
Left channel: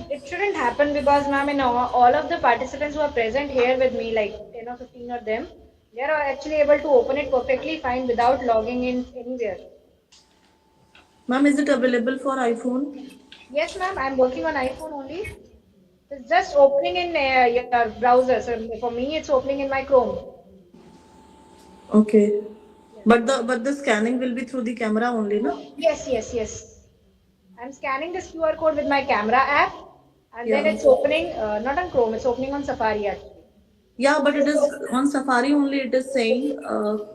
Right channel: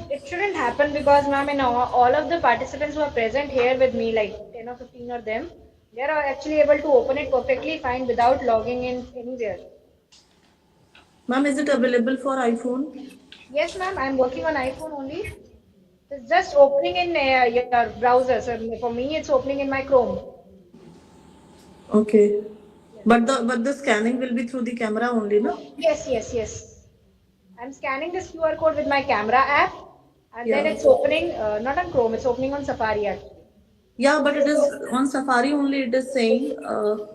It shouldn't happen because, ma'am, all of the participants who are present here with me, like 10 or 15 of them, they are actually able to open it perfectly fine without logging in anywhere. Ma'am, is it available for iPhone? Yes, ma'am, I'm working on iPhone only. It's just opening in your browser. So for me, it's opening in my Chrome. Okay. But the scanning will be through the camera only, no? Yes. I'm scanning this QR code with my camera app, and then Yeah. it's opening not on Chrome. It's opening on Safari actually. Yeah, but it is on Safari only. It is saying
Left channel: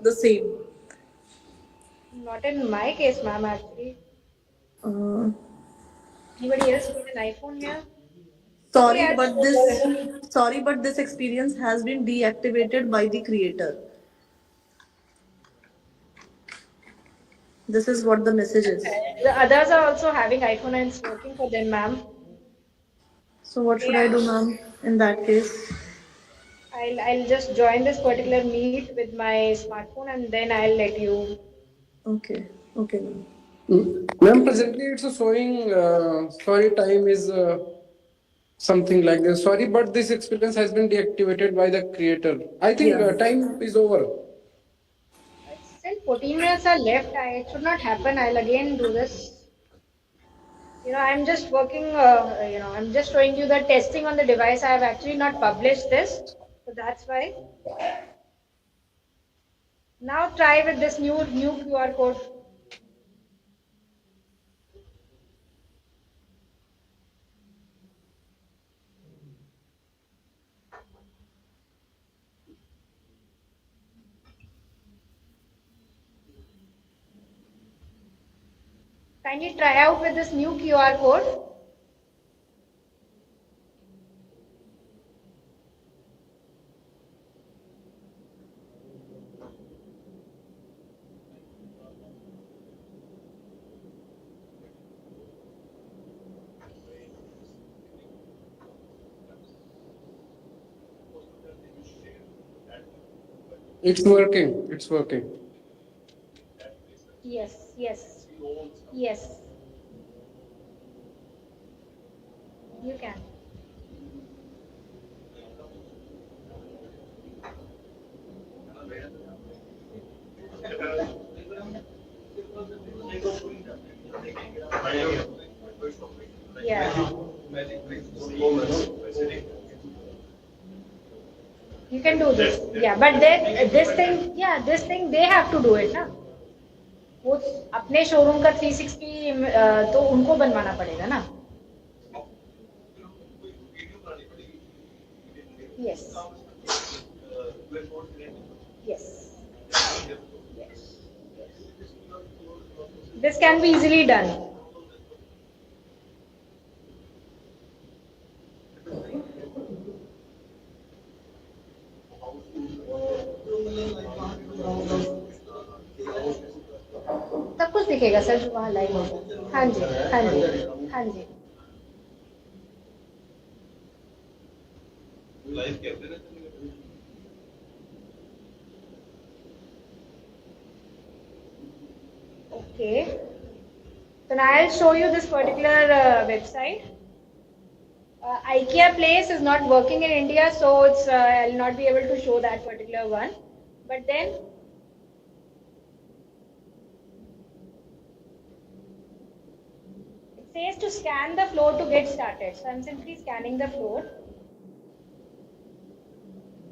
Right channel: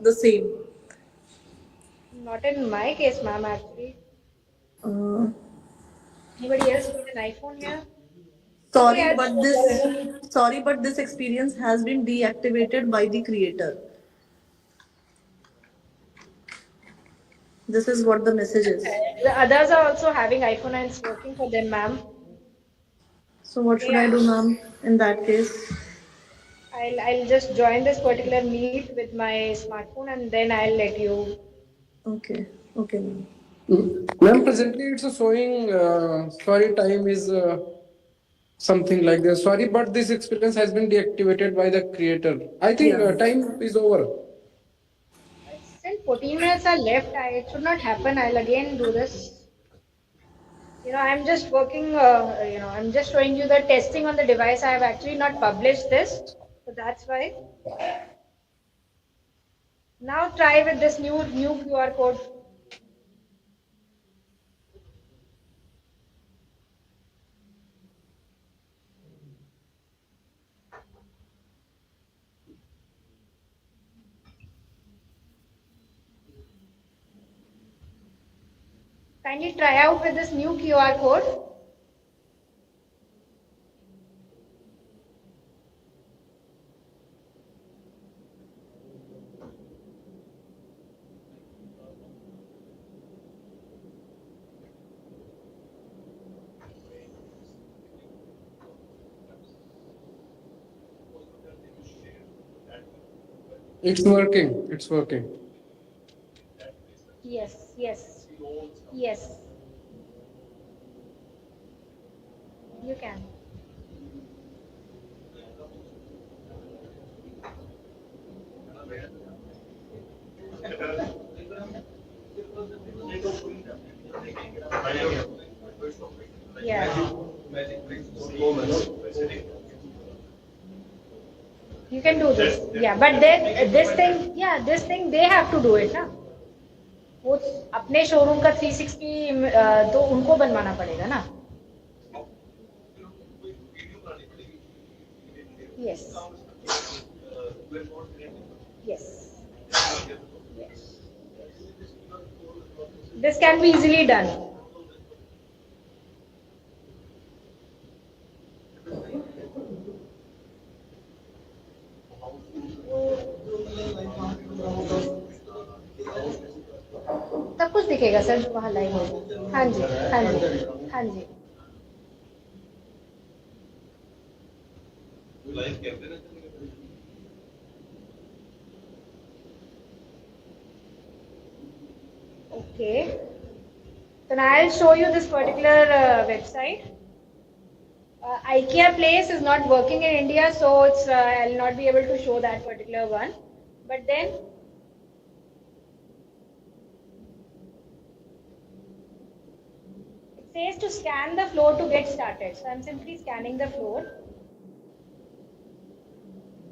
the same. Not in my case, ma'am. Actually, anybody else with an iPhone here? Sorry, but this experience has been deactivated by the creator. This is what the message is. The others are also having iPhone and it's working for them, ma'am. So what should I do, ma'am, in that case? I'll just join this particular meet with my smartphone and then I'll let you. Okay. Okay, ma'am. Ma'am, presently it's showing sorry time is something like this. Sorry, but this experience has been deactivated by the creator. I think Yeah. time is over. It's still 14 minutes are left. It should not happen. I'll again do this. I'm just working, I'm just showing you the testing on the device. I have actually not published this. So that's why. Now try with this new QR code. Kindly try out with this new QR code. It's working. It's working. Yes, yes, yes. You can. Yeah. You can do this. Yeah, but then this thing they have to do it, ना? वो अपने showroom का 360 तो उनको बनवाना पड़ेगा ना? Yes. Yes. Yes. This can be easily done. सब कुछ दिखेगा सर जो वहाँ लाइन होगा। हाँ जी, हाँ जी, हाँ जी। Okay. Then I'll show you this particular website. IKEA Place is not working in India, so it's I'll not be able to show that particular one. But then it says to scan the floor to get started. So I'm simply scanning the floor.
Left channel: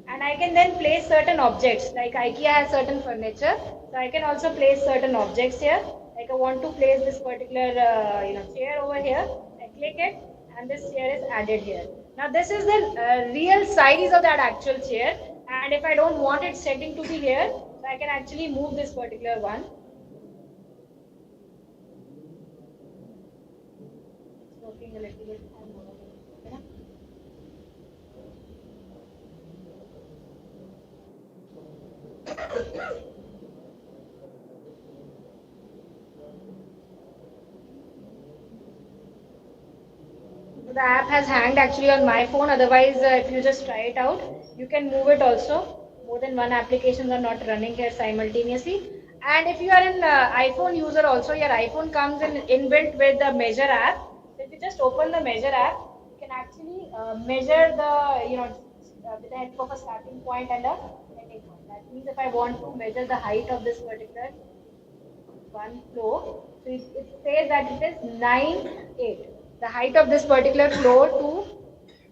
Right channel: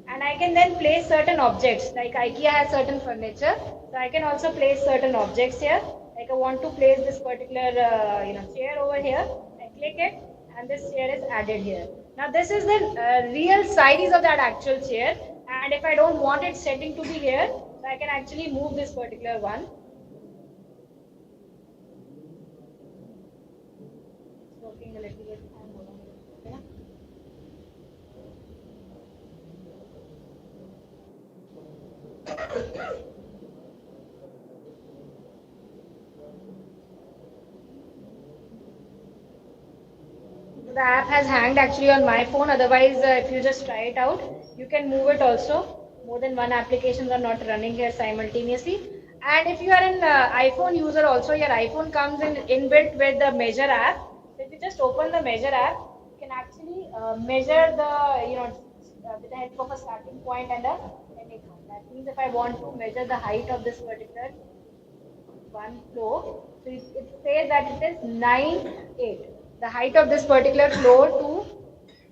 And I can then place certain objects, like IKEA has certain furniture, so I can also place certain objects here. Like I want to place this particular chair over here. I click it, and this chair is added here. Now this is the real size of that actual chair, and if I don't want its setting to be here, so I can actually move this particular one. It's working a little bit. The app has hanged actually on my phone. Otherwise, if you just try it out, you can move it also. More than one applications are not running here simultaneously. And if you are an iPhone user also, your iPhone comes in inbuilt with the Measure app. So if you just open the Measure app, you can actually measure with the help of a starting point and a ending point. That means if I want to measure the height of this particular one floor, so it says that it is 9.8. The height of this particular floor to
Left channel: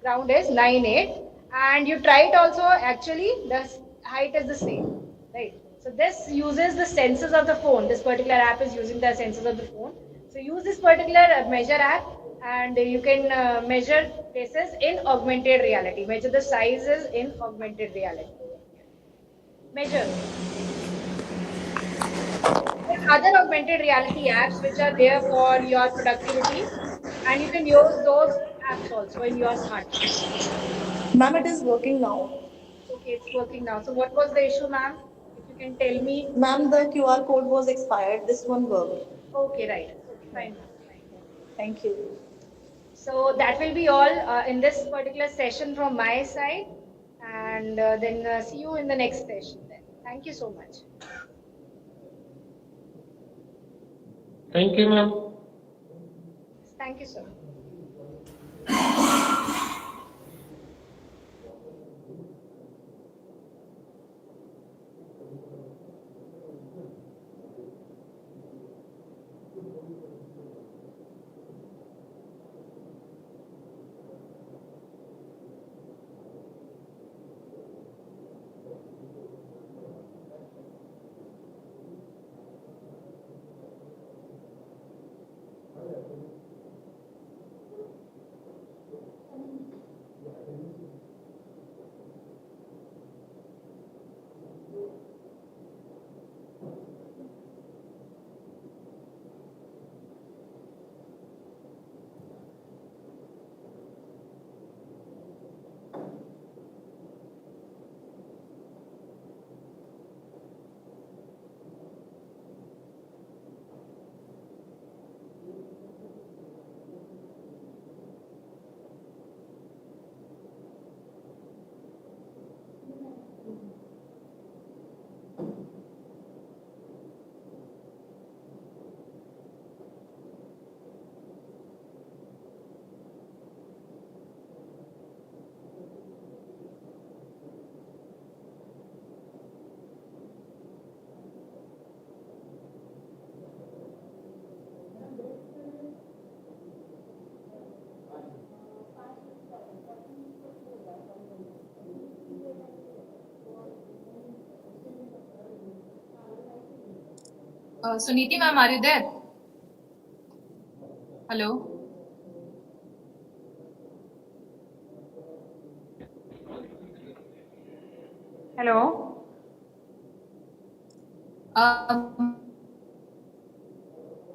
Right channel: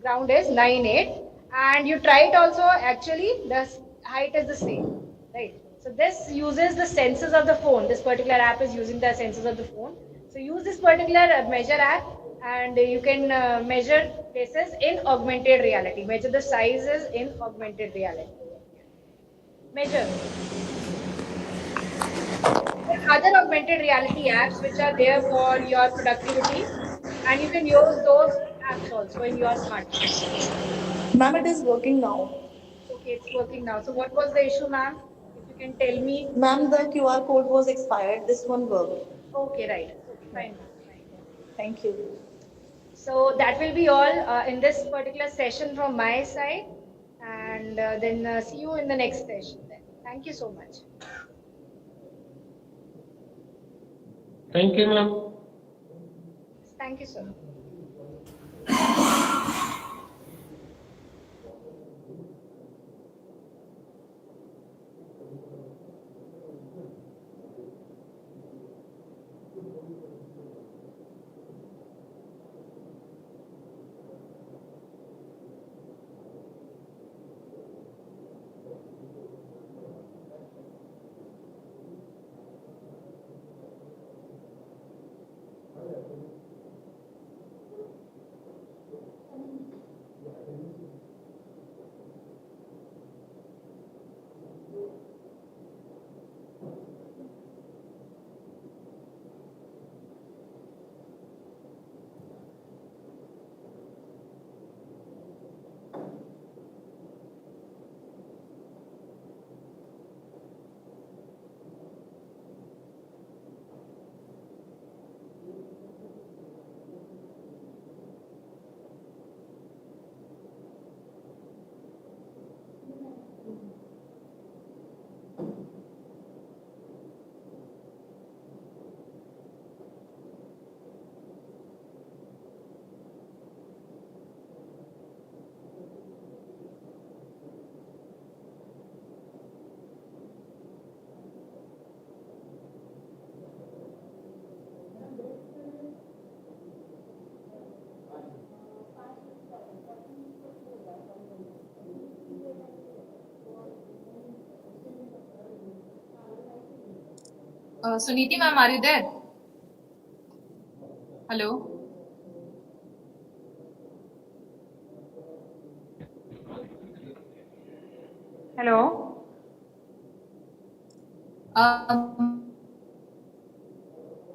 ground is 9.8, and you try it also. Actually, the height is the same, right? So this uses the sensors of the phone. This particular app is using the sensors of the phone. So use this particular Measure app, and you can measure places in augmented reality. Measure the sizes in augmented reality. Measure. There are other augmented reality apps which are there for your productivity, and you can use those apps also in your smartphone. Ma'am, it is working now. Okay, it's working now. So what was the issue, ma'am? If you can tell me. Ma'am, the QR code was expired. This one worked. Okay, right. Okay, fine. Thank you. So that will be all in this particular session from my side. And then see you in the next session then. Thank you so much. Thank you, ma'am. Thank you, sir. Suniti ma'am, are you there? Hello. Hello.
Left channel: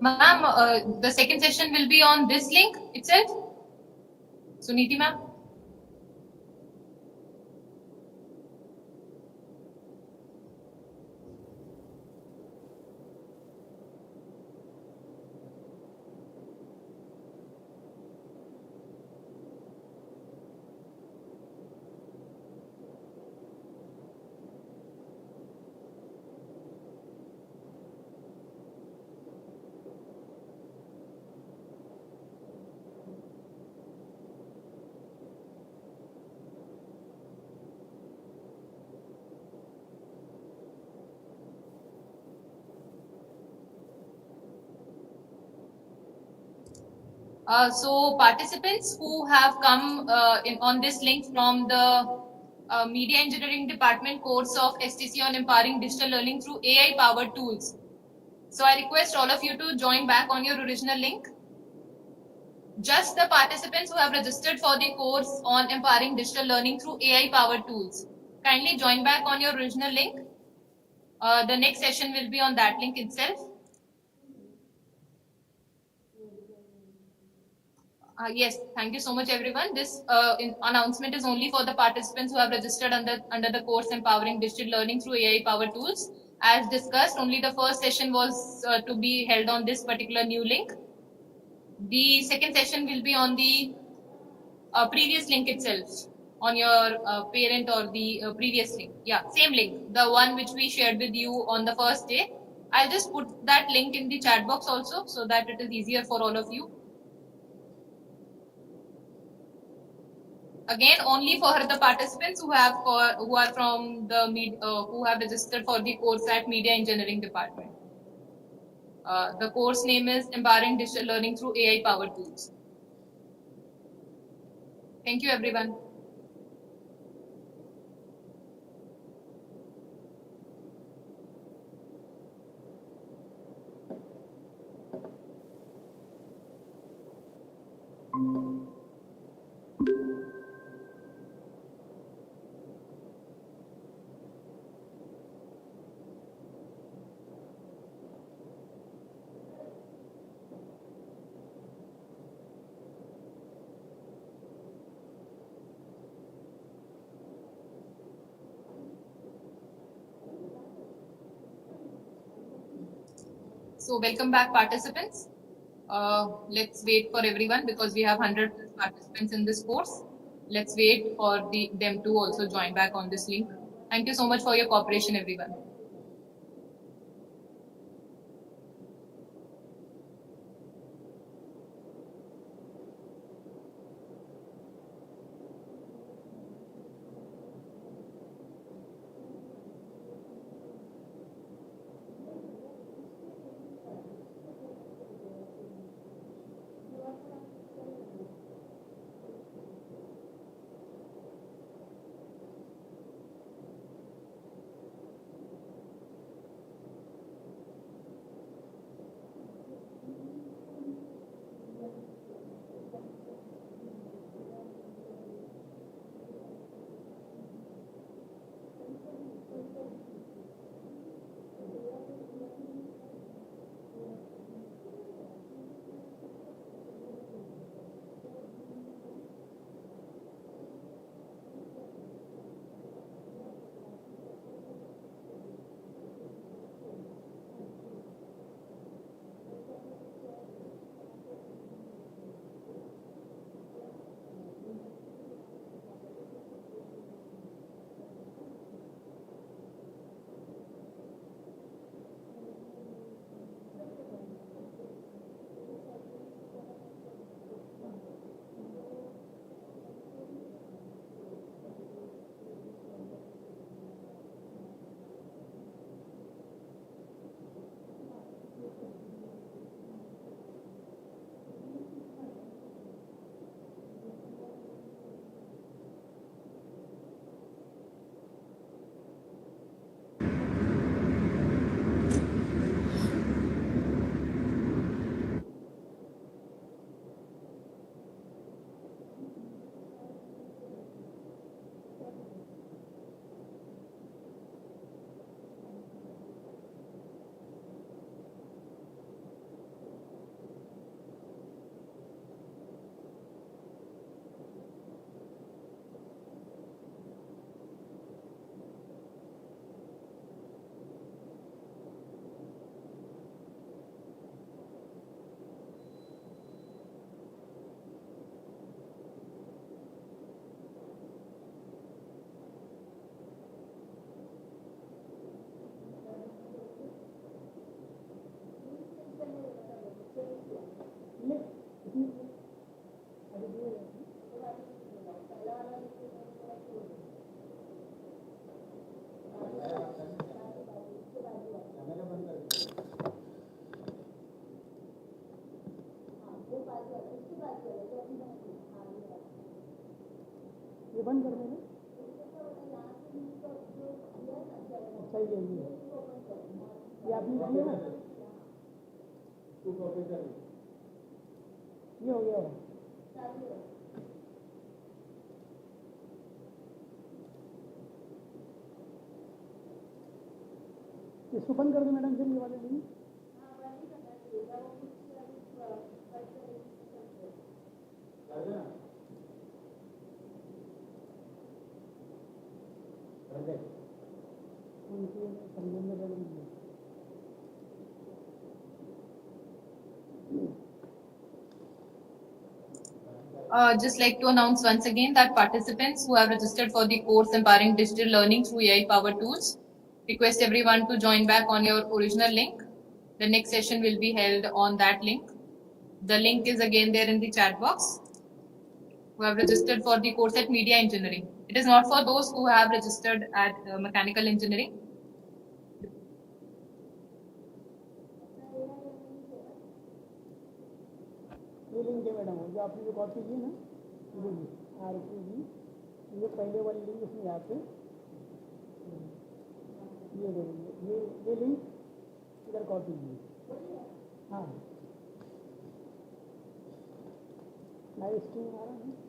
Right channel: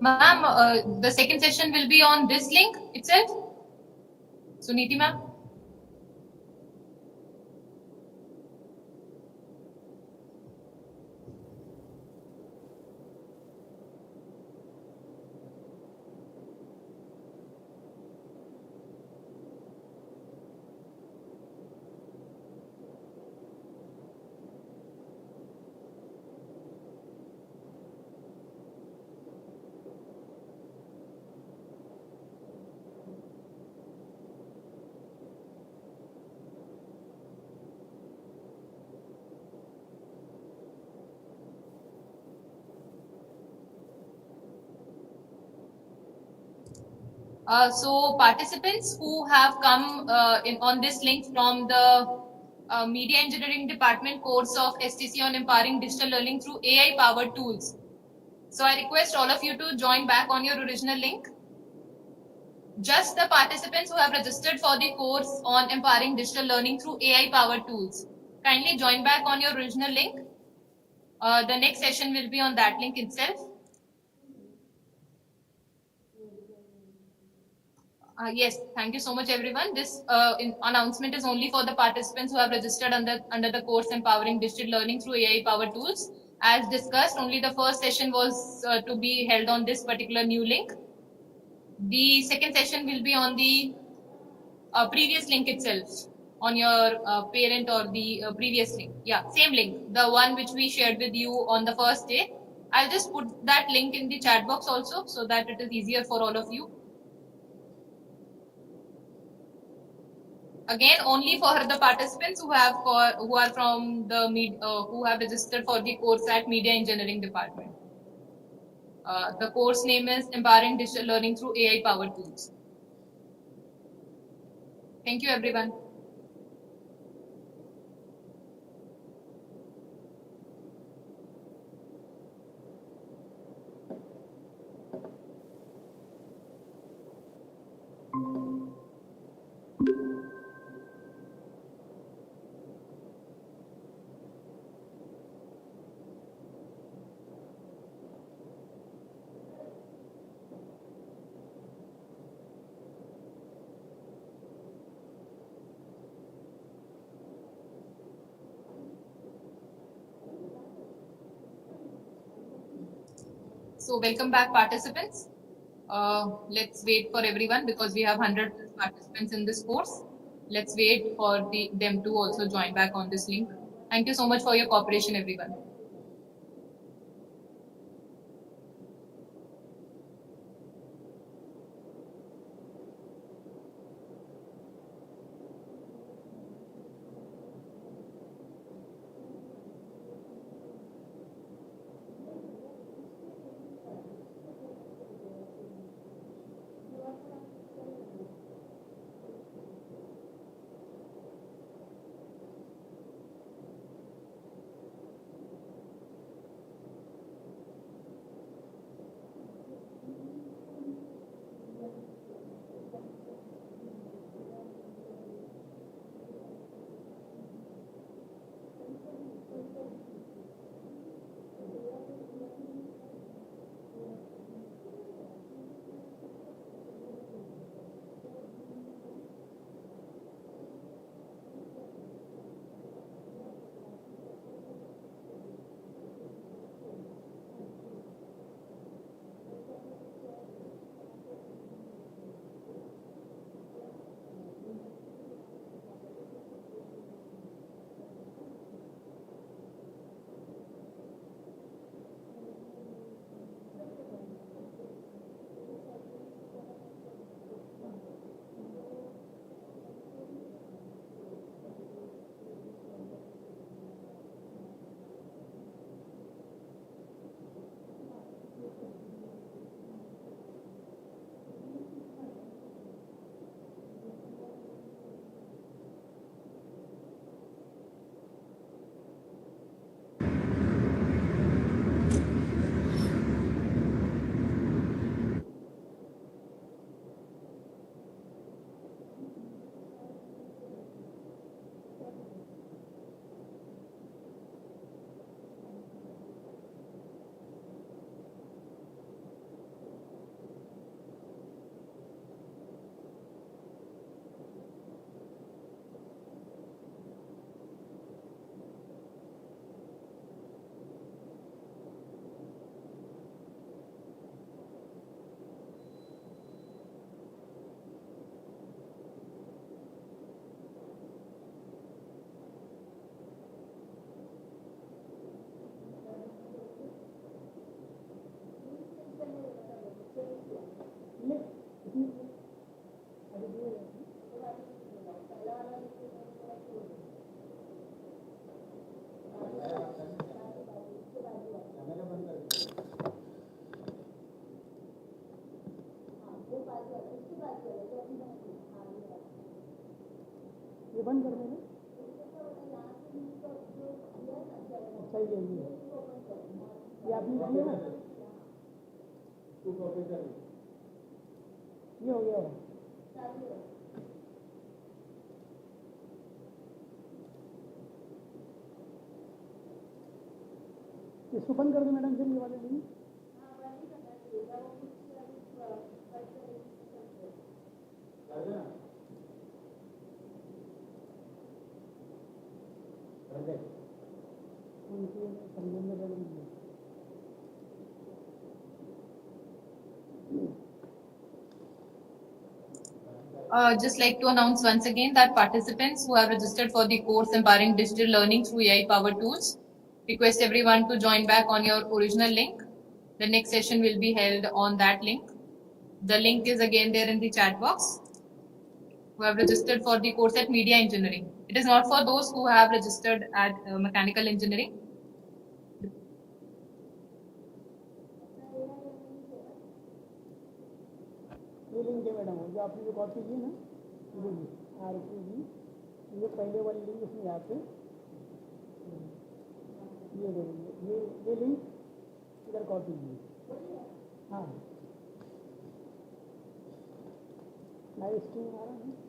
Ma'am, the second session will be on this link itself. Suniti ma'am. So participants who have come on this link from the Media Engineering Department course of STC on Empowering Digital Learning through AI powered tools. So I request all of you to join back on your original link. Just the participants who have registered for the course on Empowering Digital Learning through AI powered tools. Kindly join back on your original link. The next session will be on that link itself. Yes, thank you so much, everyone. This announcement is only for the participants who have registered under the course Empowering Digital Learning through AI-powered tools. As discussed, only the first session was to be held on this particular new link. The second session will be on the previous link itself, on your parent or the previous link. Yeah, same link, the one which we shared with you on the first day. I'll just put that link in the chat box also so that it is easier for all of you. Again, only for the participants who are from the who have registered for the course at Media Engineering Department. The course name is Empowering Digital Learning through AI Powered Tools. Thank you, everyone. So welcome back, participants. Let's wait for everyone because we have 100 participants in this course. Let's wait for them to also join back on this link. Thank you so much for your cooperation, everyone. ये बंद कर देना। सही है ये आपने किया ना, ये हो गया। इसको बंद कर दो मैडम, फिर ये वाले नहीं। Just like to announce once again that participants who have registered for the course Empowering Digital Learning through AI Powered Tools, request everyone to join back on your original link. The next session will be held on that link. The link is again there in the chat box. Who have registered for the course at Media Engineering. It is not for those who have registered at Mechanical Engineering. ये link है madam, जो आपने जो copy की ना, ये पहले वाली लिंक इसमें यहाँ पे ये लिंक इधर कॉपी की। हाँ लाइव स्ट्रीम आ रहा है।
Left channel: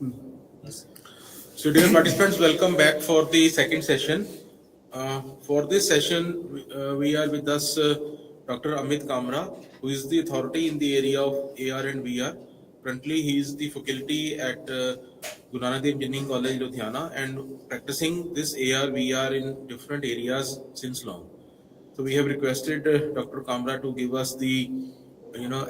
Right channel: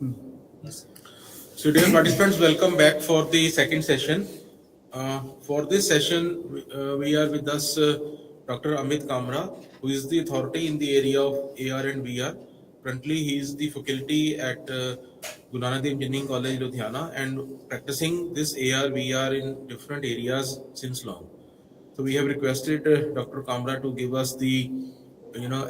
So, dear participants, welcome back for the second session. For this session, we are with us Dr. Amit Kamra, who is the authority in the area of AR and VR. Currently, he is the faculty at Guru Nanak Dev Engineering College, Ludhiana, and practicing this AR VR in different areas since long. So we have requested Dr. Kamra to give us the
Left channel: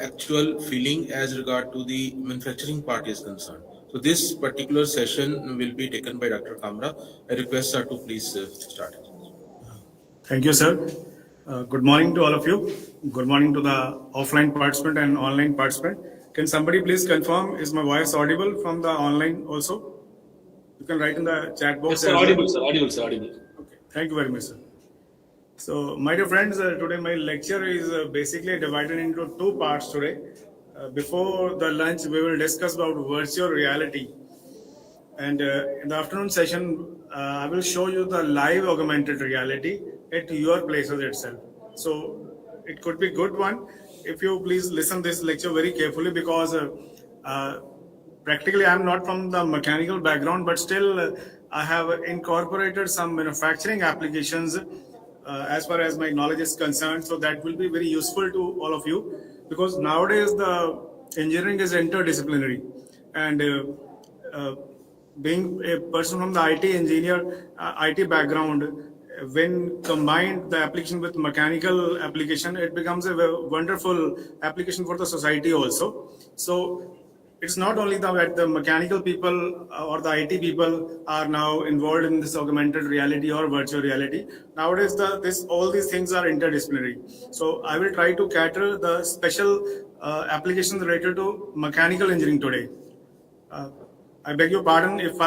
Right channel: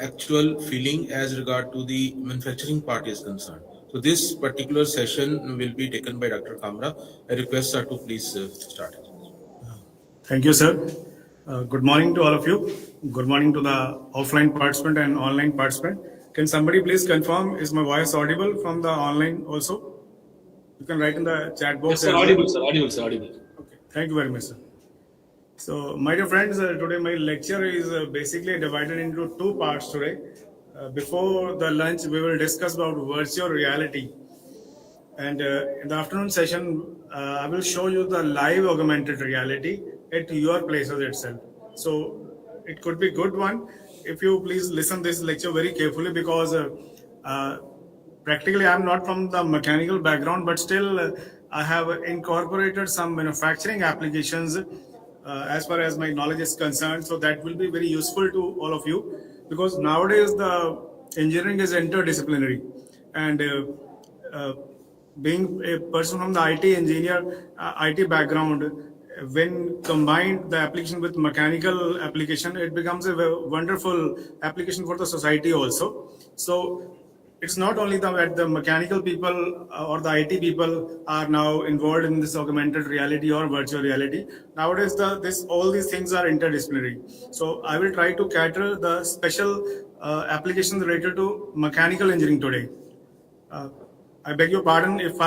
actual feeling as regard to the manufacturing part is concerned. So this particular session will be taken by Dr. Kamra. I request her to please start. Thank you, sir. Good morning to all of you. Good morning to the offline participant and online participant. Can somebody please confirm, is my voice audible from the online also? You can write in the chat box. Yes, sir, audible, sir, audible, sir, audible. Okay, thank you very much, sir. So, my dear friends, today my lecture is basically divided into two parts today. Before the lunch, we will discuss about virtual reality. And in the afternoon session, I will show you the live augmented reality at your places itself. So, it could be good one if you please listen this lecture very carefully, because practically I'm not from the mechanical background, but still I have incorporated some manufacturing applications as far as my knowledge is concerned. So that will be very useful to all of you, because nowadays the engineering is interdisciplinary, and being a person from the IT engineer, IT background, when combined the application with mechanical application, it becomes a wonderful application for the society also. So it's not only that the mechanical people or the IT people are now involved in this augmented reality or virtual reality. Nowadays, all these things are interdisciplinary. So I will try to cater the special applications related to mechanical engineering today. I beg your pardon if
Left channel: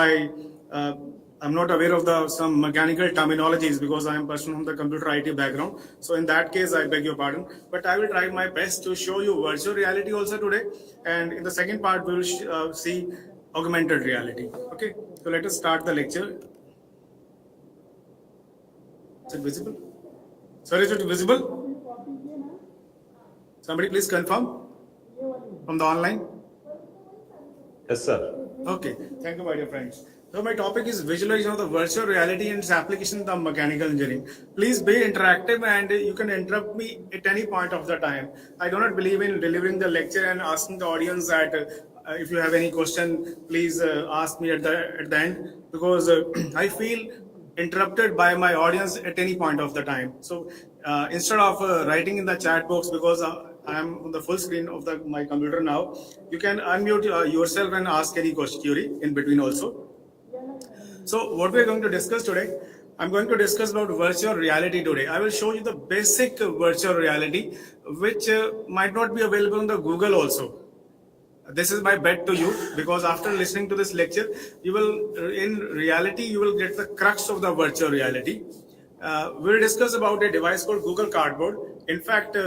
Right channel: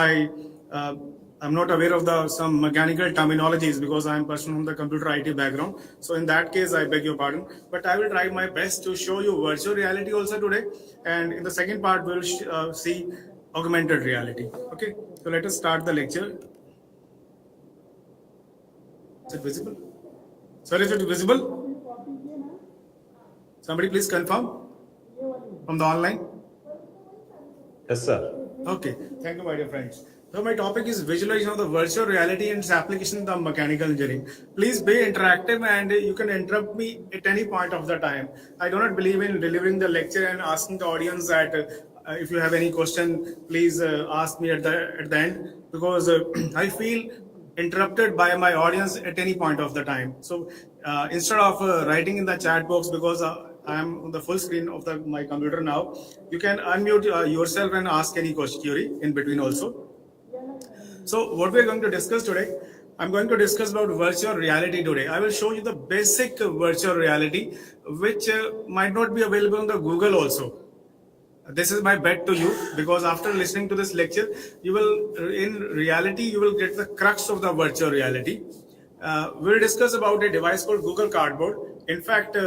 I'm not aware of some mechanical terminologies, because I am a person from the computer IT background. So in that case, I beg your pardon. But I will try my best to show you virtual reality also today. And in the second part, we will see augmented reality. Okay, so let us start the lecture. Is it visible? Sir, is it visible? Somebody please confirm from the online. Yes, sir. Okay, thank you, my dear friends. So my topic is visualization of the virtual reality and its application in the mechanical engineering. Please be interactive, and you can interrupt me at any point of the time. I do not believe in delivering the lecture and asking the audience that if you have any question, please ask me at the end, because I feel interrupted by my audience at any point of the time. So instead of writing in the chat box, because I am on the full screen of my computer now, you can unmute yourself and ask any query in between also. So what we are going to discuss today, I'm going to discuss about virtual reality today. I will show you the basic virtual reality, which might not be available on the Google also. This is my bet to you, because after listening to this lecture, you will get the crux of the virtual reality. We'll discuss about a device called Google Cardboard. In fact,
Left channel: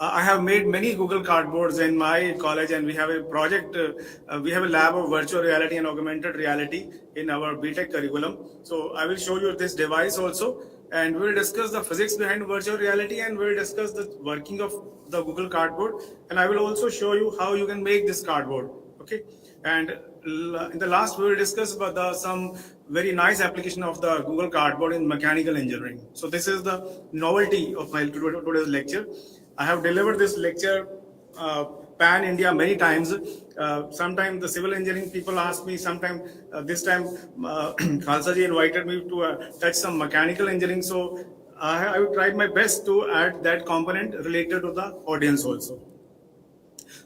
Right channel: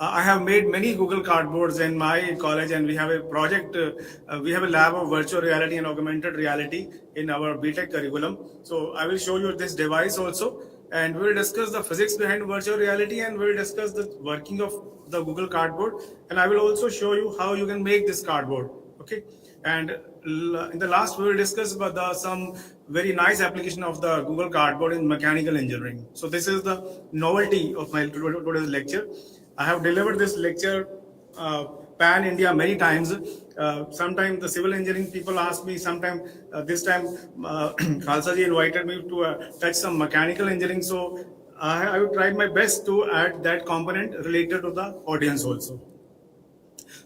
I have made many Google Cardboards in my college, and we have a project, we have a lab of virtual reality and augmented reality in our BTech curriculum. So I will show you this device also, and we'll discuss the physics behind virtual reality, and we'll discuss the working of the Google Cardboard, and I will also show you how you can make this cardboard. Okay, and in the last we will discuss about some very nice application of the Google Cardboard in mechanical engineering. So this is the novelty of my today's lecture. I have delivered this lecture pan India many times. Sometimes the civil engineering people ask me, sometimes this time Khalsa ji invited me to touch some mechanical engineering. So I would try my best to add that component related to the audience also.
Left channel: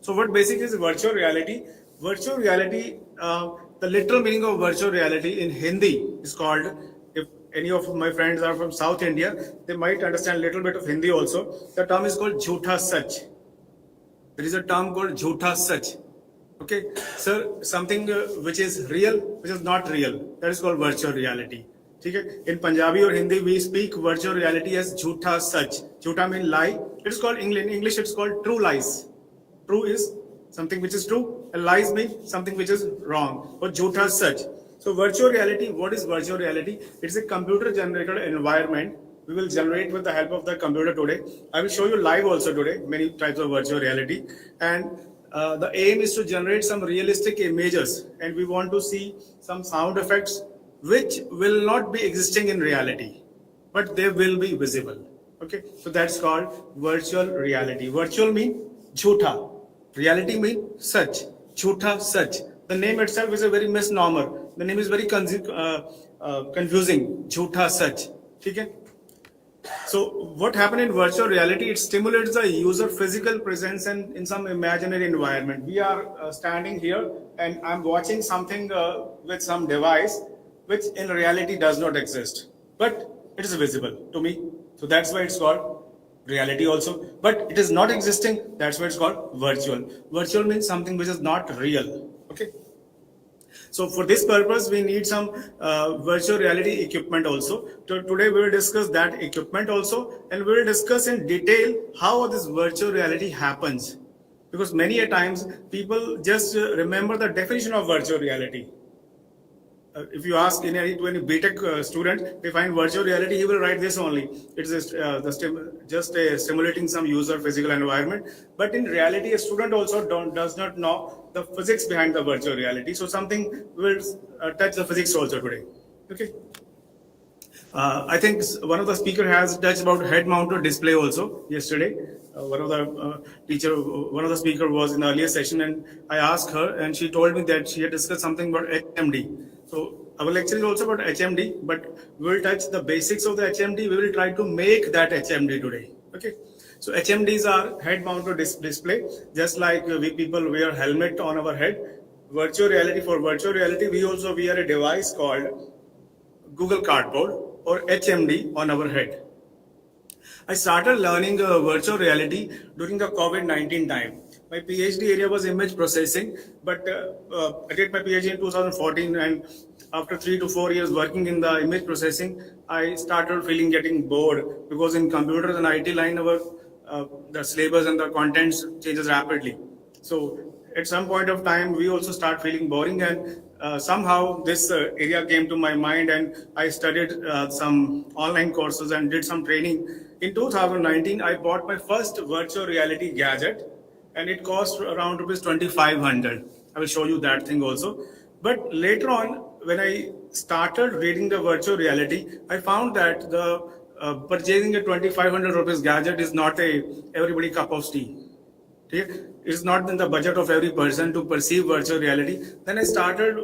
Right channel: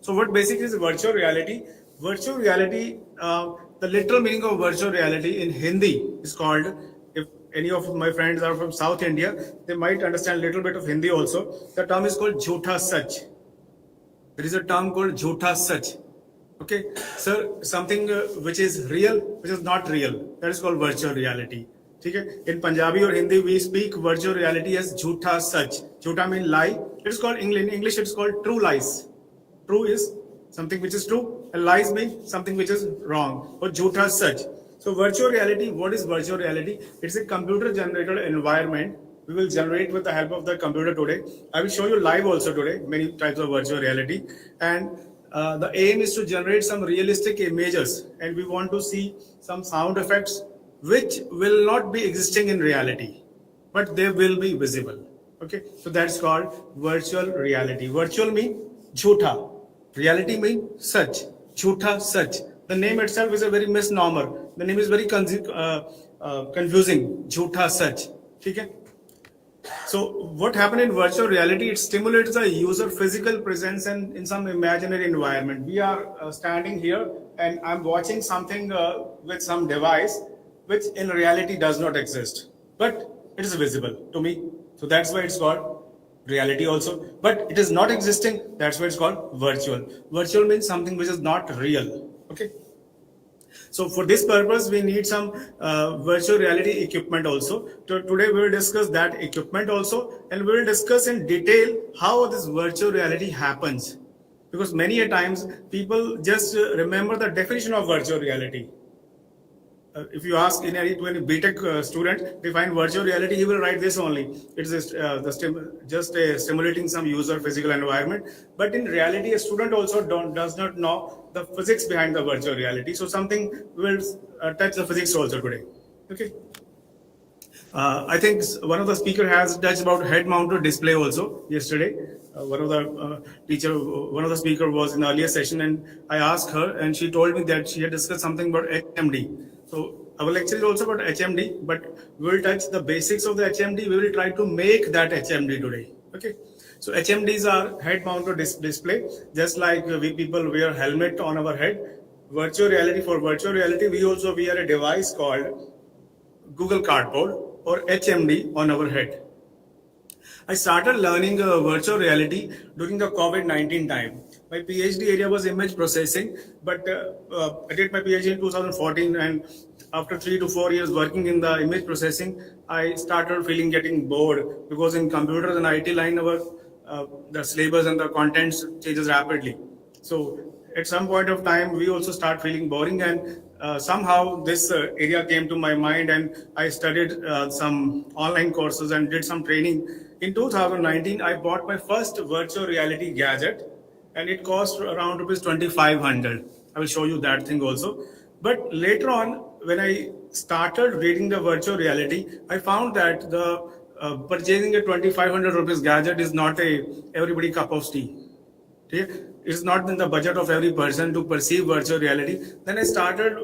So what basically is virtual reality? Virtual reality, the literal meaning of virtual reality in Hindi is called, if any of my friends are from South India, they might understand a little bit of Hindi also. The term is called Jhootha Sach. There is a term called Jhootha Sach. Okay, sir, something which is real, which is not real, that is called virtual reality. Okay? In Punjabi or Hindi, we speak virtual reality as Jhootha Sach. Jhootha means lie. It is called, in English, it's called true lies. True is something which is true, and lies means something which is wrong, or Jhootha Sach. So virtual reality, what is virtual reality? It's a computer generated environment we will generate with the help of the computer today. I will show you live also today, many types of virtual reality. And The aim is to generate some realistic images, and we want to see some sound effects which will not be existing in reality, but they will be visible. Okay, so that's called virtual reality. Virtual mean jhutha, reality mean such, jhutha such. The name itself is a very misnomer. The name is very confusing, jhutha such. Okay. So what happened in virtual reality? It stimulates the user physical presence and in some imaginary environment. We are standing here and I'm watching something with some device which in reality does not exist, but it is visible to me. So that's why it's called reality also. But it is not existing. That's why it's called virtual. Virtual means something which is not real. Okay. So for this purpose, we need some virtual reality equipment also. Today we will discuss that equipment also, and we will discuss in detail how this virtual reality happens. Because many a times people just remember the definition of virtual reality. If you ask to any BTech student, they find virtual reality, he will write this only. It's just stimulating some user physical environment. But in reality, a student also does not know the physics behind the virtual reality. So something will touch the physics also today. Okay. I think one of the speaker has touched about head-mounted display also yesterday. One of the speaker was in the earlier session, and I asked her, and she told me that she had discussed something about HMD. So our lecture is also about HMD, but we will touch the basics of the HMD. We will try to make that HMD today. Okay. So HMDs are head-mounted display, just like we people wear helmet on our head. For virtual reality, we also wear a device called Google Cardboard or HMD on our head. I started learning virtual reality during the COVID-19 time. My PhD area was image processing, but I did my PhD in 2014, and after 3 to 4 years working in the image processing, I started getting bored, because in computers and IT line, the syllabus and the contents changes rapidly. So at some point of time, we also start feeling boring, and somehow this area came to my mind, and I studied some online courses and did some training. In 2019, I bought my first virtual reality gadget, and it cost around rupees 2,500. I will show you that thing also. But later on, when I started reading the virtual reality, I found that the purchasing a 2,500 rupees gadget is not everybody cup of tea. It's not in the budget of every person to perceive virtual reality. Then I started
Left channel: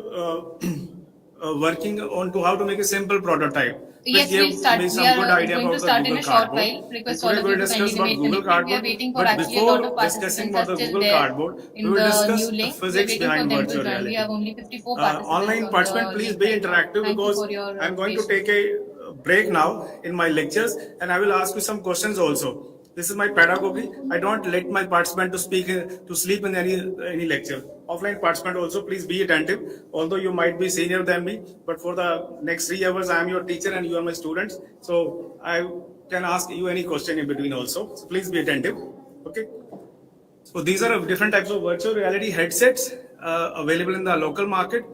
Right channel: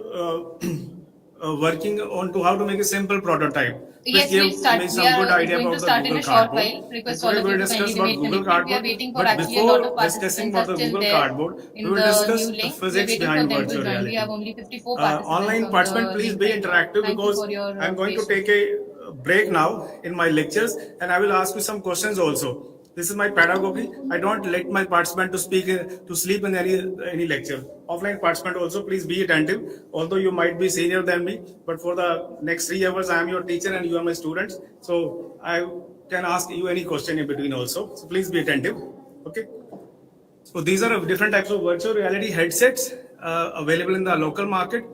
working on to how to make a simple prototype. Yes, we'll start. We are going to start in a short while. Request all of you to kindly remain connected. We are waiting for actually a lot of participants are still there in the new link. We are waiting for them to join. We have only 54 participants. Online participants, please be interactive, because I'm going to take a break now in my lectures, and I will ask you some questions also. This is my pedagogy. I don't let my participant to sleep in any lecture. Offline participant also, please be attentive. Although you might be senior than me, but for the next 3 hours, I am your teacher and you are my students. So I can ask you any question in between also. So please be attentive. Okay. So these are different types of virtual reality headsets available in the local market.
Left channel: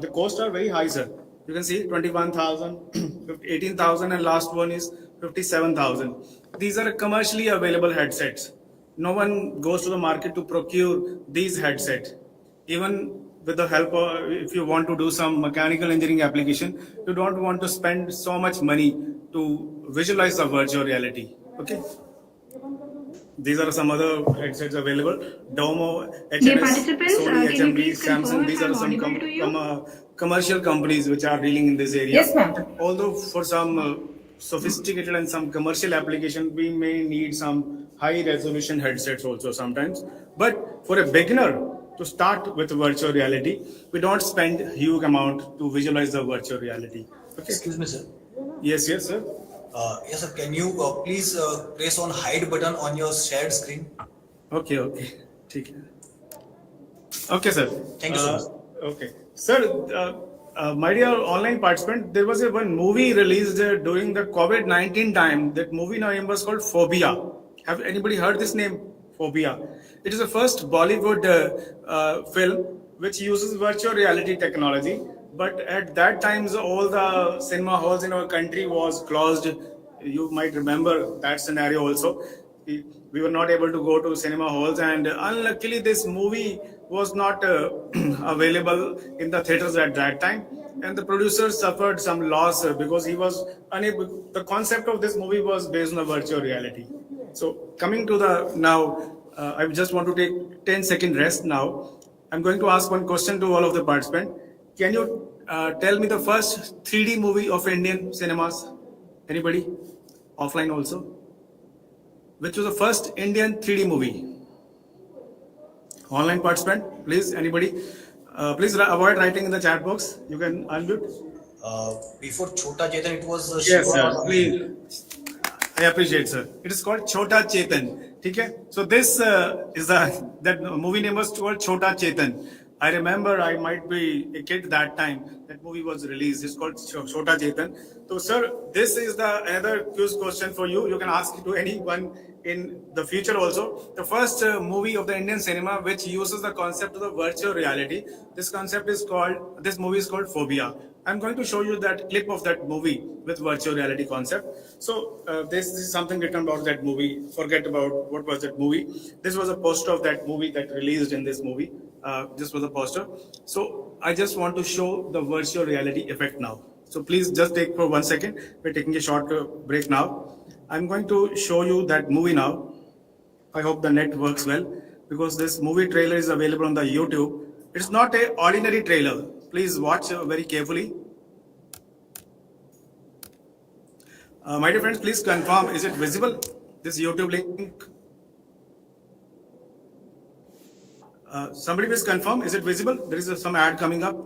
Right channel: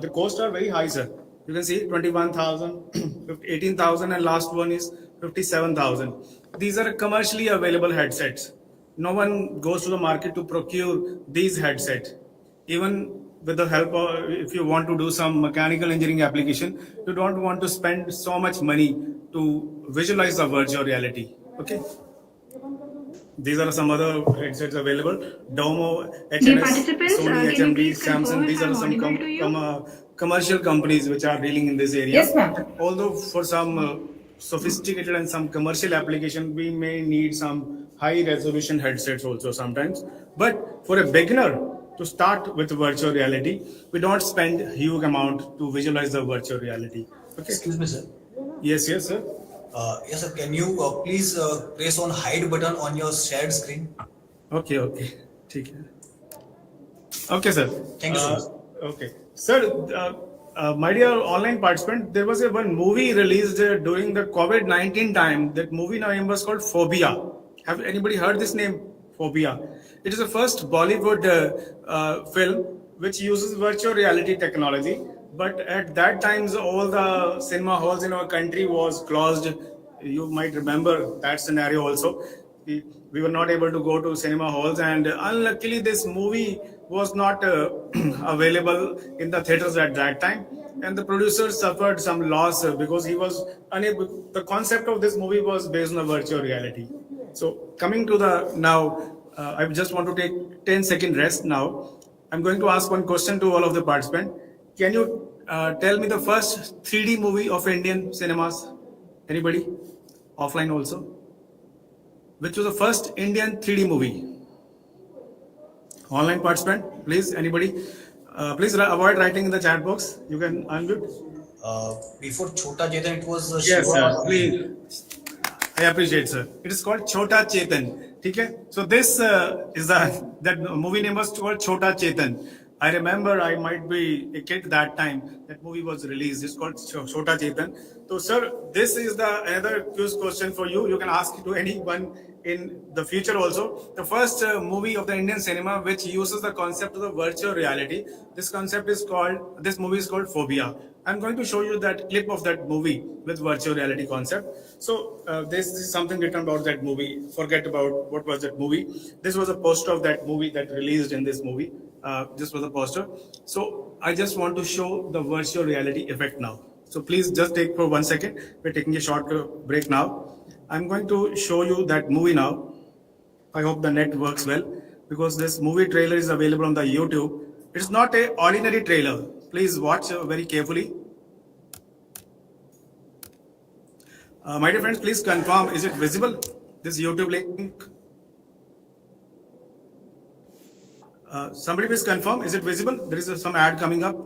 The costs are very high, sir. You can see 21,000, 18,000, and last one is 57,000. These are commercially available headsets. No one goes to the market to procure these headsets. Even with the help of, if you want to do some mechanical engineering application, you don't want to spend so much money to visualize the virtual reality. Okay. These are some other headsets available. Domo, HNS, Sony, HMD, Samsung. These are some commercial companies which are dealing in this area. Yes, ma'am. Although for some sophisticated and some commercial application, we may need some high resolution headsets also sometimes. But for a beginner to start with virtual reality, we don't spend a huge amount to visualize the virtual reality. Okay. Excuse me, sir. Yes, sir. Yes, sir. Can you please press on hide button on your shared screen? Okay. Okay, sir. Thank you so much. Okay, sir. My dear online participant, there was one movie released during the COVID-19 time. That movie name was called Phobia. Have anybody heard this name? Phobia. It is the first Bollywood film which uses virtual reality technology. But at that time, all the cinema halls in our country was closed. You might remember that scenario also. we were not able to go to cinema halls, and unluckily this movie was not available in the theaters at that time, and the producer suffered some loss because he was unable. The concept of this movie was based on a virtual reality. So coming to the now, I just want to take 10-second rest now. I'm going to ask one question to all of the participants. Can you tell me the first 3D movie of Indian cinemas? Anybody? Offline also? Which was the first Indian 3D movie? Online participant, please, anybody? Please avoid writing in the chat box. You can unmute. Before Chota Chetan, it was Yes, Shiva. sir. Please. I appreciate, sir. It is called Chota Chetan. Okay? So this is that movie name was called Chota Chetan. I remember I might be a kid that time. That movie was released. It's called Chota Chetan. So, sir, this is the another quiz question for you. You can ask it to anyone in the future also. The first movie of the Indian cinema which uses the concept of the virtual reality. This movie is called Phobia. I'm going to show you that clip of that movie with virtual reality concept. So this is something written about that movie. Forget about what was that movie. This was a poster of that movie that released in this movie. This was a poster. So I just want to show the virtual reality effect now. So please just take for 1 second. We're taking a short break now. I'm going to show you that movie now. I hope the net works well because this movie trailer is available on the YouTube. It's not an ordinary trailer. Please watch very carefully. My dear friends, please confirm, is it visible? This YouTube link. Somebody please confirm, is it visible? There is some ad coming up.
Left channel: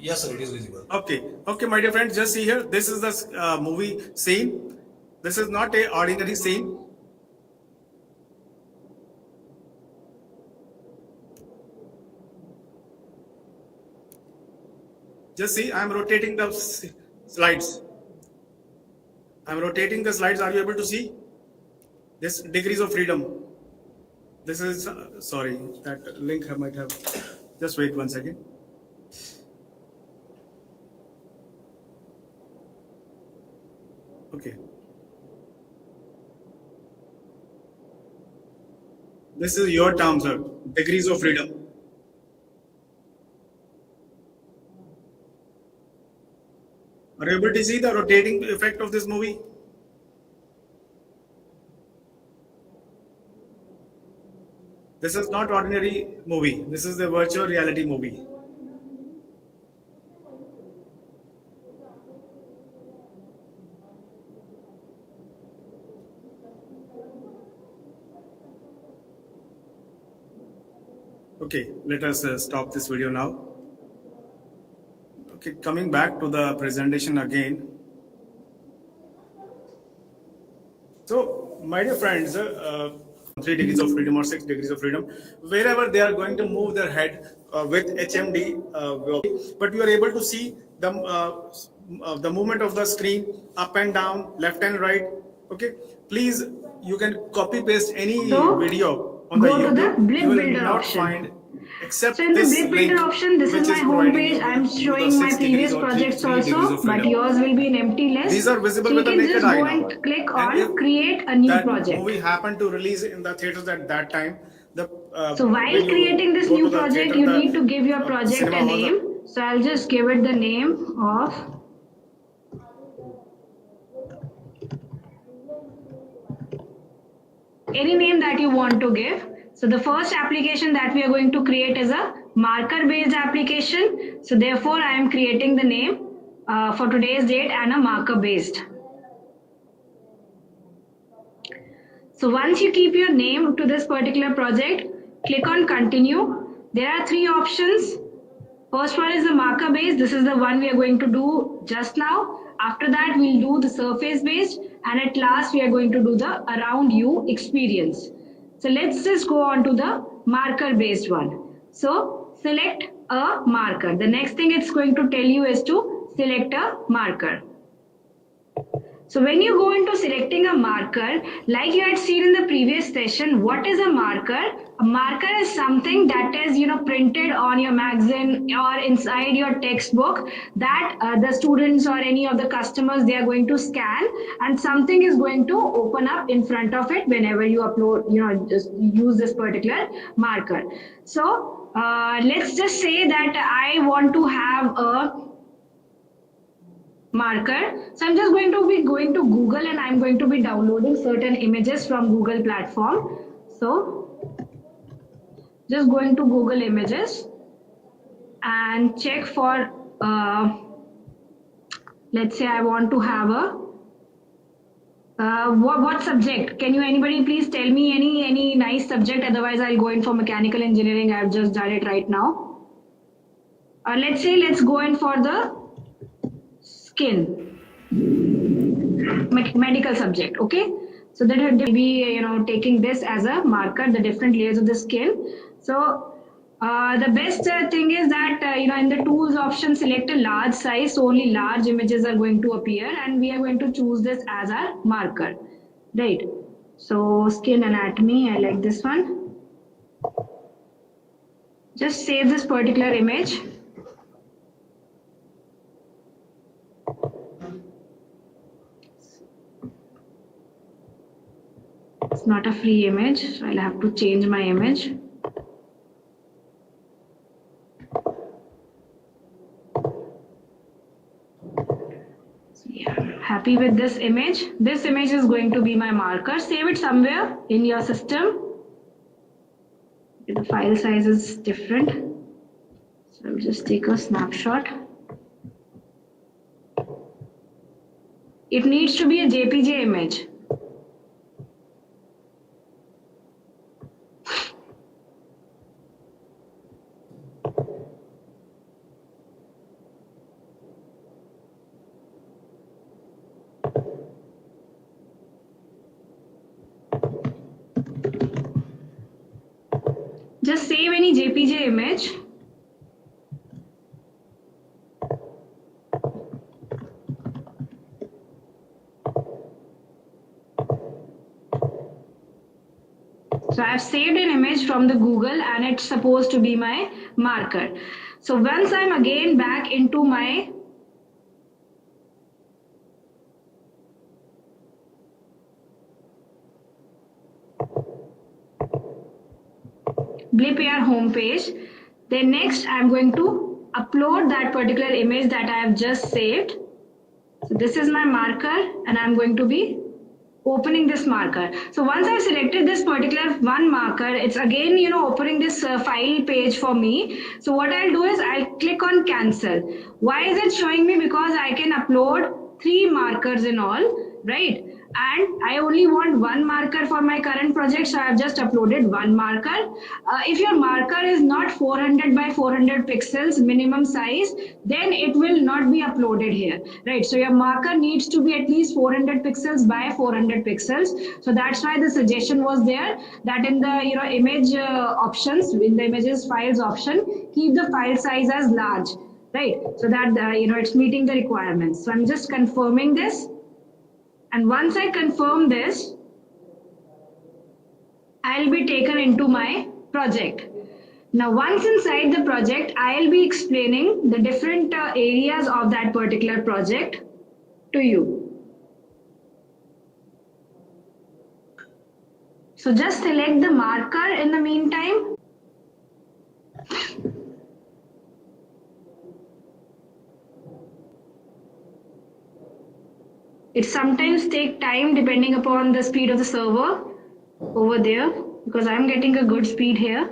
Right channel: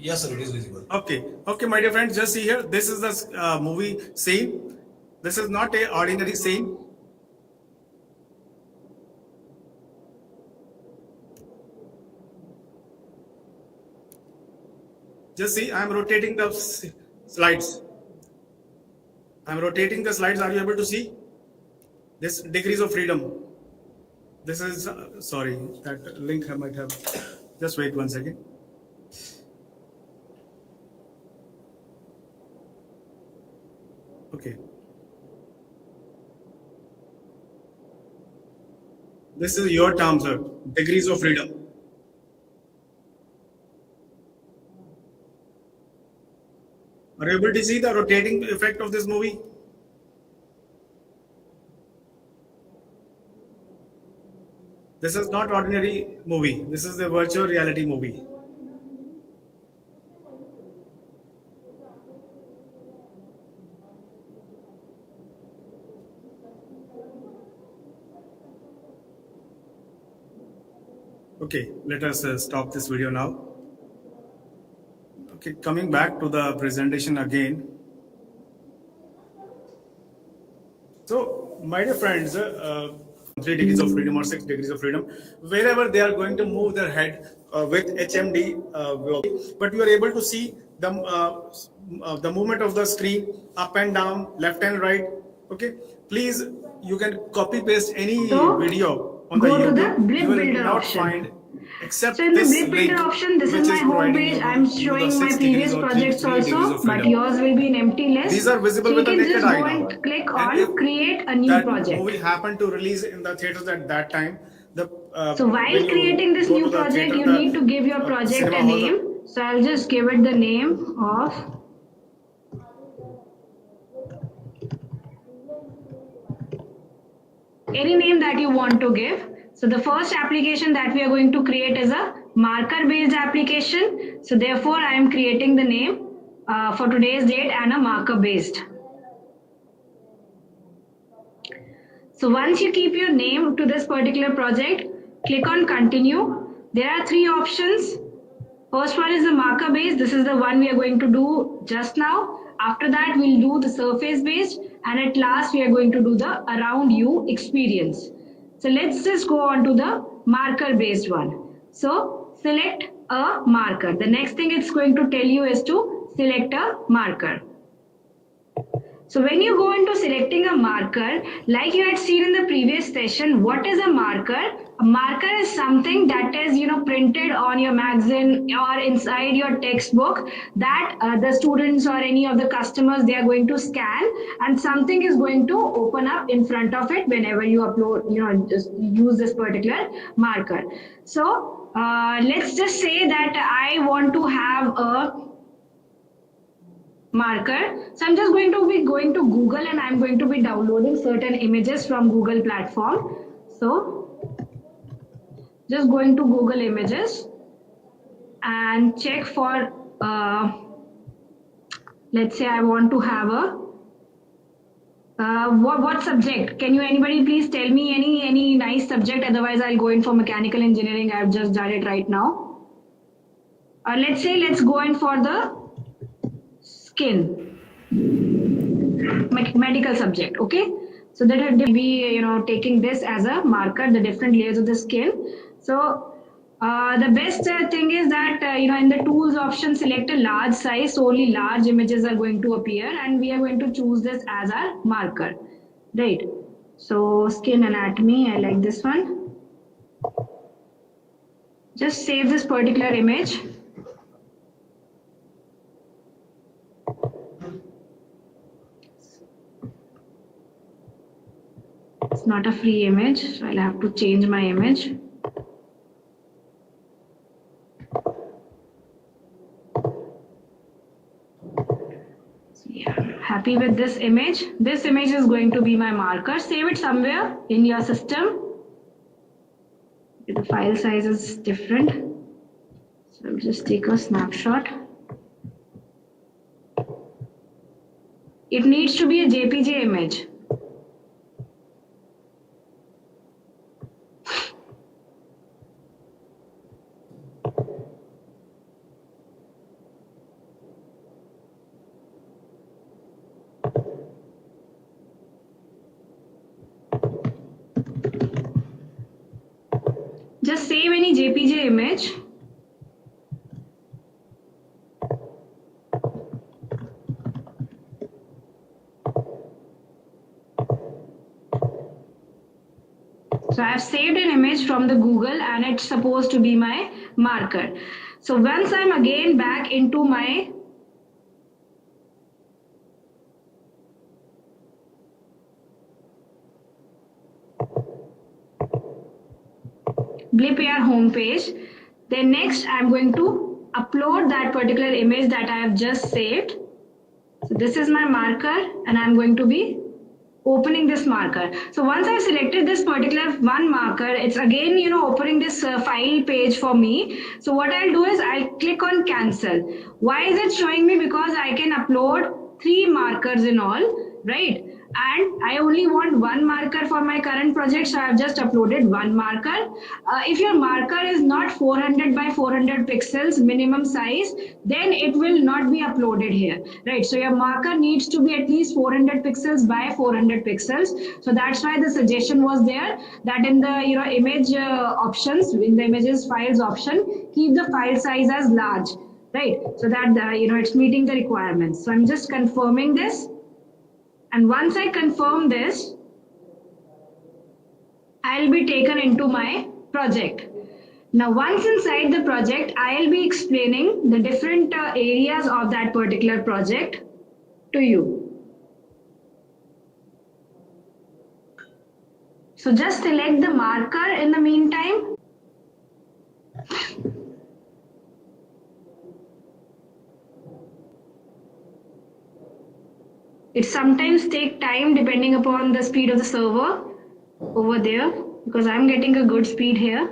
Yes, sir, it is visible. Okay, my dear friends, just see here. This is the movie scene. This is not an ordinary scene. Just see, I'm rotating the slides. I'm rotating the slides. Are you able to see? This degrees of freedom. This is, sorry, that link I might have. Just wait 1 second. Okay. This is your term, sir. Degrees of freedom. Are you able to see the rotating effect of this movie? This is not ordinary movie. This is the virtual reality movie. Okay, let us stop this video now. Okay, coming back to the presentation again. So, my dear friends, 3 degrees of freedom or 6 degrees of freedom, wherever they are going to move their head with HMD, but you are able to see the movement of the screen up and down, left and right. Okay, please, you can copy paste any video on the YouTube. You will not find except So in the this Brick link, Builder option, this which is my home providing page. you I'm the showing 6 my degrees previous or 3 projects degrees also, of but freedom. yours will be an empty list. These are visible So you with the can naked just eye go now. and click And on create a new that project. movie happened to release in the theaters at that time. So while creating this new project, you need to give your project a name. So I'll just give it the name of any name that you want to give. So the first application that we are going to create is a marker based application. So therefore I am creating the name for today's date and a marker based. So once you keep your name to this particular project, click on continue. There are 3 options. First one is the marker based. This is the one we are going to do just now. After that, we'll do the surface based, and at last we are going to do the around you experience. So let's just go on to the marker based one. So select a marker. The next thing it's going to tell you is to select a marker. So when you go into selecting a marker, like you had seen in the previous session, what is a marker? A marker is something that is, printed on your magazine or inside your textbook that the students or any of the customers, they are going to scan, and something is going to open up in front of it whenever you upload, just use this particular marker. So let's just say that I want to have a marker. So I'm just going to be going to Google and I'm going to be downloading certain images from Google platform. So just going to Google Images and check for, let's say I want to have a, what subject? Can you anybody please tell me any nice subject? Otherwise I'll go in for mechanical engineering. I've just done it right now. Let's say let's go in for the skin. Medical subject, okay? So that would be, taking this as a marker, the different layers of the skin. So the best thing is that, in the tools option, select a large size, so only large images are going to appear, and we are going to choose this as our marker, right? So skin anatomy, I like this one. Just save this particular image. It's not a free image, so I'll have to change my image. So yeah, happy with this image. This image is going to be my marker. Save it somewhere in your system. The file size is different. So I'll just take a snapshot. It needs to be a JPG image. Just save any JPG image. So I have saved an image from the Google and it's supposed to be my marker. So once I'm again back into my BlipAR homepage, then next I'm going to upload that particular image that I have just saved. So this is my marker and I'm going to be opening this marker. So once I selected this particular one marker, it's again, opening this file page for me. So what I'll do is I'll click on cancel. Why is it showing me? Because I can upload 3 markers in all, right? And I only want one marker for my current project, so I have just uploaded one marker. If your marker is not 400 by 400 pixels minimum size, then it will not be uploaded here, right? So your marker needs to be at least 400 pixels by 400 pixels. So that's why the suggestion was there that in the image options, in the images files option, keep the file size as large, right? So that it's meeting the requirements. So I'm just confirming this. And once I confirm this, I'll be taken into my project. Now, once inside the project, I'll be explaining the different areas of that particular project to you. So just select the marker in the meantime. It sometimes takes time depending upon the speed of the server over there, because I'm getting a good speed here.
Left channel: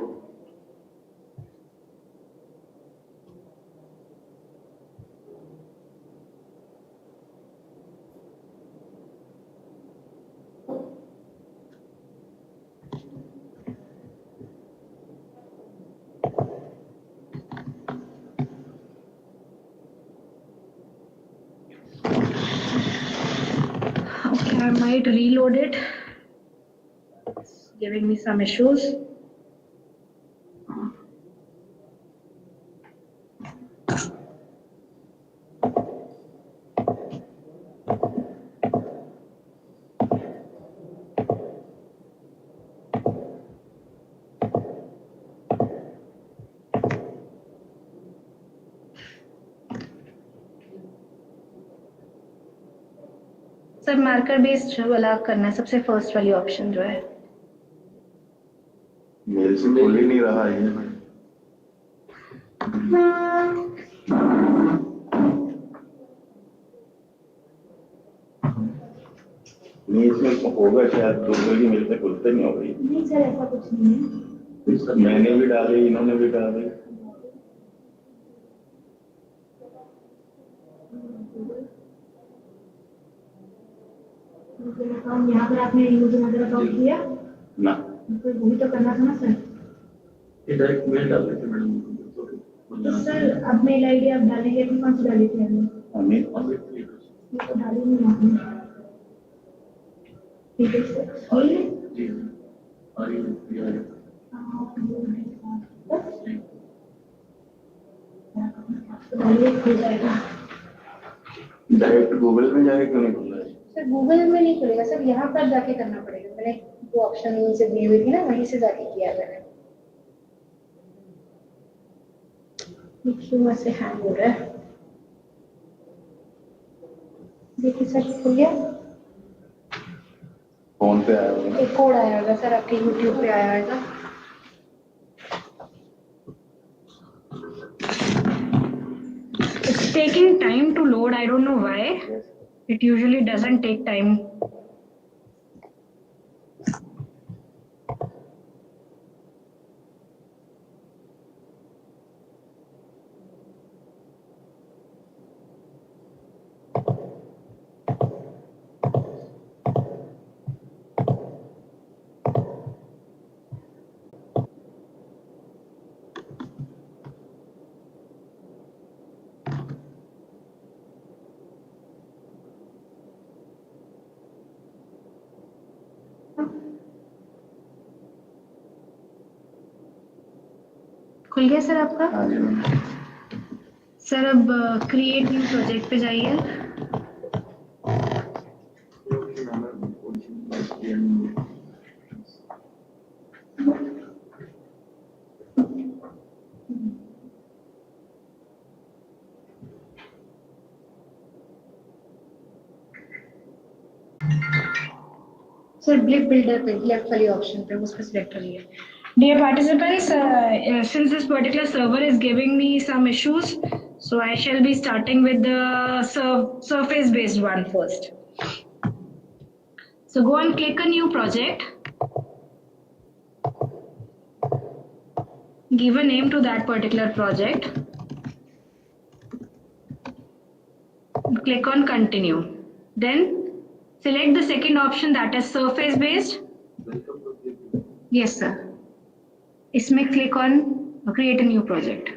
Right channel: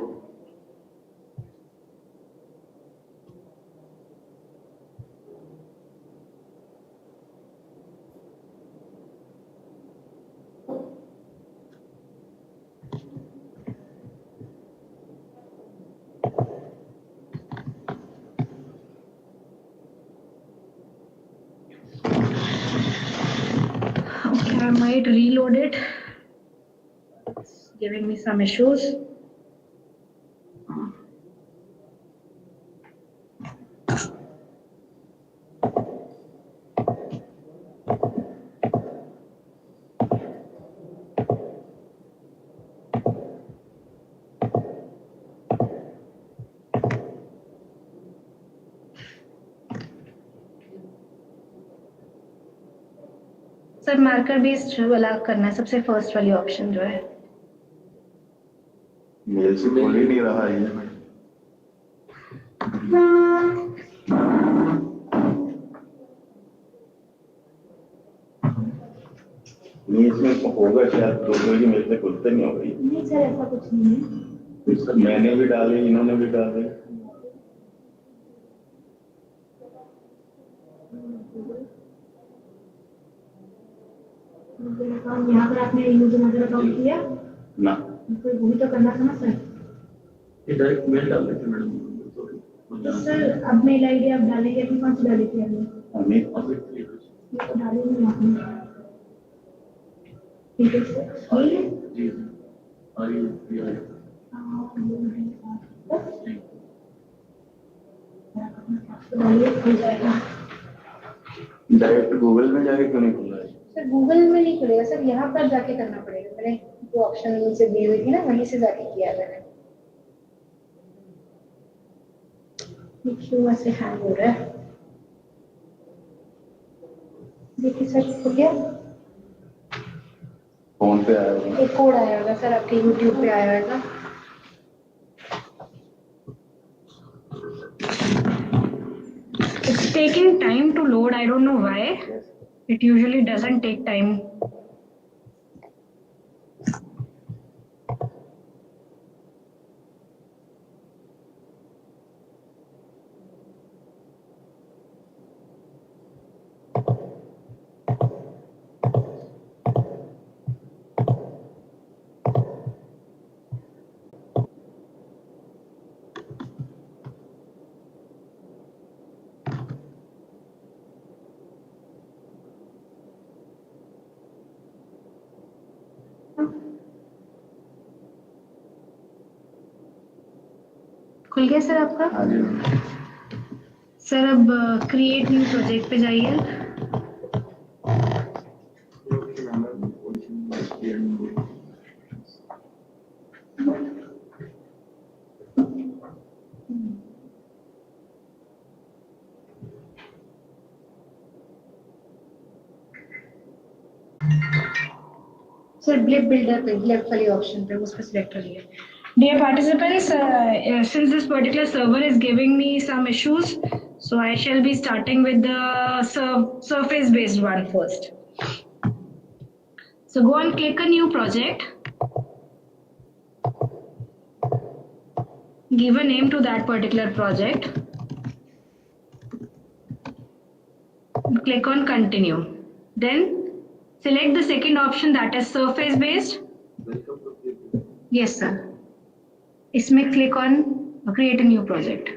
Okay, I might reload it. It's giving me some issues. Sir marker based वाला करना है, सबसे first वाली option जो है। मेरे से खुल ही नहीं रहा है। नहीं इसमें होगा शायद तो कोई मेरे से खुलते नहीं होगी। नहीं सर ऐसा कुछ नहीं है। सर मैंने भी डाले, इन्होंने भी डाले। यहाँ पर आपने यूजर मॉडल अकाउंट किया ना, तो वही तो करना था ना सर। ये डायरेक्ट मेल डाल देते मैडम। सर अब मेल आईडी आप डालेंगे कि कौन सी डाली थी आपने? हमें ये तो डाली नहीं आपने। ठीक है सर। ये जी डालिए खुल जाएगा। डायरेक्ट गूगल में जाके क्यों नहीं खुला है? सर गूगल में नहीं खुलेगा सर, यहाँ पर जाके करना पड़ेगा। मैंने जो ऑप्शन से दी हुई थी ना वहीं से जाके किया मैंने। क्यों ऐसे हैंग हो रहा है? देखिए सर खुल गया। फोन पे आया होगा। एक कोड आया होगा सर, आपके यूट्यूब पे आया होगा। It's taking time to load. I don't know why. It usually doesn't take time. खुल गया सर आपका? हाँ जी। सर अब क्रिएट न्यू प्रोजेक्ट पे जाइए। सर ब्लिप बिल्डर पे लेफ्ट वाली ऑप्शन पे उस पर सिलेक्ट करिए। Dear participants, since this particular server is giving me some issues, so I shall be starting with the surface based one first. So go and click a new project. Give a name to that particular project. Click on continue. Then select the second option, that is surface based. Yes sir. इसमें click on create a new project.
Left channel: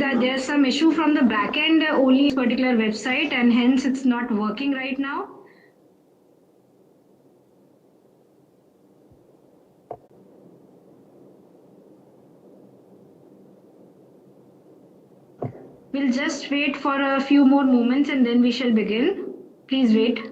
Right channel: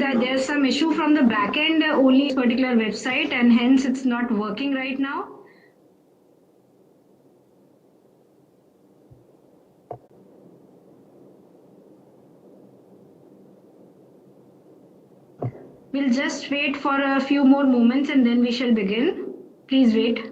That there's some issue from the backend only particular website and hence it's not working right now. We'll just wait for a few more moments and then we shall begin. Please wait.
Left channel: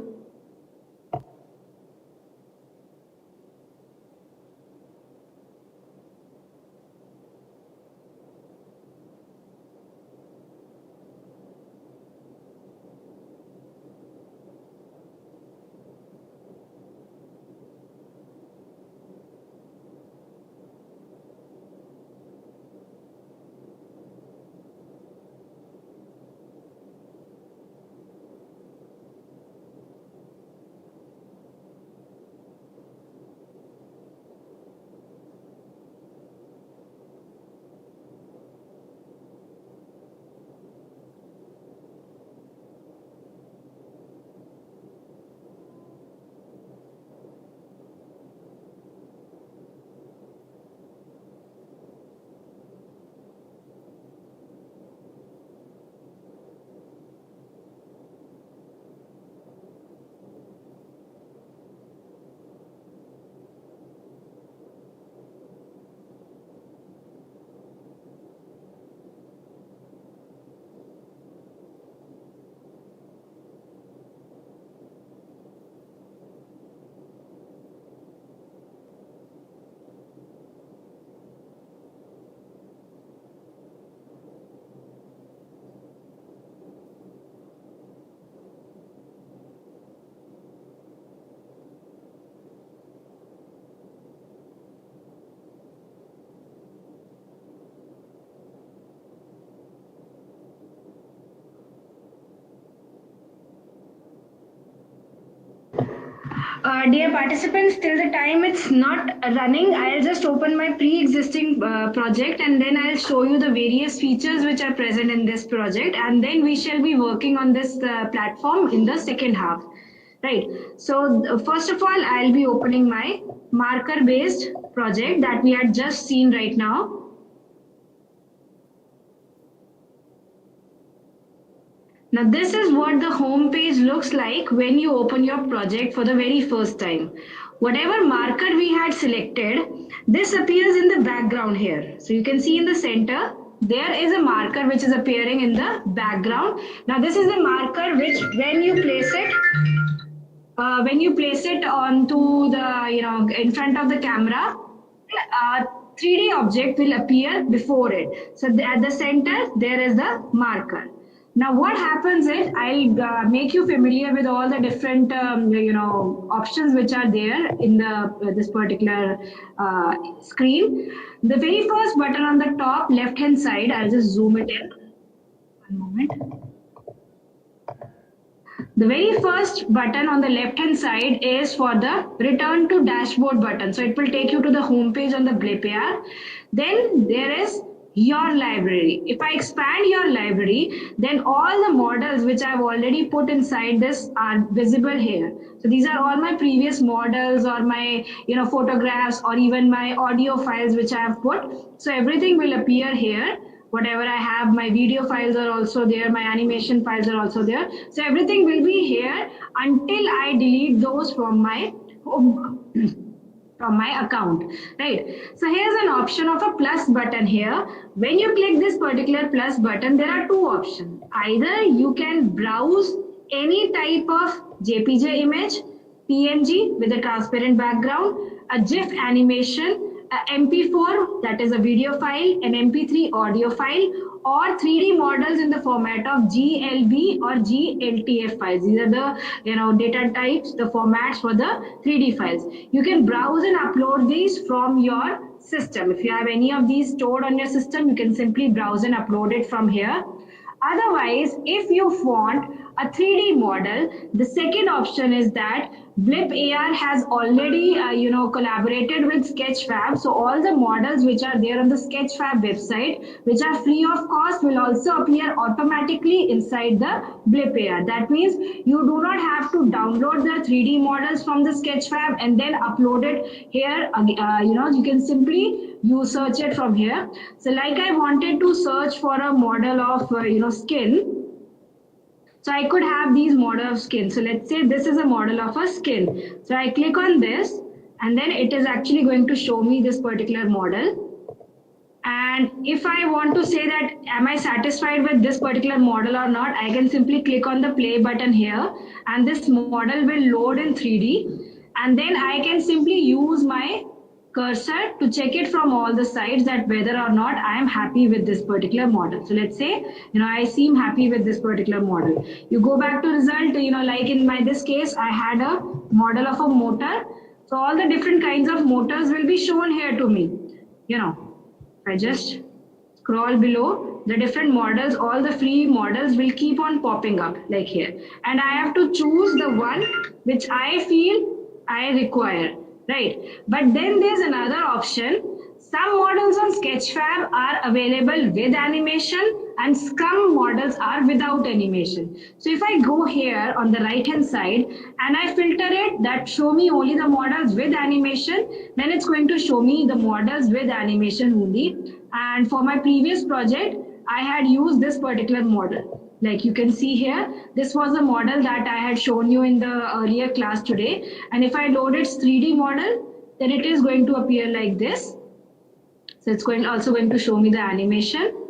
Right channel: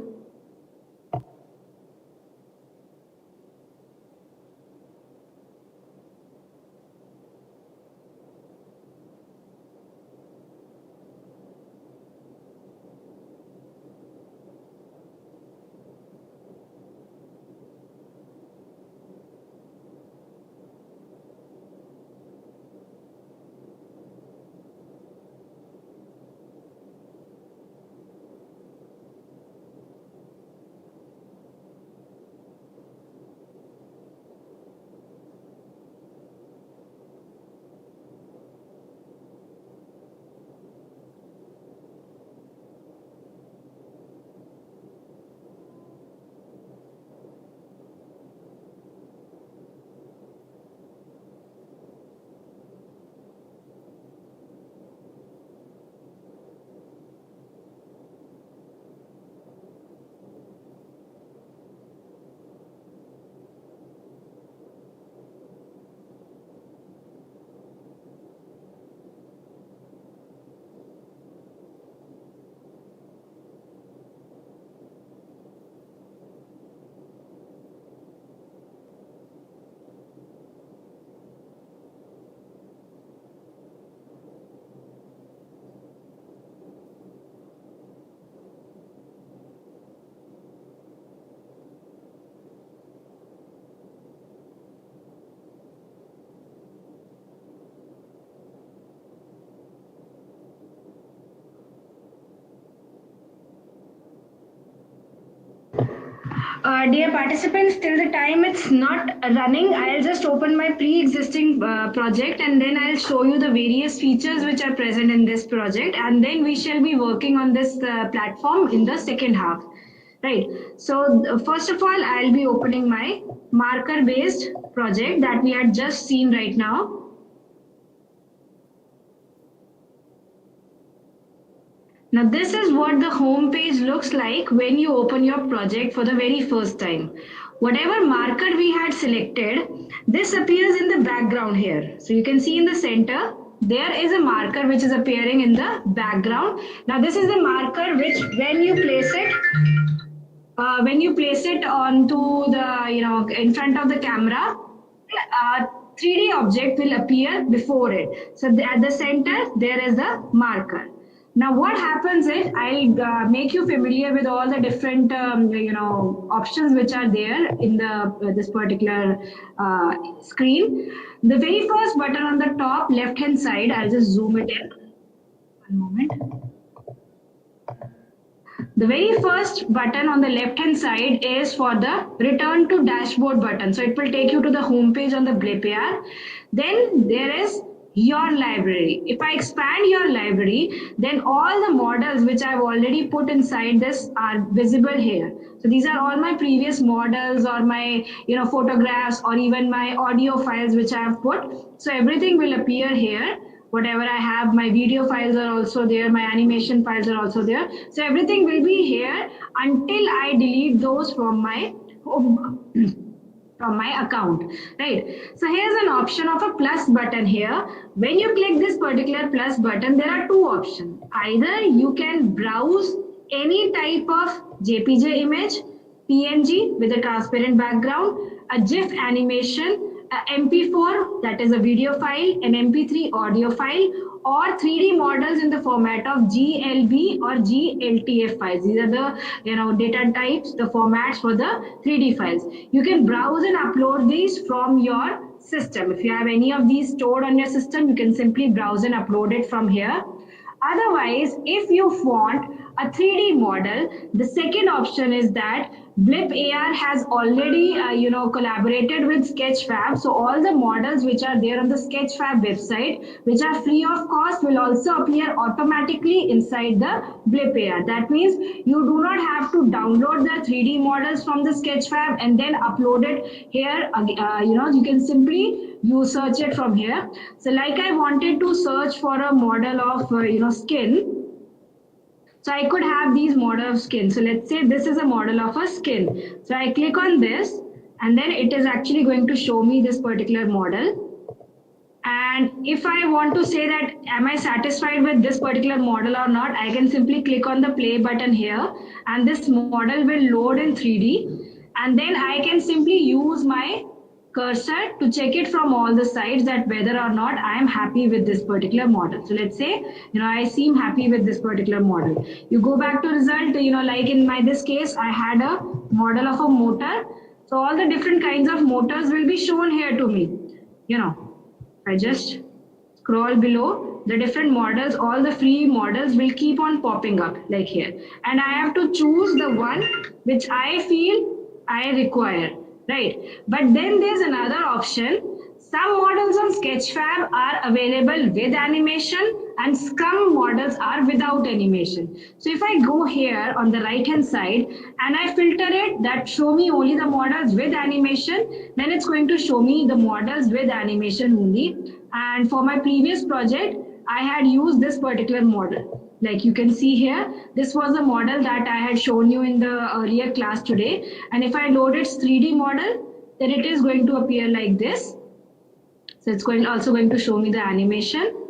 Dear participants, till the time it's not running, I'll just open my pre-existing project and then I'll show you the various features which are present in this project, and then we shall be working on this platform in the second half. Right. So first of all, I'll be opening my marker-based project that we had just seen right now. Now this is what the home page looks like when you open your project for the very first time. Whatever marker we had selected, this appears in the background here. So you can see in the center, there is a marker which is appearing in the background. Now this is the marker which when you place it onto the, in front of the camera, 3D object will appear before it. So at the center, there is the marker. Now what happens is, I'll make you familiar with all the different options which are there in the this particular screen. The very first button on the top left hand side, I'll just zoom it in. One moment. The very first button on the left hand side is for the return to dashboard button. So it will take you to the home page on the Blip AR. Then there is your library. If I expand your library, then all the models which I've already put inside this are visible here. So these are all my previous models or my photographs or even my audio files which I have put. So everything will appear here. Whatever I have, my video files are also there, my animation files are also there. So everything will be here until I delete those from my account, right? So here's an option of a plus button here. When you click this particular plus button, there are two options. Either you can browse any type of JPG image, PNG with a transparent background, a GIF animation, a MP4 that is a video file, an MP3 audio file, or 3D models in the format of GLB or GLTF files. These are the data types, the formats for the 3D files. You can browse and upload these from your system. If you have any of these stored on your system, you can simply browse and upload it from here. Otherwise, if you want a 3D model, the second option is that Blip AR has already collaborated with Sketchfab. So all the models which are there on the Sketchfab website, which are free of cost, will also appear automatically inside the Blip AR. That means you do not have to download the 3D models from the Sketchfab and then upload it here. You can simply search it from here. So like I wanted to search for a model of skin. So I could have these model of skin. So let's say this is a model of a skin. So I click on this and then it is actually going to show me this particular model. And if I want to say that am I satisfied with this particular model or not, I can simply click on the play button here and this model will load in 3D. And then I can simply use my cursor to check it from all the sides that whether or not I am happy with this particular model. So let's say, I seem happy with this particular model. You go back to result, like in this case, I had a model of a motor. So all the different kinds of motors will be shown here to me. I just scroll below, the different models, all the free models will keep on popping up like here. And I have to choose the one which I feel I require. Right, but then there's another option. Some models on Sketchfab are available with animation and some models are without animation. So if I go here on the right hand side and I filter it that show me only the models with animation, then it's going to show me the models with animation only. And for my previous project, I had used this particular model. Like you can see here, this was the model that I had shown you in the earlier class today. And if I load its 3D model, then it is going to appear like this. So it's also going to show me the animation.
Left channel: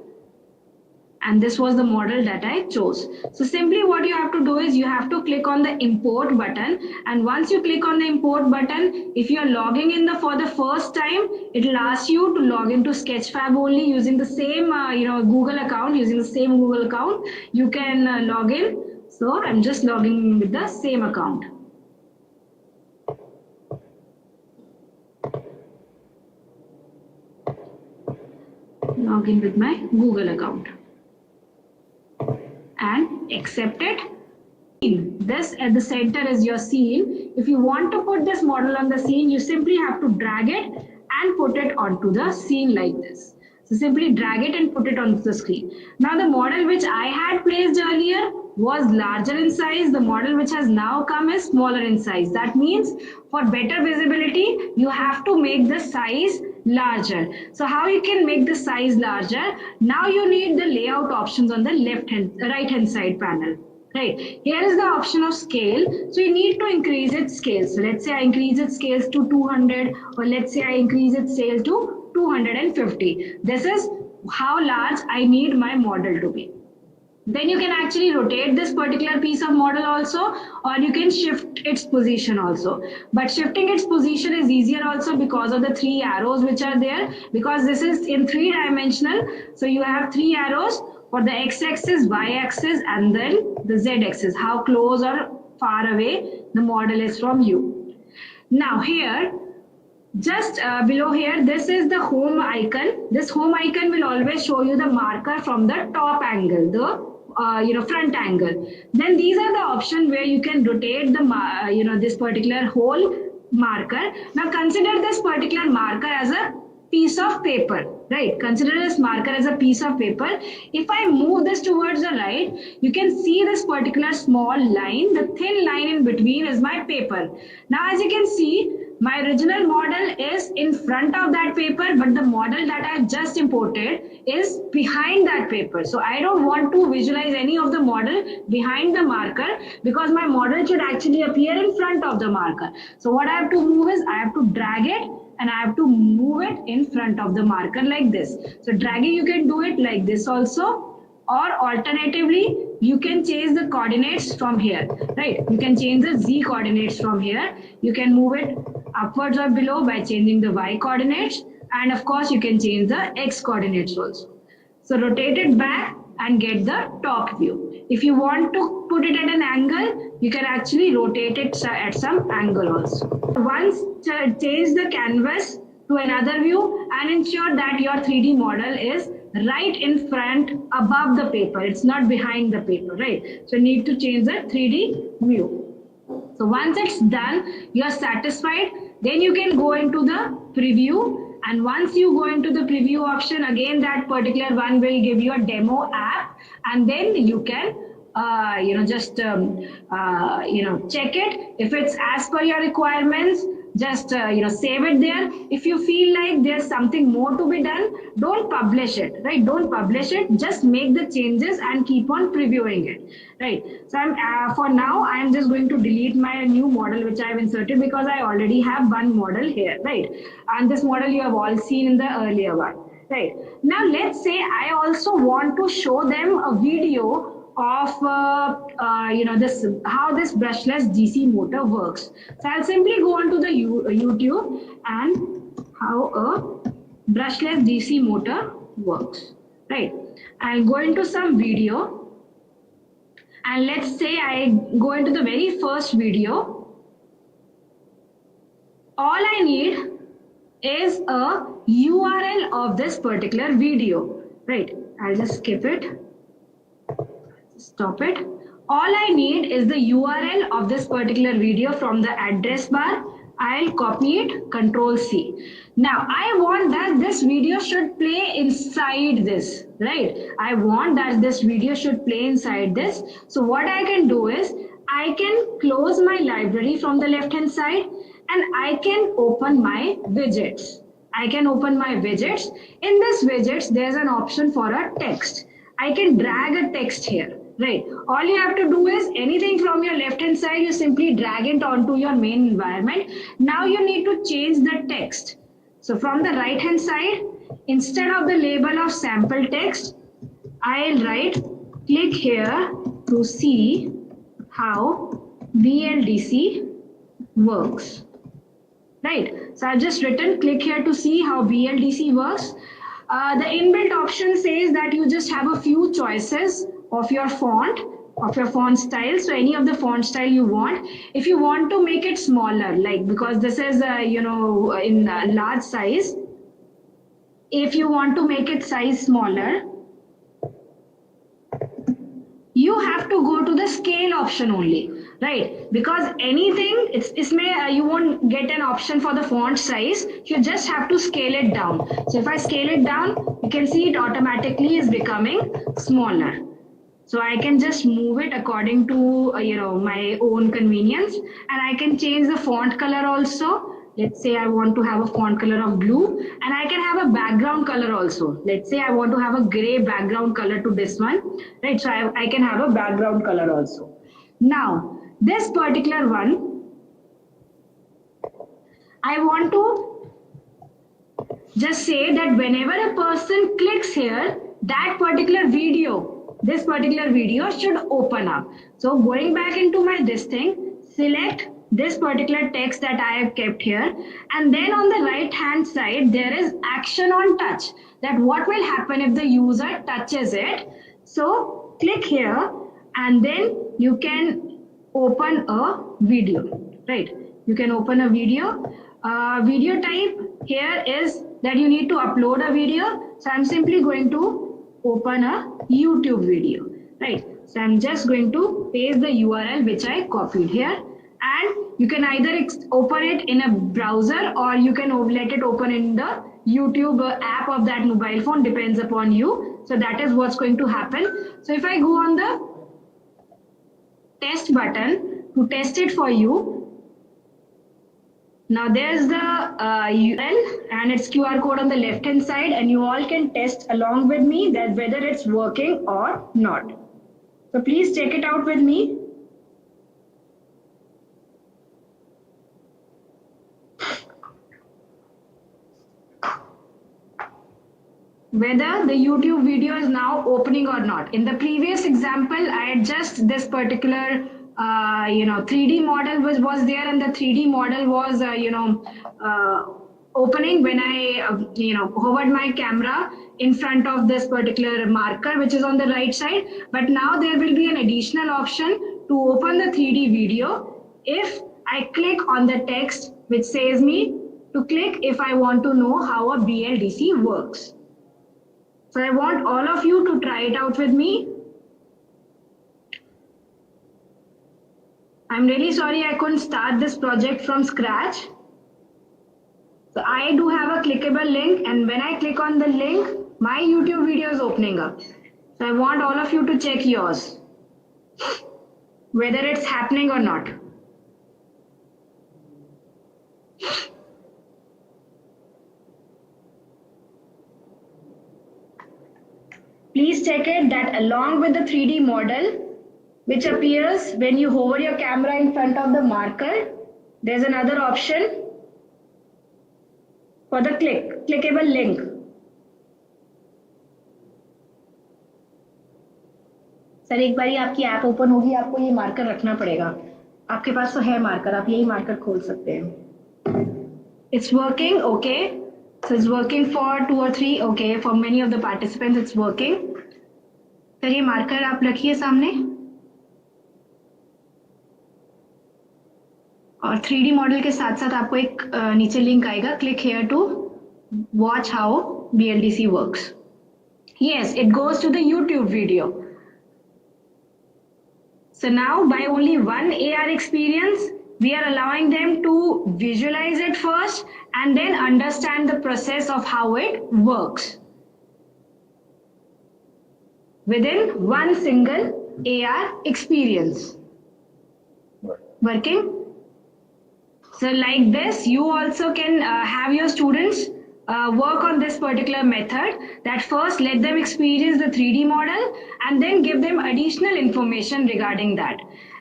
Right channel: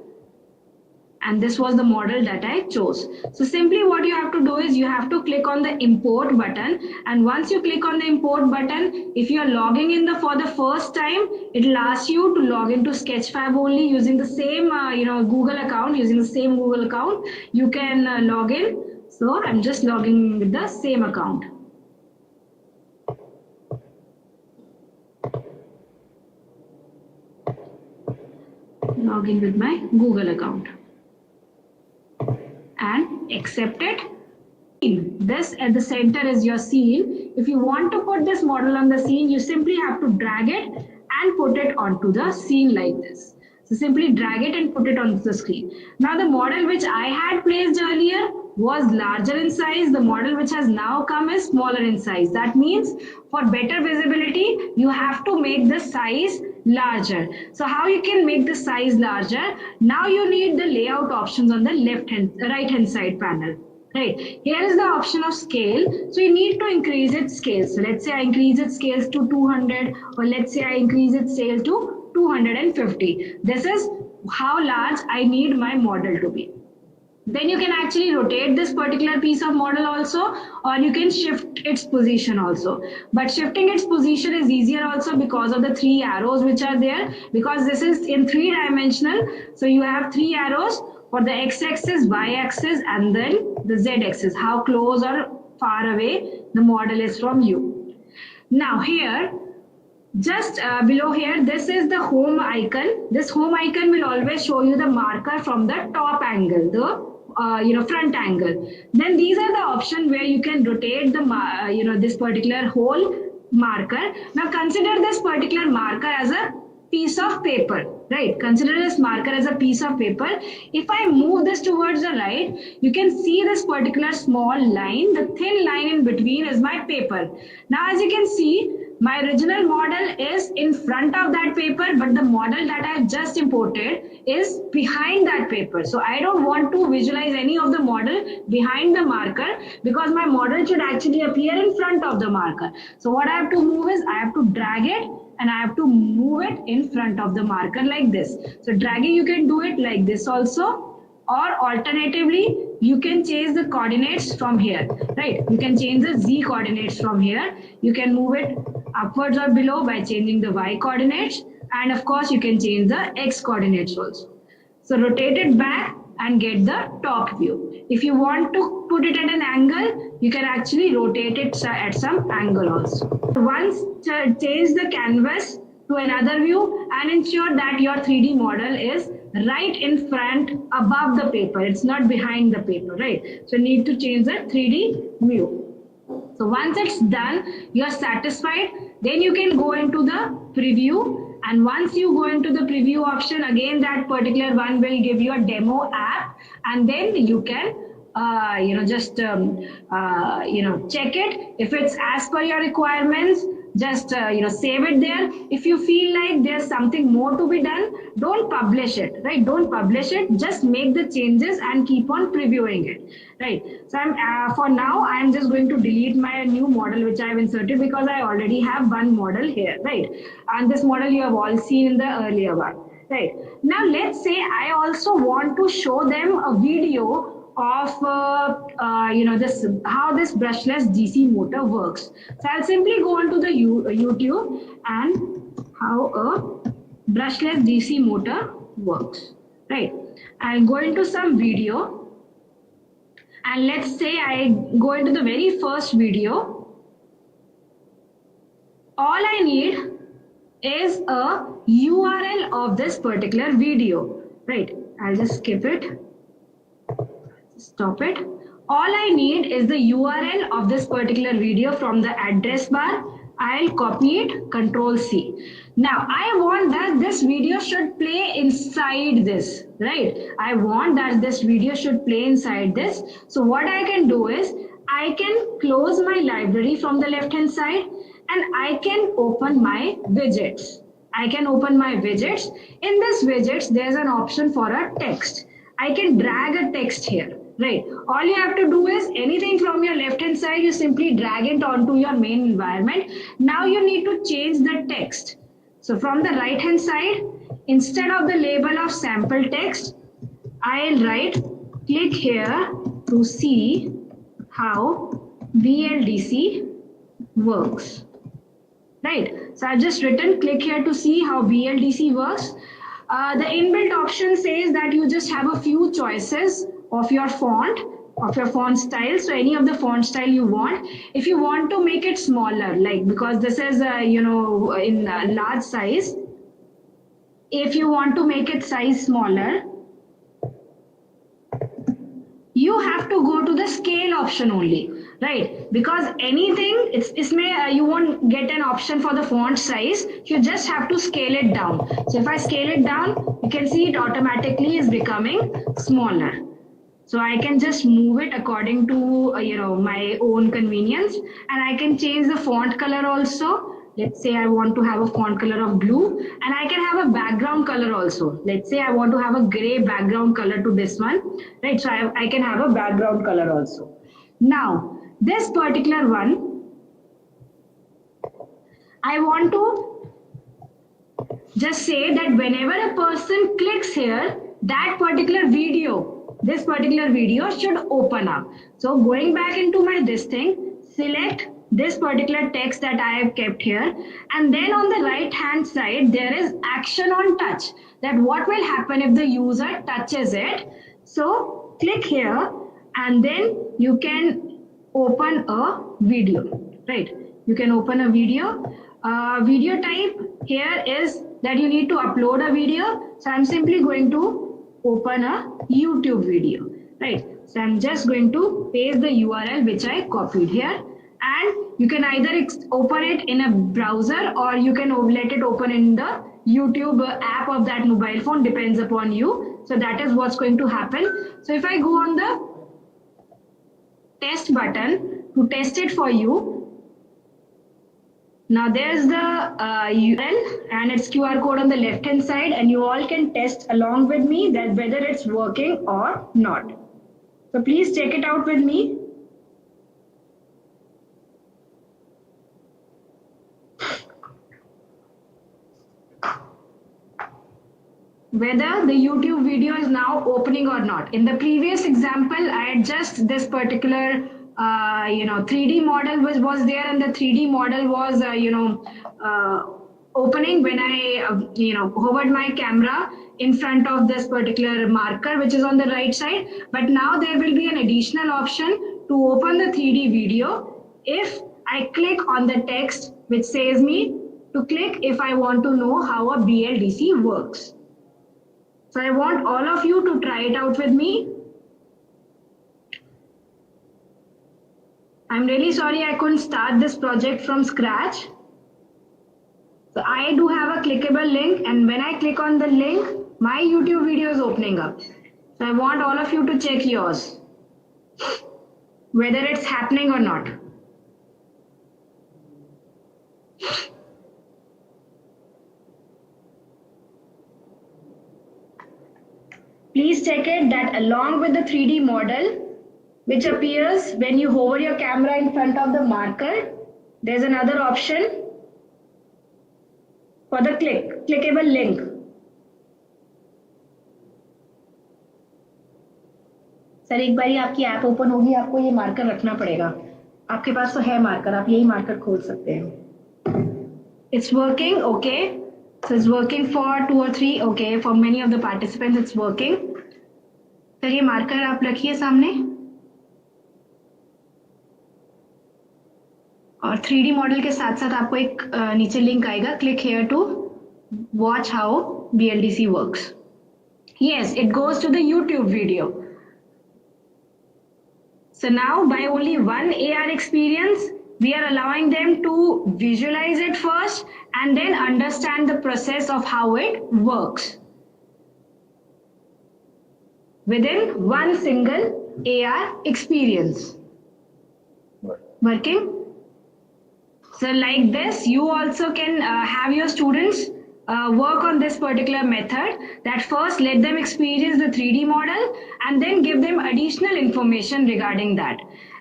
And this was the model that I chose. So simply what you have to do is you have to click on the import button. And once you click on the import button, if you are logging in for the first time, it will ask you to log into Sketchfab only using the same Google account. Using the same Google account, you can log in. So I'm just logging in with the same account. Log in with my Google account. And accept it. This at the center is your scene. If you want to put this model on the scene, you simply have to drag it and put it onto the scene like this. So simply drag it and put it onto the screen. Now the model which I had placed earlier was larger in size. The model which has now come is smaller in size. That means for better visibility, you have to make the size larger. So how you can make the size larger? Now you need the layout options on the right hand side panel. Right, here is the option of scale. So you need to increase its scale. So let's say I increase its scales to 200, or let's say I increase its scale to 250. This is how large I need my model to be. Then you can actually rotate this particular piece of model also, or you can shift its position also. But shifting its position is easier also because of the 3 arrows which are there, because this is in 3-dimensional. So you have 3 arrows for the x-axis, y-axis, and then the z-axis, how close or far away the model is from you. Now here, just below here, this is the home icon. This home icon will always show you the marker from the top angle, the front angle. Then these are the options where you can rotate the this particular whole marker. Now consider this particular marker as a piece of paper, right? Consider this marker as a piece of paper. If I move this towards the right, you can see this particular small line. The thin line in between is my paper. Now as you can see, my original model is in front of that paper, but the model that I just imported is behind that paper. So I don't want to visualize any of the model behind the marker, because my model should actually appear in front of the marker. So what I have to move is, I have to drag it and I have to move it in front of the marker like this. So dragging, you can do it like this also, or alternatively, you can change the coordinates from here, right? You can change the z coordinates from here. You can move it upwards or below by changing the y coordinates, and of course you can change the x coordinates also. So rotate it back and get the top view. If you want to put it at an angle, you can actually rotate it at some angle also. Once change the canvas to another view and ensure that your 3D model is right in front above the paper. It's not behind the paper, right? So you need to change the 3D view. So once it's done, you are satisfied, then you can go into the preview. And once you go into the preview option, again that particular one will give you a demo app, and then you can check it. If it's as per your requirements, just save it there. If you feel like there's something more to be done, don't publish it, right? Don't publish it, just make the changes and keep on previewing it, right? So for now I'm just going to delete my new model which I have inserted, because I already have one model here, right? And this model you have all seen in the earlier one, right? Now let's say I also want to show them a video of this, how this brushless DC motor works. So I'll simply go onto the YouTube and how a brushless DC motor works, right? I'll go into some video, and let's say I go into the very first video. All I need is a URL of this particular video, right? I'll just skip it. Stop it. All I need is the URL of this particular video from the address bar. I'll copy it, Control C. Now I want that this video should play inside this, right? I want that this video should play inside this. So what I can do is, I can close my library from the left hand side, and I can open my widgets. I can open my widgets. In this widgets, there's an option for a text. I can drag a text here, right? All you have to do is, anything from your left hand side, you simply drag it onto your main environment. Now you need to change the text. So from the right hand side, instead of the label of sample text, I'll write, click here to see how BLDC works, right? So I've just written, click here to see how BLDC works. The inbuilt option says that you just have a few choices of your font, of your font style. So any of the font style you want. If you want to make it smaller, like, because this is in large size, if you want to make it size smaller, you have to go to the scale option only, right? Because anything, you won't get an option for the font size. You just have to scale it down. So if I scale it down, you can see it automatically is becoming smaller. So I can just move it according to my own convenience, and I can change the font color also. Let's say I want to have a font color of blue, and I can have a background color also. Let's say I want to have a gray background color to this one, right? So I can have a background color also. Now, this particular one, I want to just say that whenever a person clicks here, that particular video, this particular video should open up. So going back into my this thing, select this particular text that I have kept here, and then on the right hand side there is action on touch, that what will happen if the user touches it. So click here and then you can open a video, right? You can open a video. Video type here is that you need to upload a video. So I'm simply going to open a YouTube video, right? So I'm just going to paste the URL which I copied here, and you can either open it in a browser or you can let it open in the YouTube app of that mobile phone, depends upon you. So that is what's going to happen. So if I go on the test button to test it for you, now there's the URL and its QR code on the left hand side, and you all can test along with me that whether it's working or not. So please check it out with me. Whether the YouTube video is now opening or not. In the previous example, I had just this particular 3D model was there, and the 3D model was opening when I hovered my camera in front of this particular marker which is on the right side. But now there will be an additional option to open the 3D video if I click on the text which says me to click if I want to know how a BLDC works. So I want all of you to try it out with me. I'm really sorry I couldn't start this project from scratch. So I do have a clickable link, and when I click on the link, my YouTube video is opening up. So I want all of you to check yours, whether it's happening or not. Please check it that along with the 3D model, which appears when you hover your camera in front of the marker, there's another option for the clickable link. Sir एक बारी आपकी app open होगी, आपको ये marker रखना पड़ेगा. आपके पास तो है मार्कर, आप यही मार्कर खोल सकते हैं. It's working, okay. So it's working for 2 or 3, okay. For many of the participants, it's working. Sir ये मार्कर आप रखिए सामने. और 3D मॉडल के साथ साथ आपको एक नीचे लिंक आएगा, click here to watch how BLDC works. Yes, it goes to the YouTube video. So now by only one AR experience, we are allowing them to visualize it first and then understand the process of how it works within one single AR experience. Working? So like this, you also can have your students work on this particular method, that first let them experience the 3D model and then give them additional information regarding that.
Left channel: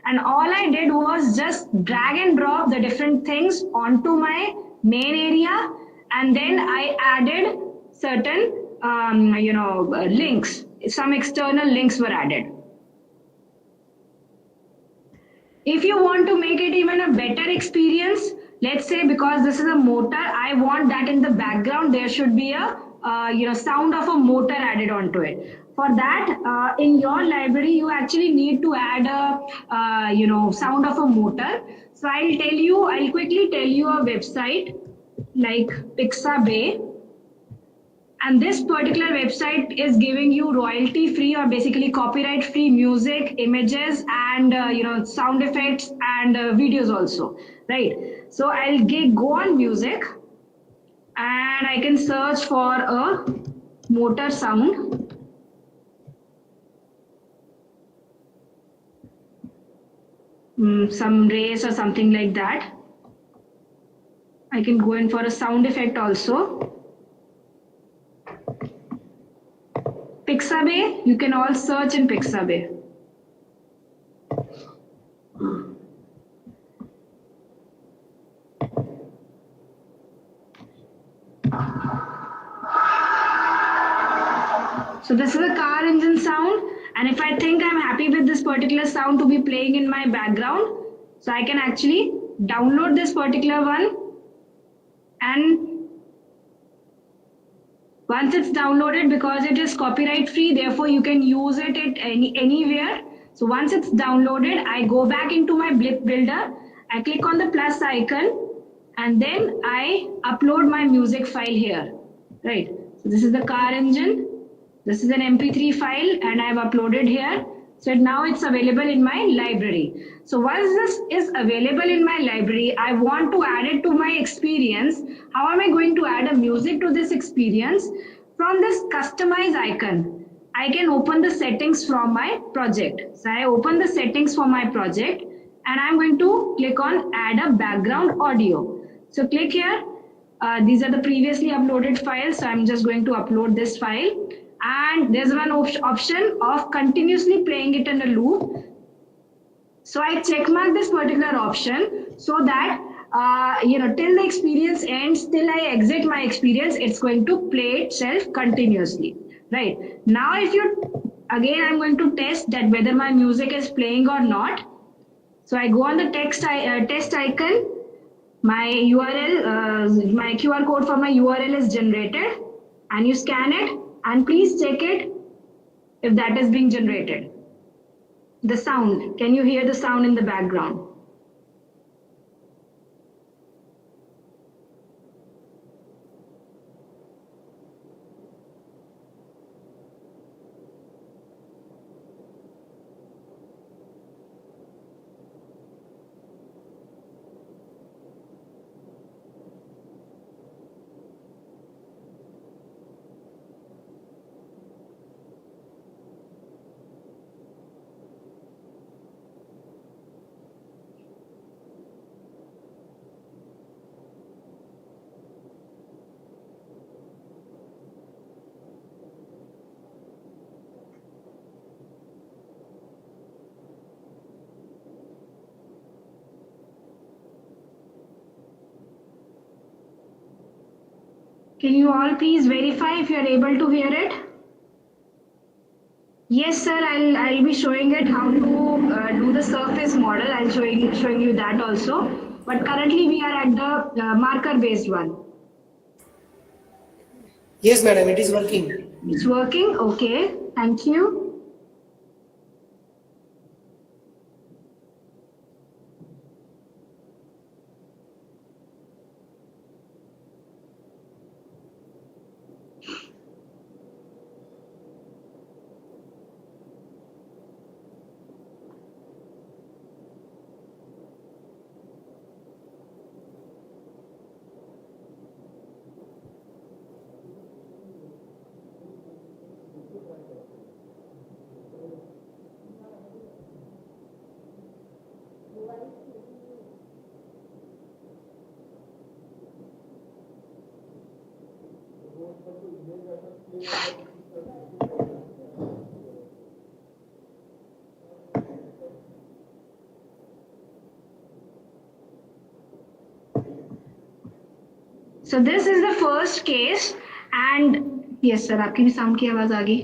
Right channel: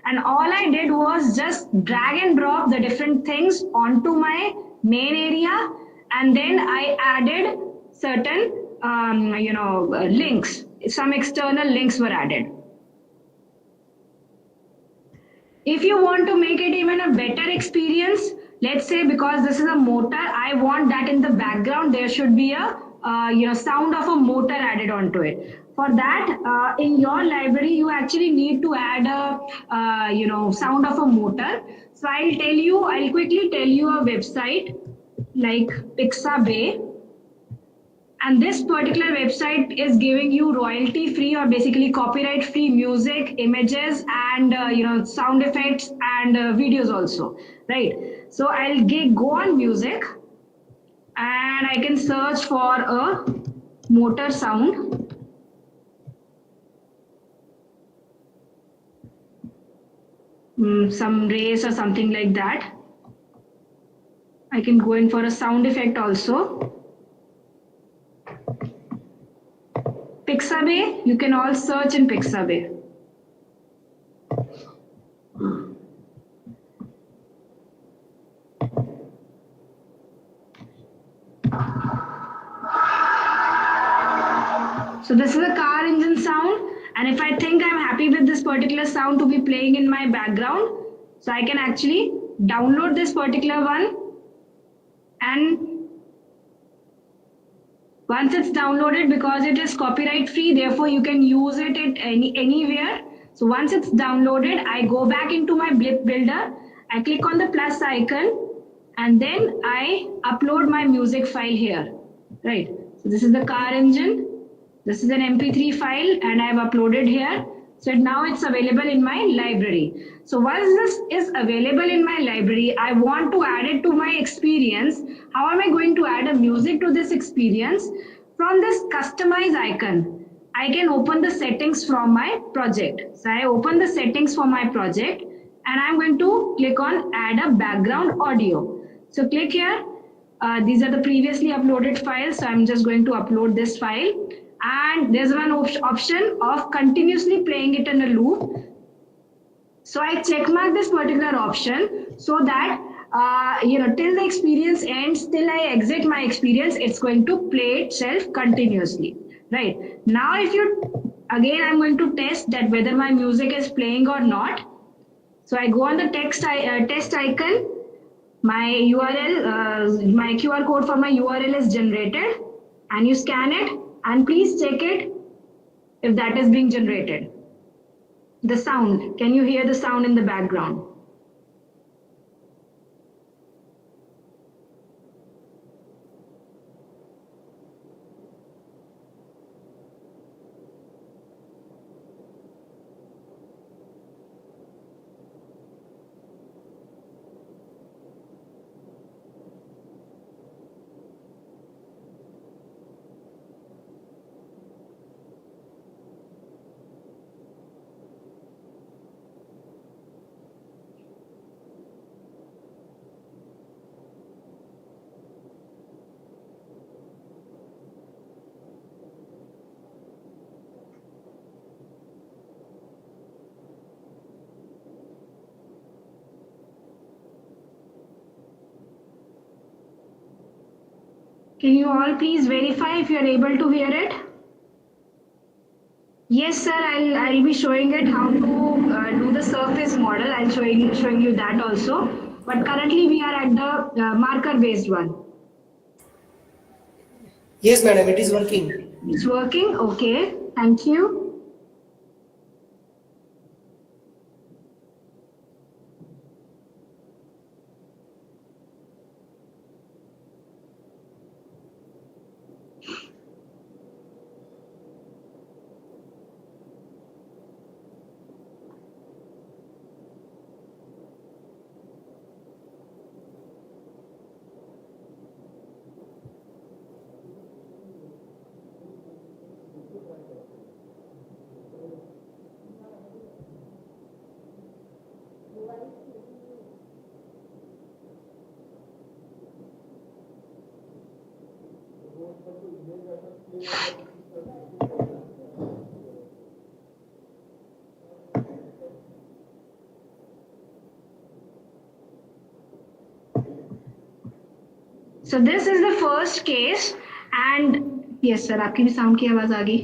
And all I did was just drag and drop the different things onto my main area, and then I added certain links. Some external links were added. If you want to make it even a better experience, let's say because this is a motor, I want that in the background there should be a sound of a motor added onto it. For that, in your library, you actually need to add a sound of a motor. So I'll quickly tell you a website like Pixabay, And this particular website is giving you royalty free or basically copyright free music, images, and sound effects and videos also, right? So I'll go on music and I can search for a motor sound. Some race or something like that. I can go in for a sound effect also. Pixabay, you can all search in Pixabay. So this is a car engine sound, and if I think I'm happy with this particular sound to be playing in my background, so I can actually download this particular one, and once it's downloaded, because it is copyright free, therefore you can use it at anywhere. So once it's downloaded, I go back into my blip builder, I click on the plus icon, and then I upload my music file here, right? So this is the car engine. This is an MP3 file and I have uploaded here. So now it's available in my library. So once this is available in my library, I want to add it to my experience. How am I going to add a music to this experience? From this customize icon, I can open the settings from my project. So I open the settings for my project and I'm going to click on add a background audio. So click here. These are the previously uploaded files. So I'm just going to upload this file. And there's one option of continuously playing it in a loop. So I check mark this particular option so that till the experience ends, till I exit my experience, it's going to play itself continuously. Right now, I'm going to test that whether my music is playing or not. So I go on the test icon. My URL, my QR code for my URL is generated, and you scan it. And please check it if that is being generated. The sound, can you hear the sound in the background? Can you all please verify if you are able to hear it? Yes, sir. I'll be showing it how to do the surface model. I'll showing you that also. But currently we are at the marker based one. Yes, madam. It is working. It's working. Okay. Thank you. So this is the first case, and yes sir, आपकी भी sound की आवाज आ गई.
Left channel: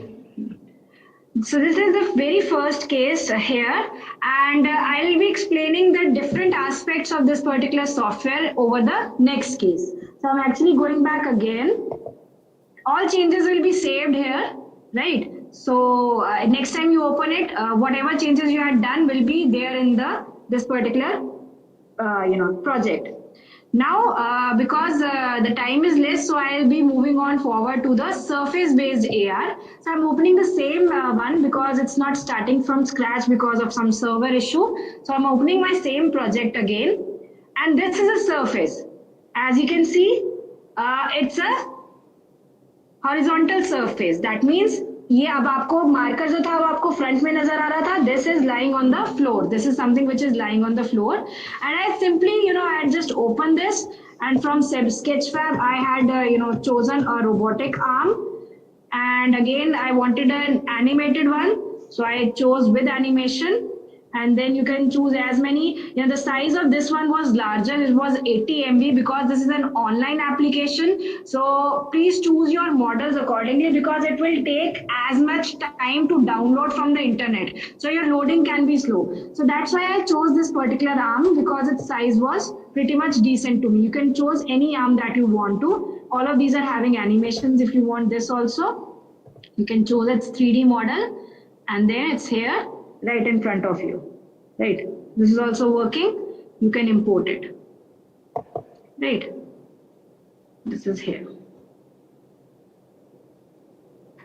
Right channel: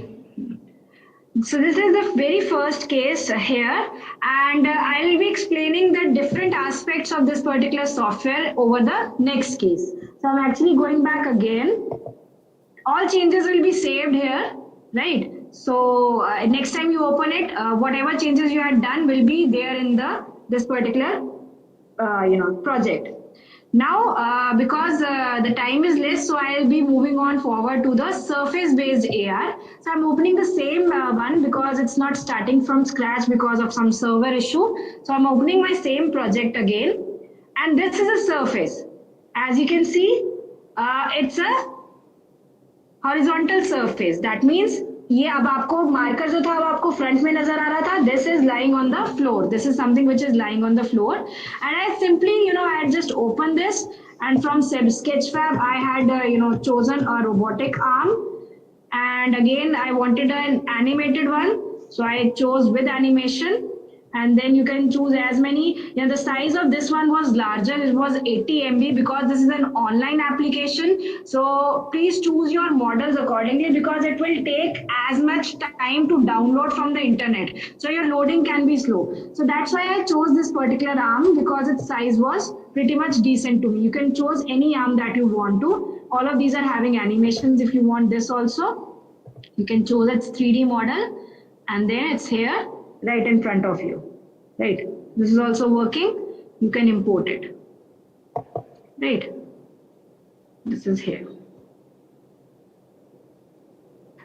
So this is the very first case here, and I'll be explaining the different aspects of this particular software over the next case. So I'm actually going back again. All changes will be saved here, right? So next time you open it, whatever changes you had done will be there in this particular project. Now, because the time is less, so I'll be moving on forward to the surface-based AR. So I'm opening the same one because it's not starting from scratch because of some server issue. So I'm opening my same project again. And this is a surface. As you can see, it's a horizontal surface. That means ये अब आपको marker जो था वो आपको front में नजर आ रहा था. This is lying on the floor. This is something which is lying on the floor. And I simply, I had just opened this, and from Sketchfab I had, chosen a robotic arm. And again, I wanted an animated one, so I chose with animation. And then you can choose as many. The size of this one was larger. It was 80 MB because this is an online application. So please choose your models accordingly because it will take as much time to download from the internet. So your loading can be slow. So that's why I chose this particular arm because its size was pretty much decent to me. You can choose any arm that you want to. All of these are having animations. If you want this also, you can choose its 3D model, and then it's here right in front of you. Right, this is also working. You can import it. Right, this is here.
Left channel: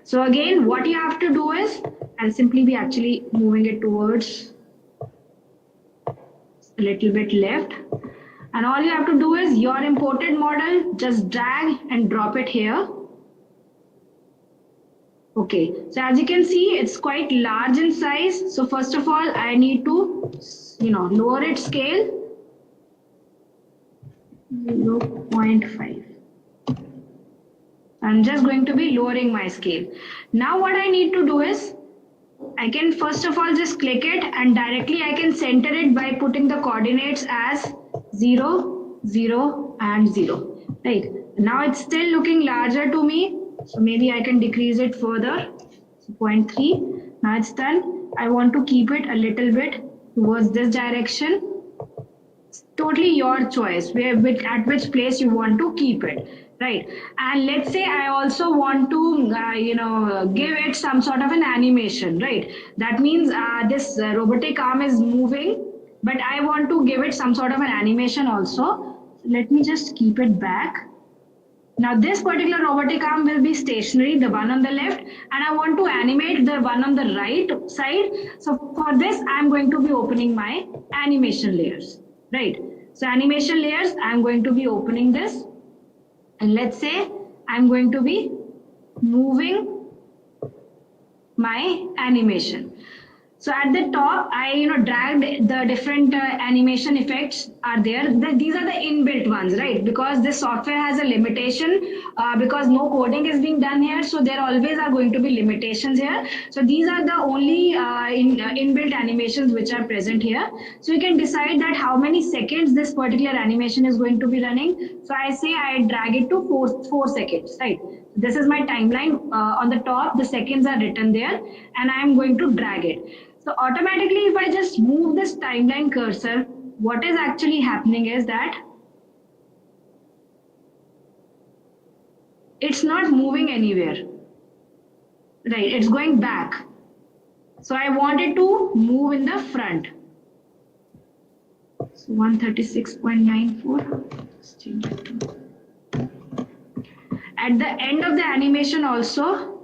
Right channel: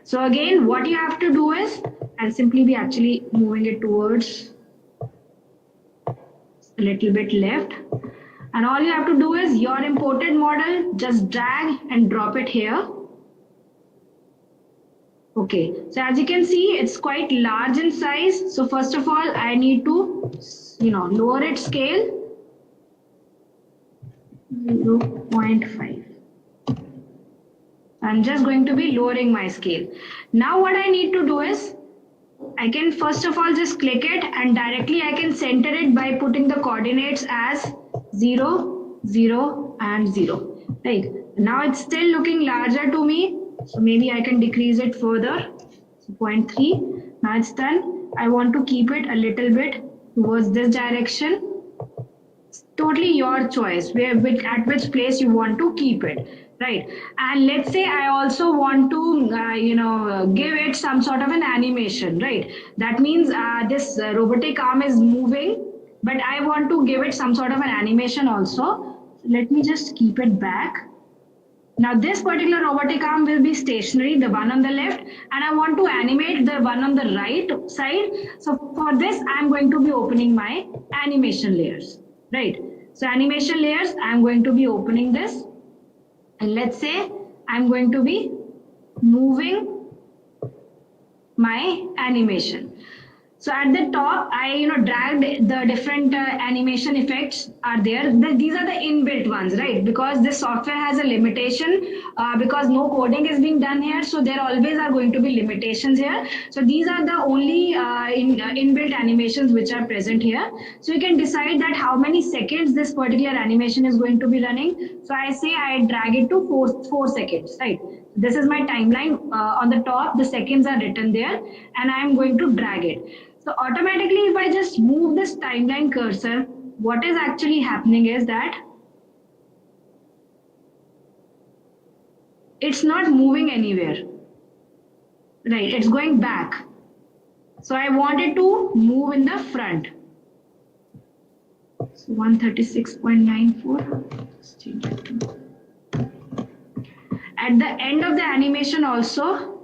So again, what you have to do is, I'll simply be actually moving it towards a little bit left, and all you have to do is your imported model, just drag and drop it here. Okay, so as you can see, it's quite large in size. So first of all, I need to, lower its scale 0.5. I'm just going to be lowering my scale. Now what I need to do is, I can first of all just click it, and directly I can center it by putting the coordinates as 0, 0 and 0. Right, now it's still looking larger to me. So maybe I can decrease it further, so 0.3. Now it's done. I want to keep it a little bit towards this direction. It's totally your choice, at which place you want to keep it, right? And let's say I also want to, give it some sort of an animation, right? That means this robotic arm is moving, but I want to give it some sort of an animation also. Let me just keep it back. Now this particular robotic arm will be stationary, the one on the left, and I want to animate the one on the right side. So for this, I'm going to be opening my animation layers, right? So animation layers, I'm going to be opening this. And let's say I'm going to be moving my animation. So at the top, I dragged the different animation effects are there. These are the inbuilt ones, right? Because this software has a limitation because no coding is being done here. So there always are going to be limitations here. So these are the only inbuilt animations which are present here. So you can decide that how many seconds this particular animation is going to be running. So I say I drag it to 4 seconds, right? This is my timeline. On the top, the seconds are written there, and I am going to drag it. So automatically, if I just move this timeline cursor, what is actually happening is that it's not moving anywhere, right? It's going back. So I want it to move in the front. So 136.94. At the end of the animation also,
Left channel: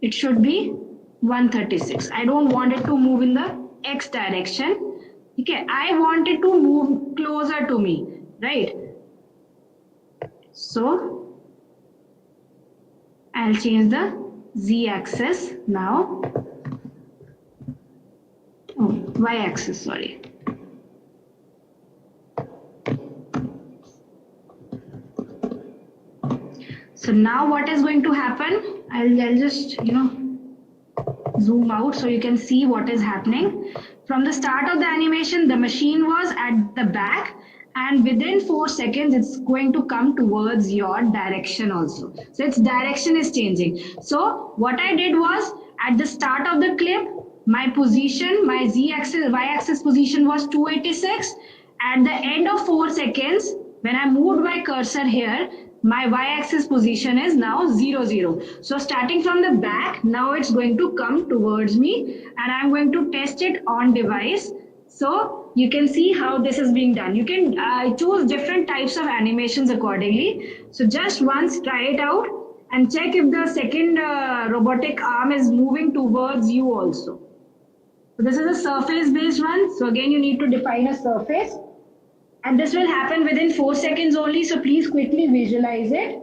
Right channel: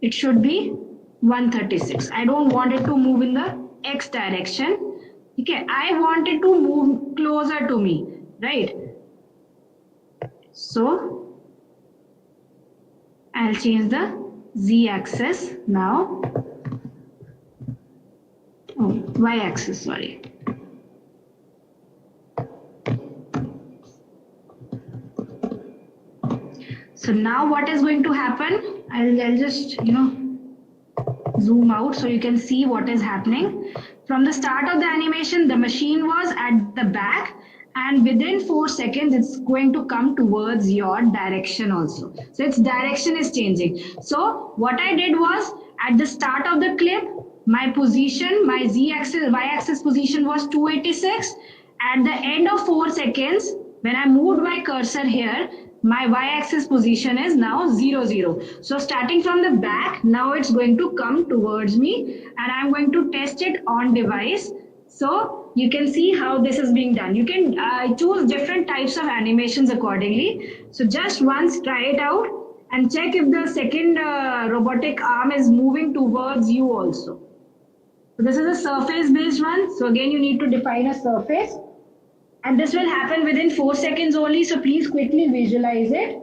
it should be 136. I don't want it to move in the X direction. Okay, I want it to move closer to me, right? So I'll change the Z axis now. Oh, Y axis, sorry. So now what is going to happen? I'll just, zoom out so you can see what is happening. From the start of the animation, the machine was at the back, and within 4 seconds, it's going to come towards your direction also. So its direction is changing. So what I did was, at the start of the clip, my position, my Z-axis, Y-axis position was 286. At the end of 4 seconds, when I moved my cursor here, my y-axis position is now 0, 0. So starting from the back, now it's going to come towards me, and I'm going to test it on device. So you can see how this is being done. You can choose different types of animations accordingly. So just once try it out and check if the second robotic arm is moving towards you also. So this is a surface based one. So again, you need to define a surface. And this will happen within 4 seconds only. So please quickly visualize it.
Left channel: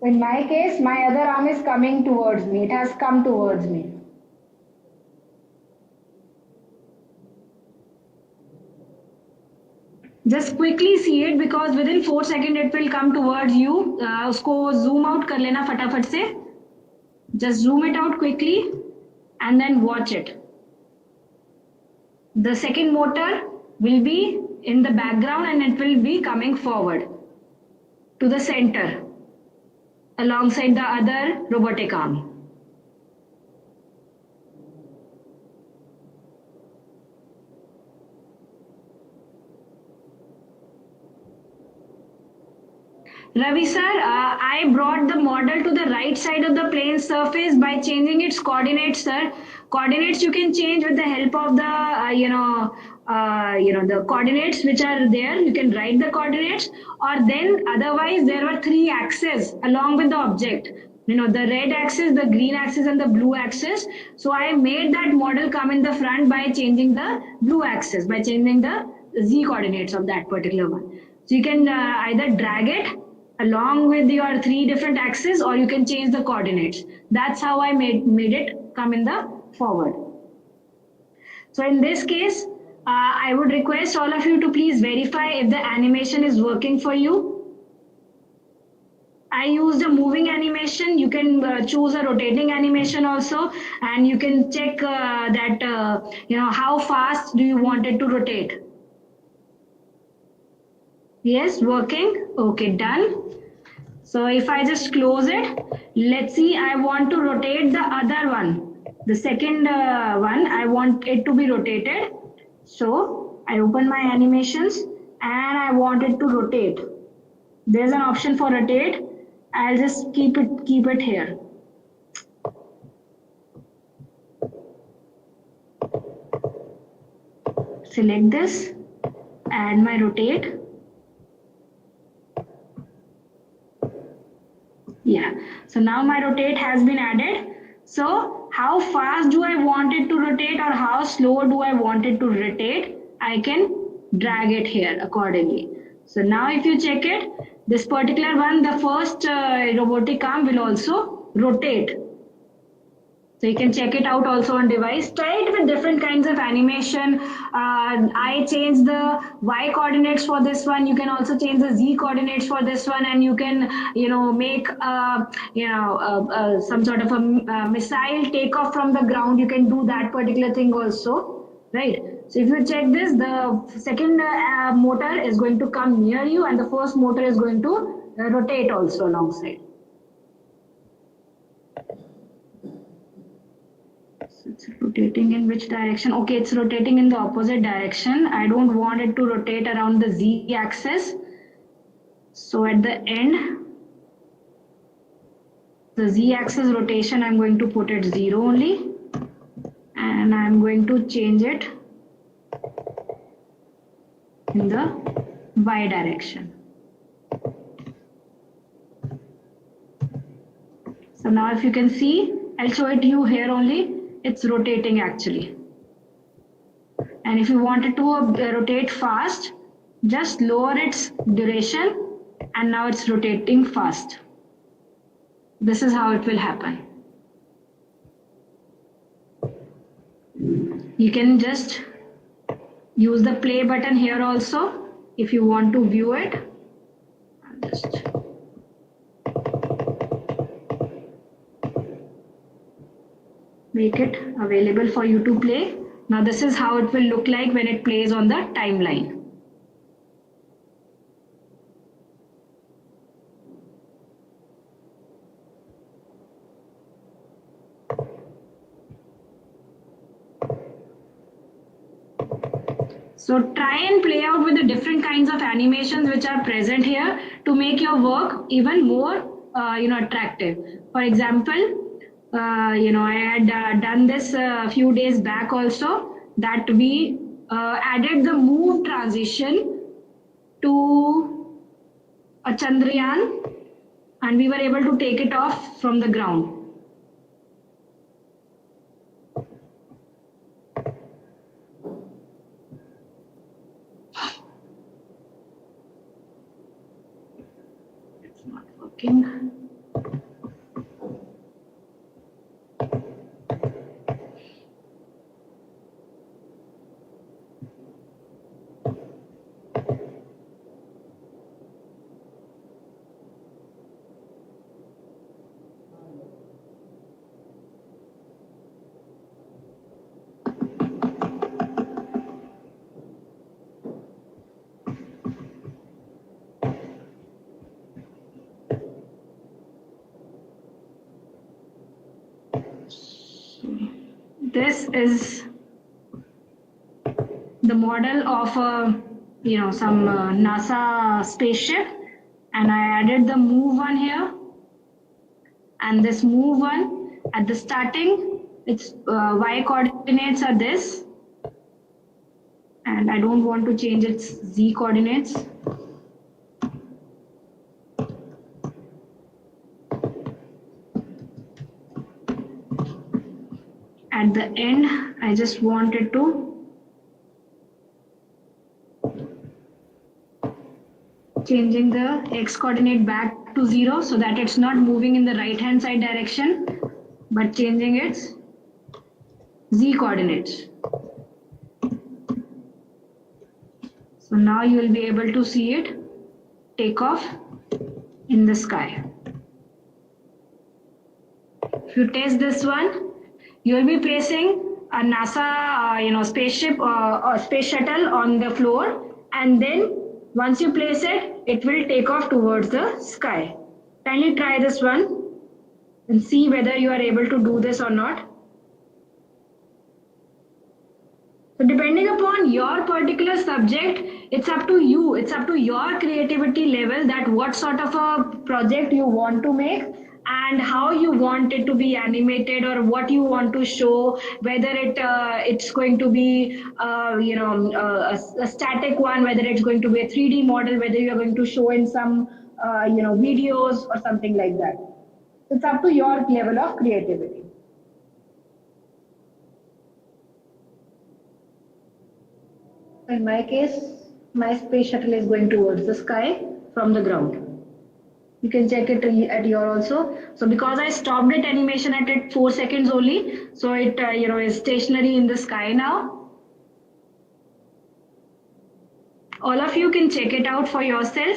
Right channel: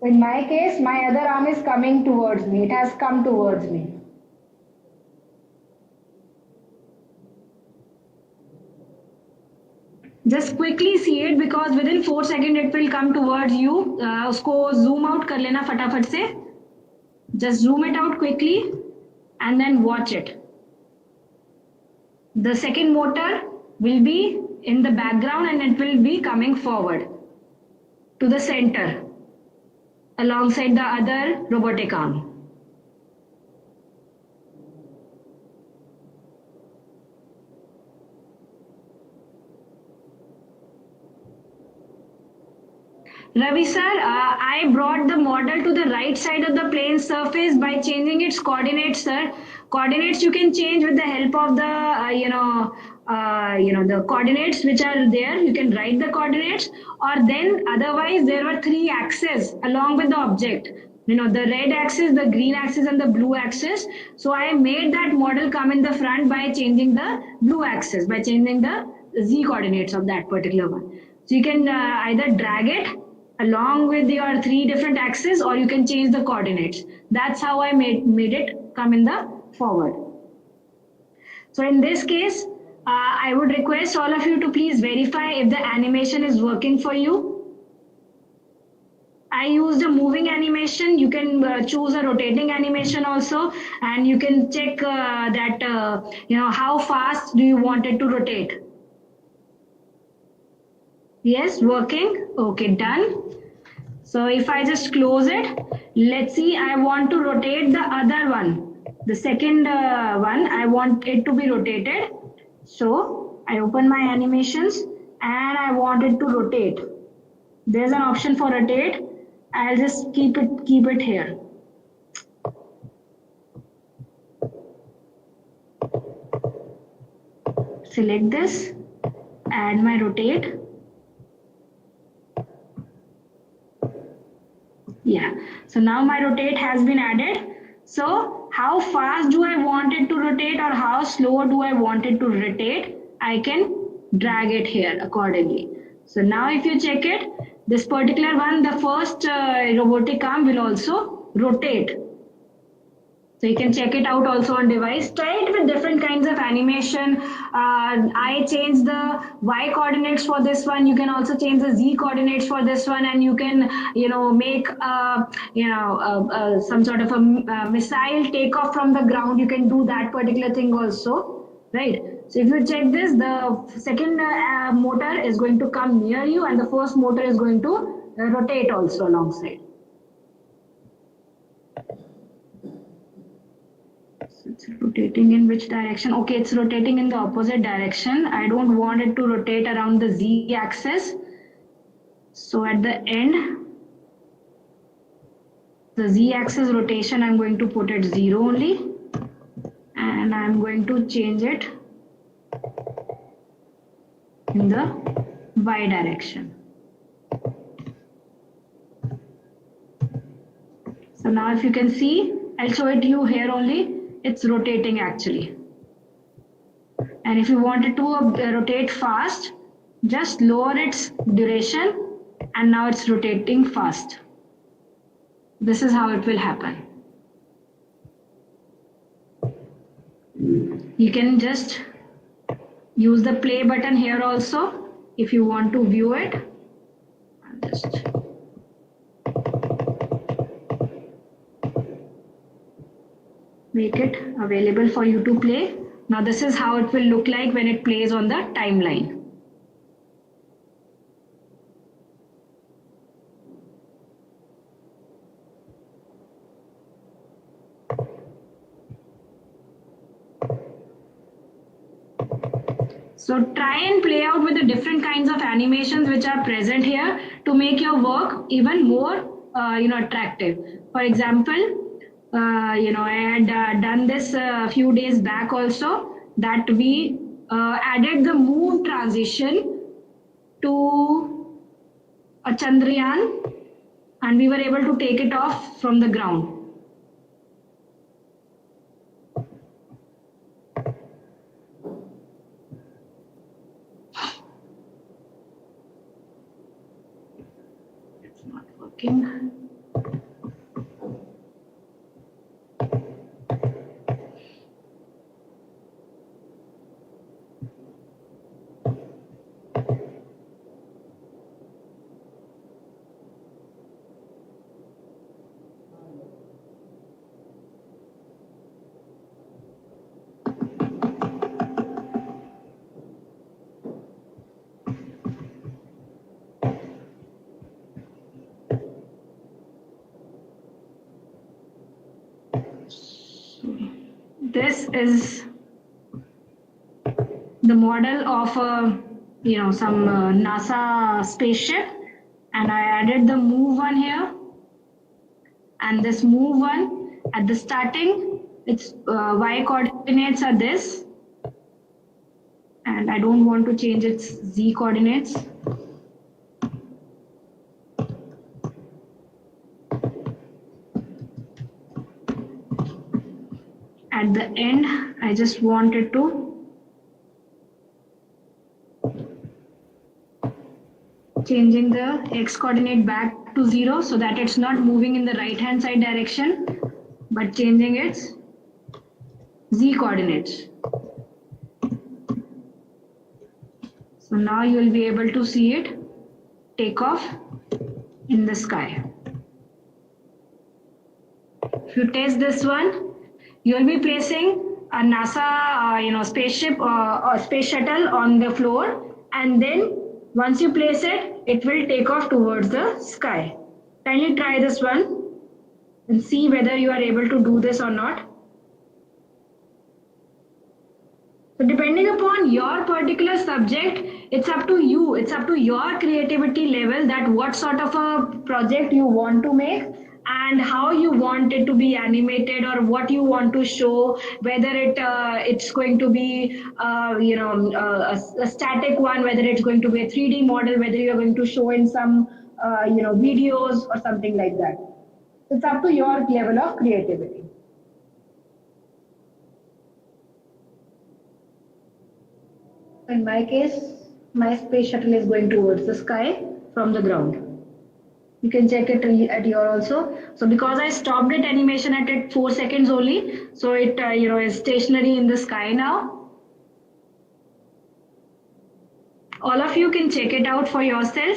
In my case, my other arm is coming towards me. It has come towards me. Just quickly see it because within 4 seconds it will come towards you. उसको zoom out कर लेना फटाफट से. Just zoom it out quickly and then watch it. The second motor will be in the background and it will be coming forward to the center alongside the other robotic arm. Ravi sir, I brought the model to the right side of the plane surface by changing its coordinates, sir. Coordinates you can change with the help of the the coordinates which are there. You can write the coordinates, or then otherwise there were 3 axes along with the object. The red axis, the green axis, and the blue axis. So I made that model come in the front by changing the blue axis, by changing the z coordinates of that particular one. So you can either drag it along with your 3 different axes, or you can change the coordinates. That's how I made it come in the forward. So in this case, I would request all of you to please verify if the animation is working for you. I used a moving animation. You can choose a rotating animation also, and you can check that how fast do you want it to rotate. Yes, working. Okay, done. So if I just close it, let's see, I want to rotate the other one. The second one, I want it to be rotated. So I open my animations and I want it to rotate. There's an option for rotate. I'll just keep it here. Select this, add my rotate. Yeah, so now my rotate has been added. So how fast do I want it to rotate or how slow do I want it to rotate? I can drag it here accordingly. So now if you check it, this particular one, the first robotic arm will also rotate. So you can check it out also on device. Try it with different kinds of animation. I changed the Y coordinates for this one. You can also change the Z coordinates for this one, and you can, make, some sort of a missile takeoff from the ground. You can do that particular thing also, right? So if you check this, the second motor is going to come near you, and the first motor is going to rotate also alongside. It's rotating in which direction? Okay, it's rotating in the opposite direction. I don't want it to rotate around the Z axis. So at the end, the Z axis rotation, I'm going to put it 0 only. And I'm going to change it in the Y direction. So now if you can see, I'll show it to you here only. It's rotating actually. And if you want it to rotate fast, just lower its duration and now it's rotating fast. This is how it will happen. You can just use the play button here also if you want to view it. I'll just make it available for you to play. Now this is how it will look like when it plays on the timeline. So try and play out with the different kinds of animations which are present here to make your work even more attractive. For example, I had done this a few days back also, that we added the move transition to a Chandrayaan, and we were able to take it off from the ground. It's not working. This is the model of some NASA spaceship, and I added the move one here, and this move one at the starting, its y coordinates are this, and I don't want to change its z coordinates. At the end, I just wanted to changing the x coordinate back to 0 so that it's not moving in the right hand side direction, but changing its z coordinates. So now you will be able to see it take off in the sky. If you test this one, you will be placing a NASA spaceship or space shuttle on the floor, and then once you place it, it will take off towards the sky. Kindly try this one and see whether you are able to do this or not. So depending upon your particular subject, it's up to you, it's up to your creativity level that what sort of a project you want to make and how you want it to be animated, or what you want to show, whether it's going to be a static one, whether it's going to be a 3D model, whether you're going to show in some videos or something like that. It's up to your level of creativity. In my case, my space shuttle is going towards the sky from the ground. You can check it at your also. So because I stopped it animation at 4 seconds only, so it is stationary in the sky now. All of you can check it out for yourself.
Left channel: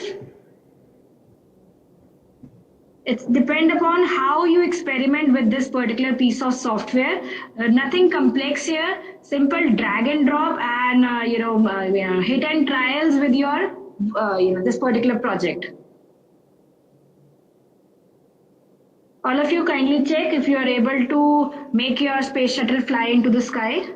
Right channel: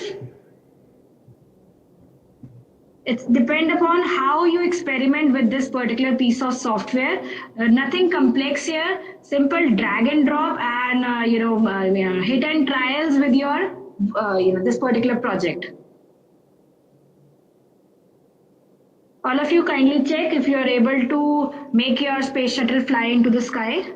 It's depend upon how you experiment with this particular piece of software. Nothing complex here. Simple drag and drop and hit and trials with your this particular project. All of you kindly check if you are able to make your space shuttle fly into the sky.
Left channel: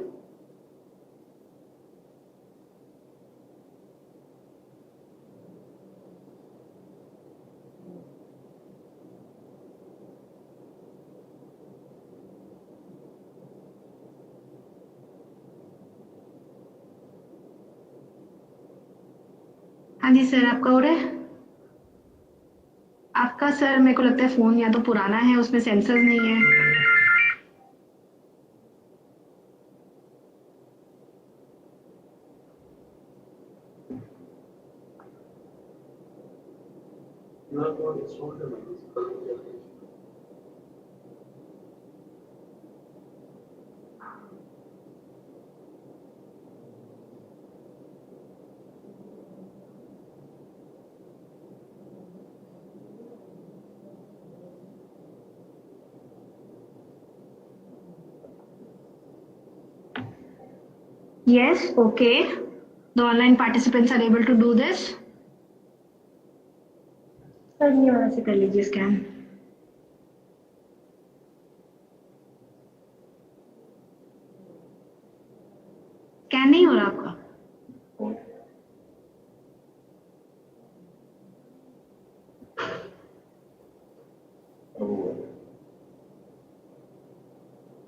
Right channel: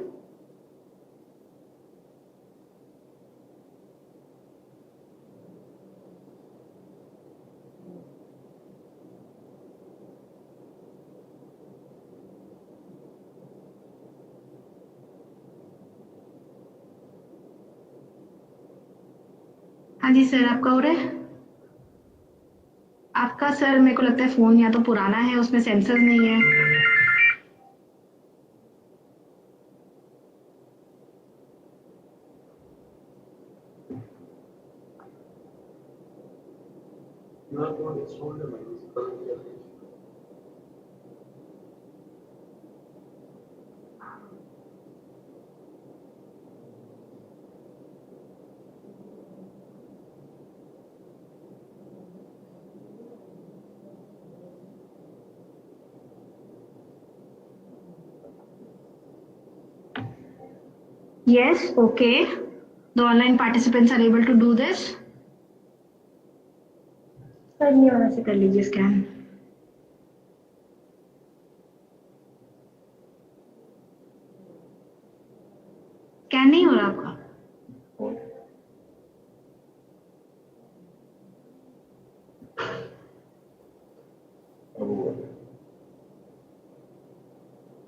हाँ जी sir, आपका हो रहा है? आपका sir मेरे को लगता है फोन या तो पुराना है, उसमें सेंसर्स नहीं है. Yes, okay. The online participants are able to do this. Sir ये वाला से कर लीजिए स्कैन. स्कैन नहीं हो रहा आपका?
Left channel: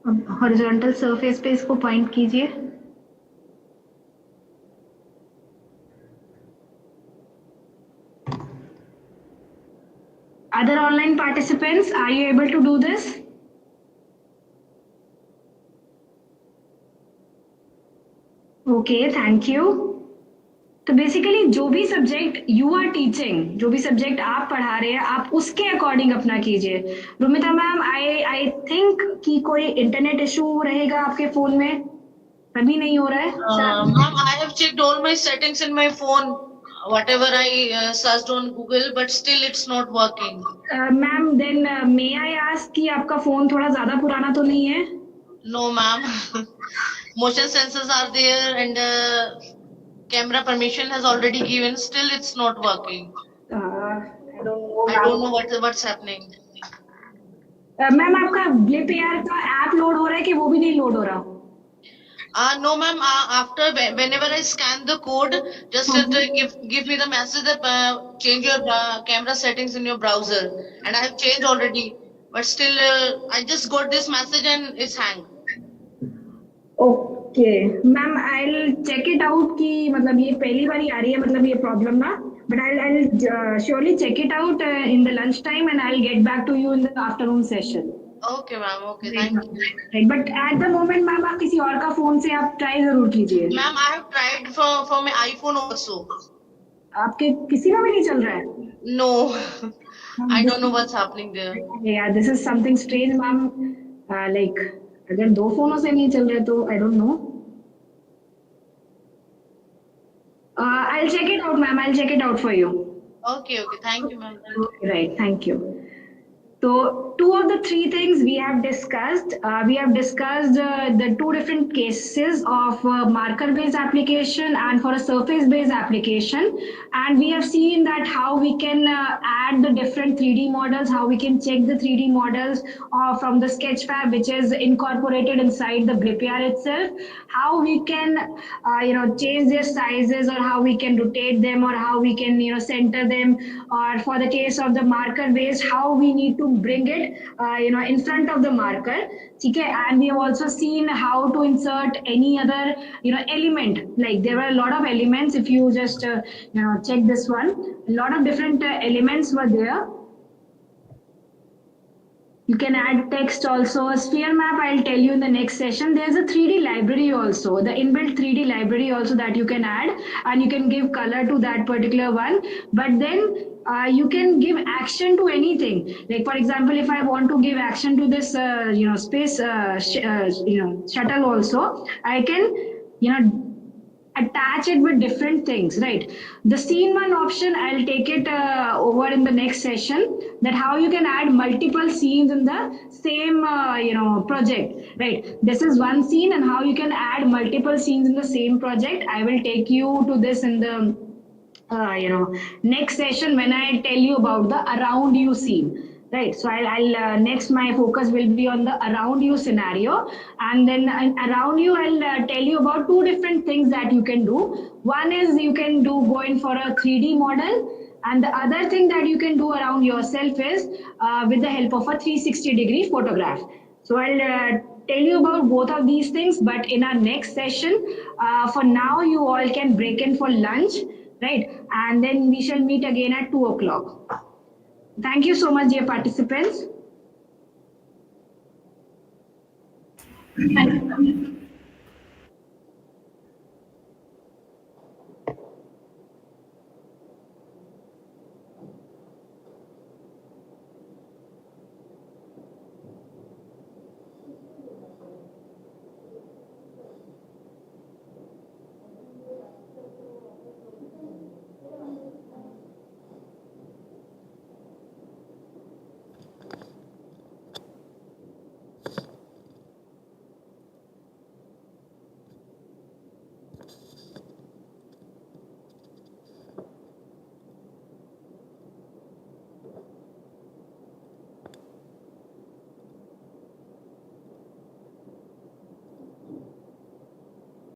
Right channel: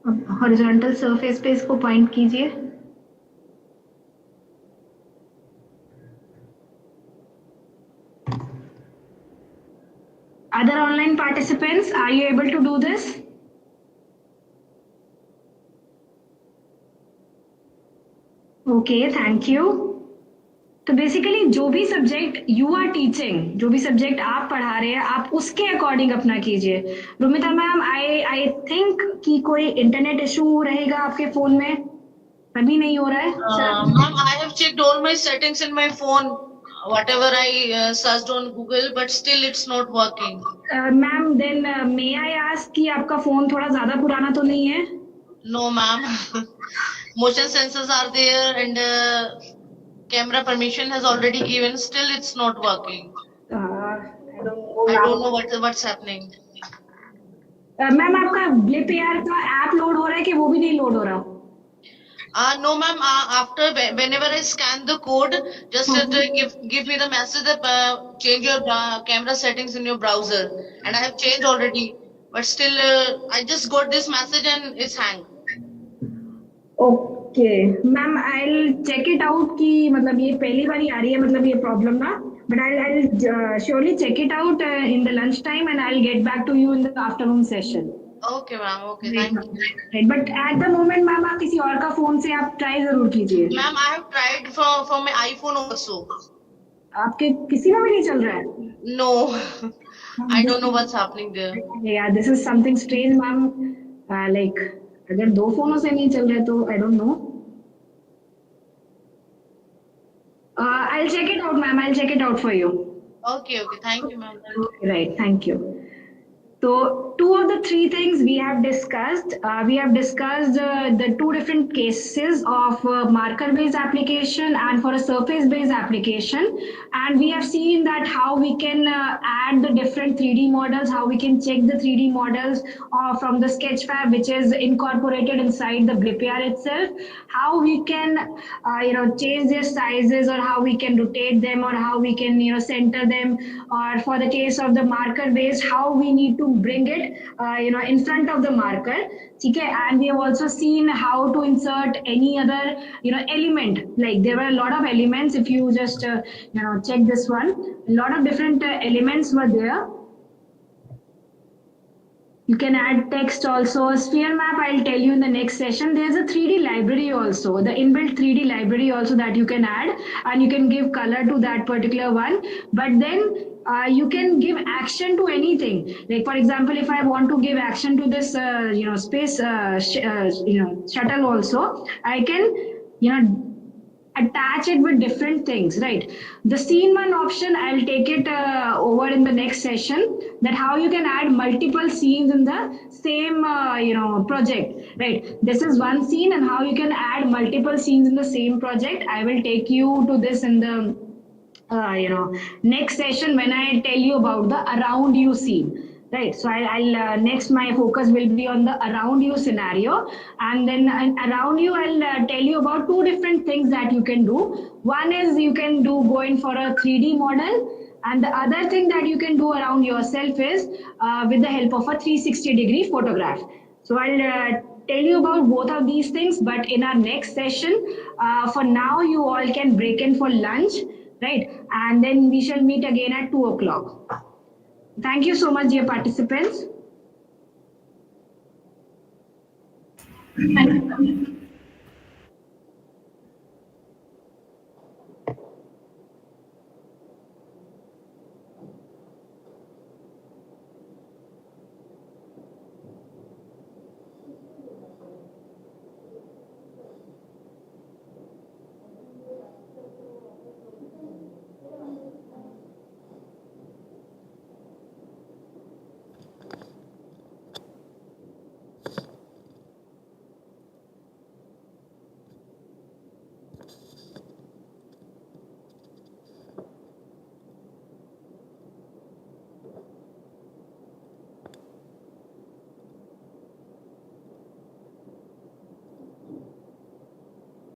अब हॉरिजॉन्टल सरफेस पे इसको पॉइंट कीजिए. Other online participants, are you able to do this? Okay, thank you. तो बेसिकली जो भी सब्जेक्ट यू आर टीचिंग, जो भी सब्जेक्ट आप पढ़ा रहे हैं, आप उसके अकॉर्डिंग अपना कीजिए. रुमिता मैम, आई थिंक कि कोई इंटरनेट इशू रहेगा आपके फोन में, अभी नहीं हो रहा है. Ma'am, I have checked all my settings in my phone, whatever I searched on Google, but still it's not working. Ma'am, then may I ask कि आपका फोन थोड़ा ज्यादा पुराना तो नहीं है? No, ma'am. Motion sensors are there and camera permission has already given. Still, it's not working. I don't know what's happening. Ma'am, आपका blip AR का ऐप लोड हो रहा है कि वो भी नहीं लोड हो रहा? No, ma'am. After whenever I scan the code, just give me the message that change your camera settings in your browser, and I have changed already. But still, I just got this message and it's hang. Okay ma'am, I check it out कि मतलब ये पहली बार ही आ रही है मतलब ये problem ना, but I surely check it out in the lunch time and I get back to you in the afternoon session. Okay, ma'am. Okay, thank you. But at the moment ma'am आप किसी और का phone से आप try जरूर कीजिए. Ma'am, I have tried for my iPhone also. आपके किसी में भी नहीं चल रहा है? No, I don't know what's happening there. Yeah, this is something strange, ma'am. Like अगर दो फोनों से नहीं चल रहे तो I don't know. I'll check it out, ma'am. I'll check it out for you. Okay, thank you, ma'am. Right, thank you. So, two of the three things we have discussed. We have discussed the two different cases of marker-based application and for a surface-based application. And we have seen that how we can add the different 3D models, how we can check the 3D models from the Sketchfab, which is incorporated inside the BlipAR itself. How we can, change their sizes, or how we can rotate them, or how we can, center them. Or for the case of the marker-based, how we need to bring it in front of the marker. Okay, and we have also seen how to insert any other element. Like there were a lot of elements. If you just check this one, a lot of different elements were there. You can add text also. Sphere map, I'll tell you in the next session. There's a 3D library also, the inbuilt 3D library also that you can add, and you can give color to that particular one. But then you can give action to anything. Like for example, if I want to give action to this, space, shuttle also, I can, attach it with different things, right? The scene one option, I'll take it over in the next session, that how you can add multiple scenes in the same project, right? This is one scene, and how you can add multiple scenes in the same project. I will take you to this in the next session when I tell you about the around you scene. Right, so I'll next my focus will be on the around you scenario, and then around you I'll tell you about two different things that you can do. One is you can go in for a 3D model, and the other thing that you can do around yourself is with the help of a 360-degree photograph. So I'll tell you about both of these things, but in our next session. For now, you all can break in for lunch, right? And then we shall meet again at 2 o'clock. Thank you so much, dear participants. Thank you.